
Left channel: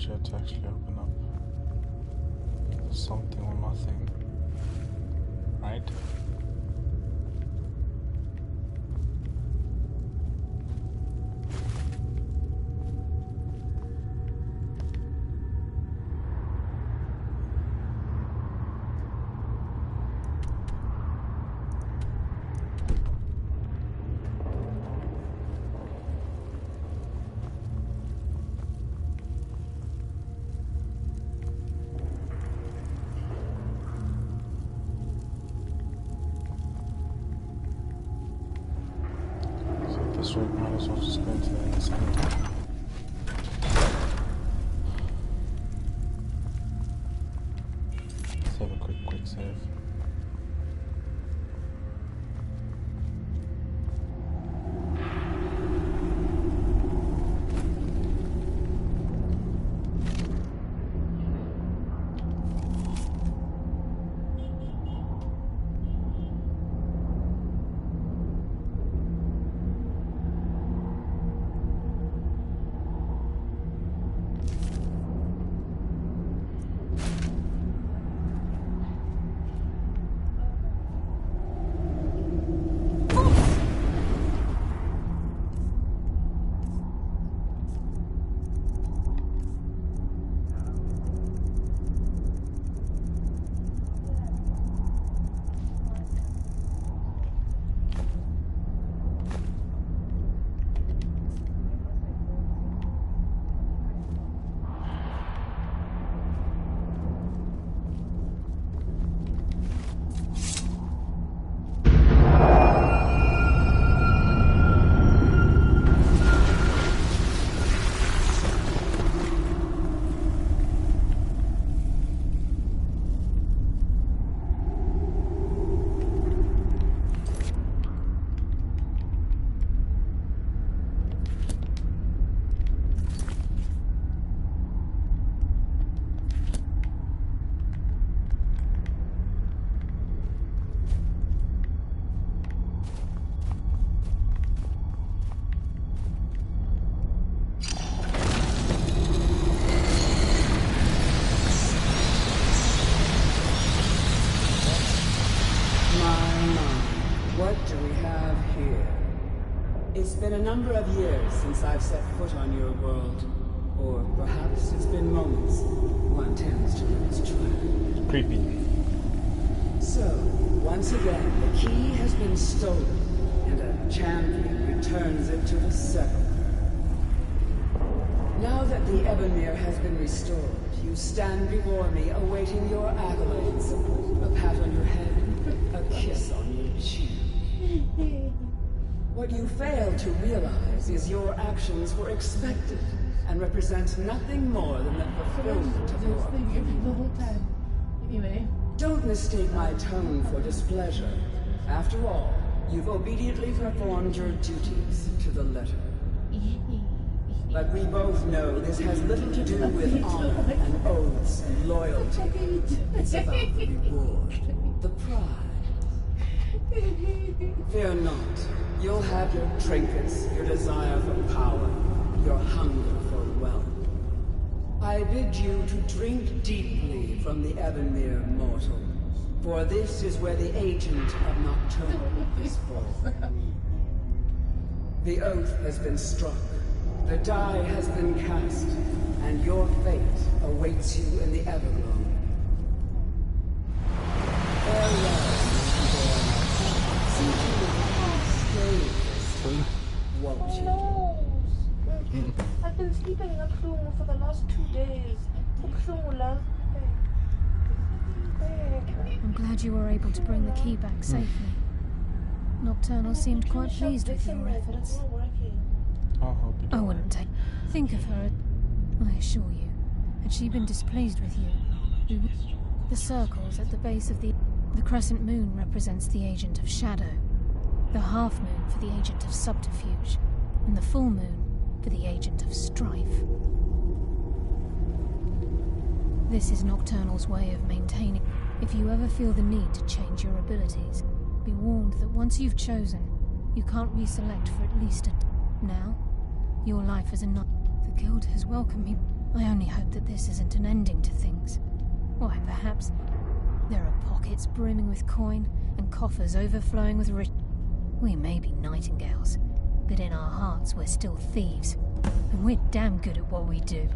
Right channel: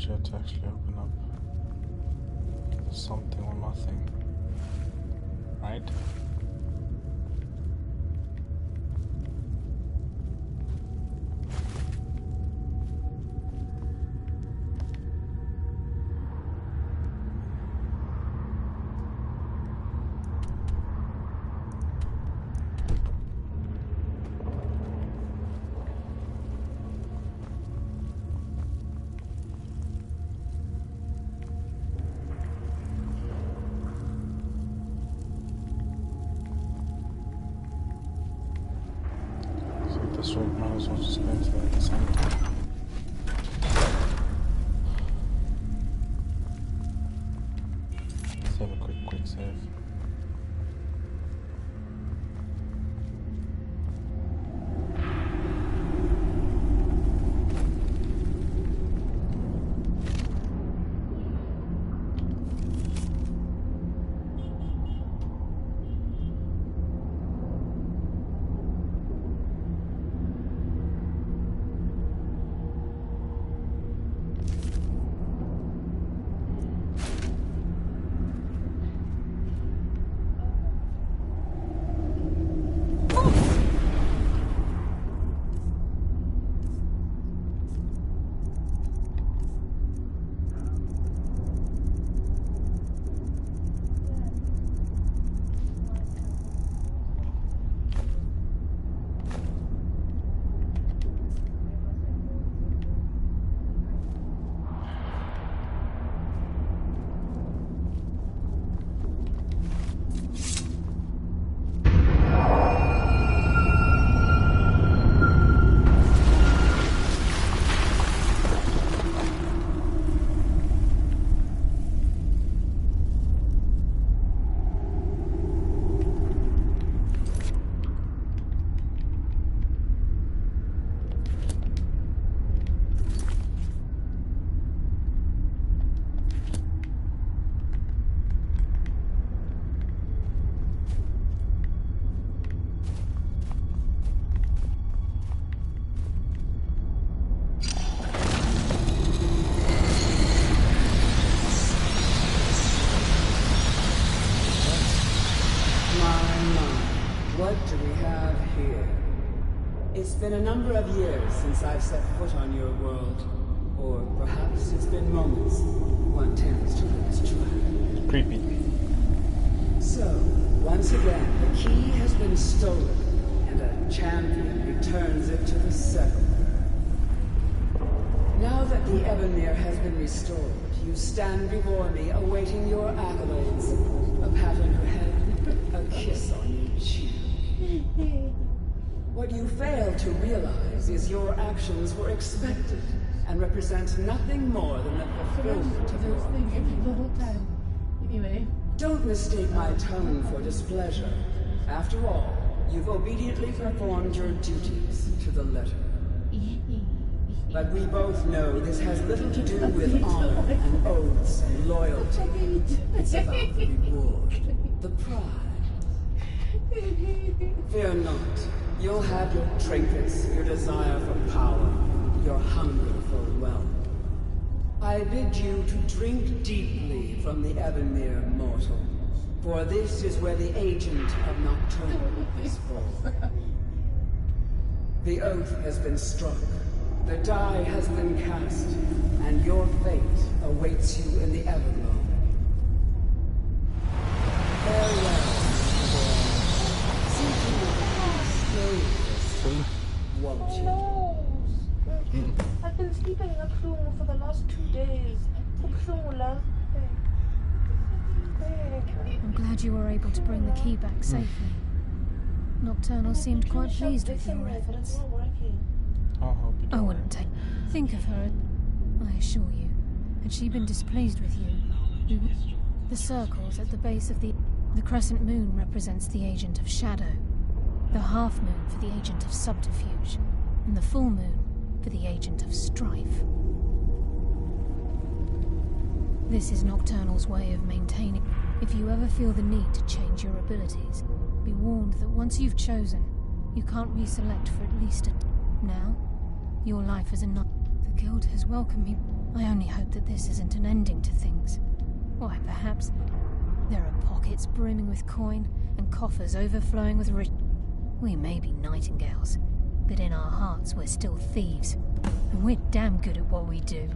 challenge here to actually open up something or nothing, right? This rate might as well just go into the other side. Let's have a quick save. What do we have here? It's been a number of years since I've set foot on your world. Or perhaps it's been moments. One tends to lose track. Creepy. So, once again, the key has been stolen, and a champion returns it to the sepulchre. Now that the Ebonmere has been restored, you stand before me awaiting your accolades. A pat on your head, a kiss on your cheek. What you fail to realize is your actions were expected and represent nothing more than the fulfillment of your the whole time. Anyway. Don't mistake my tone for displeasure. After all, you've obediently performed your duties to the letter. But we both know this has little to do with honor and oaths and loyalty. It's about the reward, the pride. Fear not. You'll have your trinkets, your desire for power, your hunger for wealth. I bid you to drink deeply from the Ebonmere mortal, for this is where the agent of Nocturnal is born. The oath has been struck, the die has been cast, and your fate awaits you in the Everglow. Farewell, Nightingale. See to it that you stay this time, won't you? No. I've been sleeping in a room for the last 2 days. I'm glad you were able to bring the key back safely. Nocturnal seemed quite pleased with your efforts. I wouldn't take. Think of her. I assure you, had she been displeased with you, the circles at the base of the crescent moon represents the agent of shadow, the half moon for the agent of subterfuge, and the full moon for the agent of strife. This is Nocturnal's way of maintaining. If you ever feel the need to change your abilities, be warned that once you've chosen, you can't reselect for at least a... Now, your life as a knight. The guild has welcomed me. I only hope that this isn't an ending to things. Why, perhaps there are pockets brimming with coin and coffers overflowing with rich. We may be nightingales, but in our hearts we're still thieves, and we're damn good at what we do.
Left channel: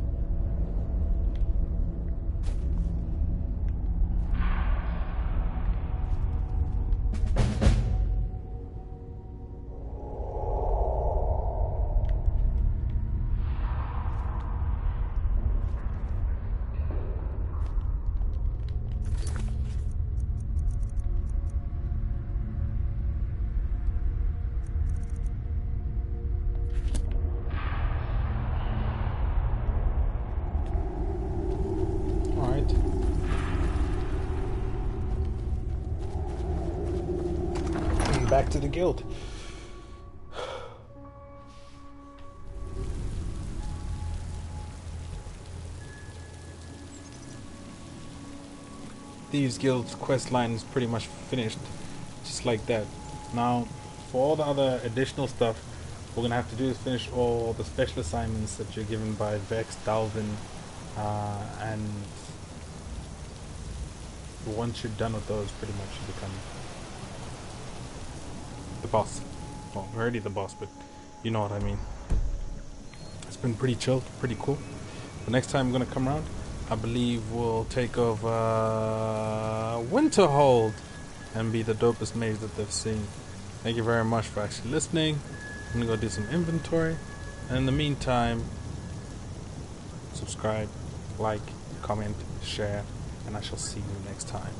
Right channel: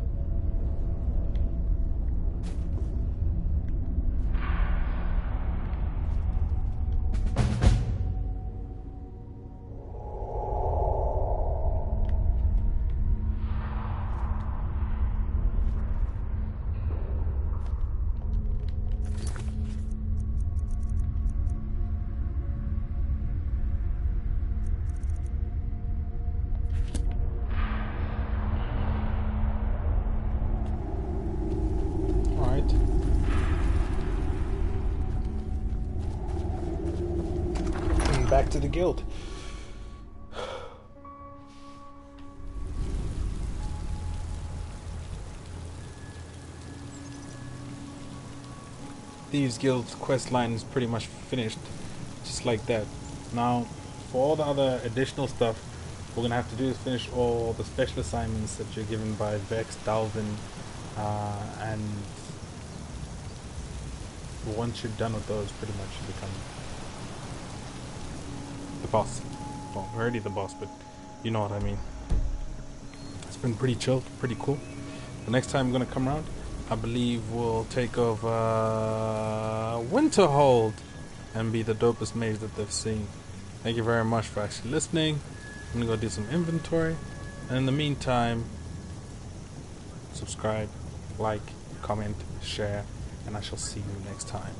Back to the guild. Thieves Guild's quest line is pretty much finished, just like that. Now, for all the other additional stuff, we're gonna have to do is finish all the special assignments that you're given by Vex, Dalvin, and once you're done with those, pretty much you become the boss. Well, we're already the boss, but you know what I mean. It's been pretty chill, pretty cool. The next time I'm gonna come around, I believe we'll take over Winterhold and be the dopest mage that they've seen. Thank you very much for actually listening. I'm gonna go do some inventory, and in the meantime, subscribe, like, comment, share, and I shall see you next time.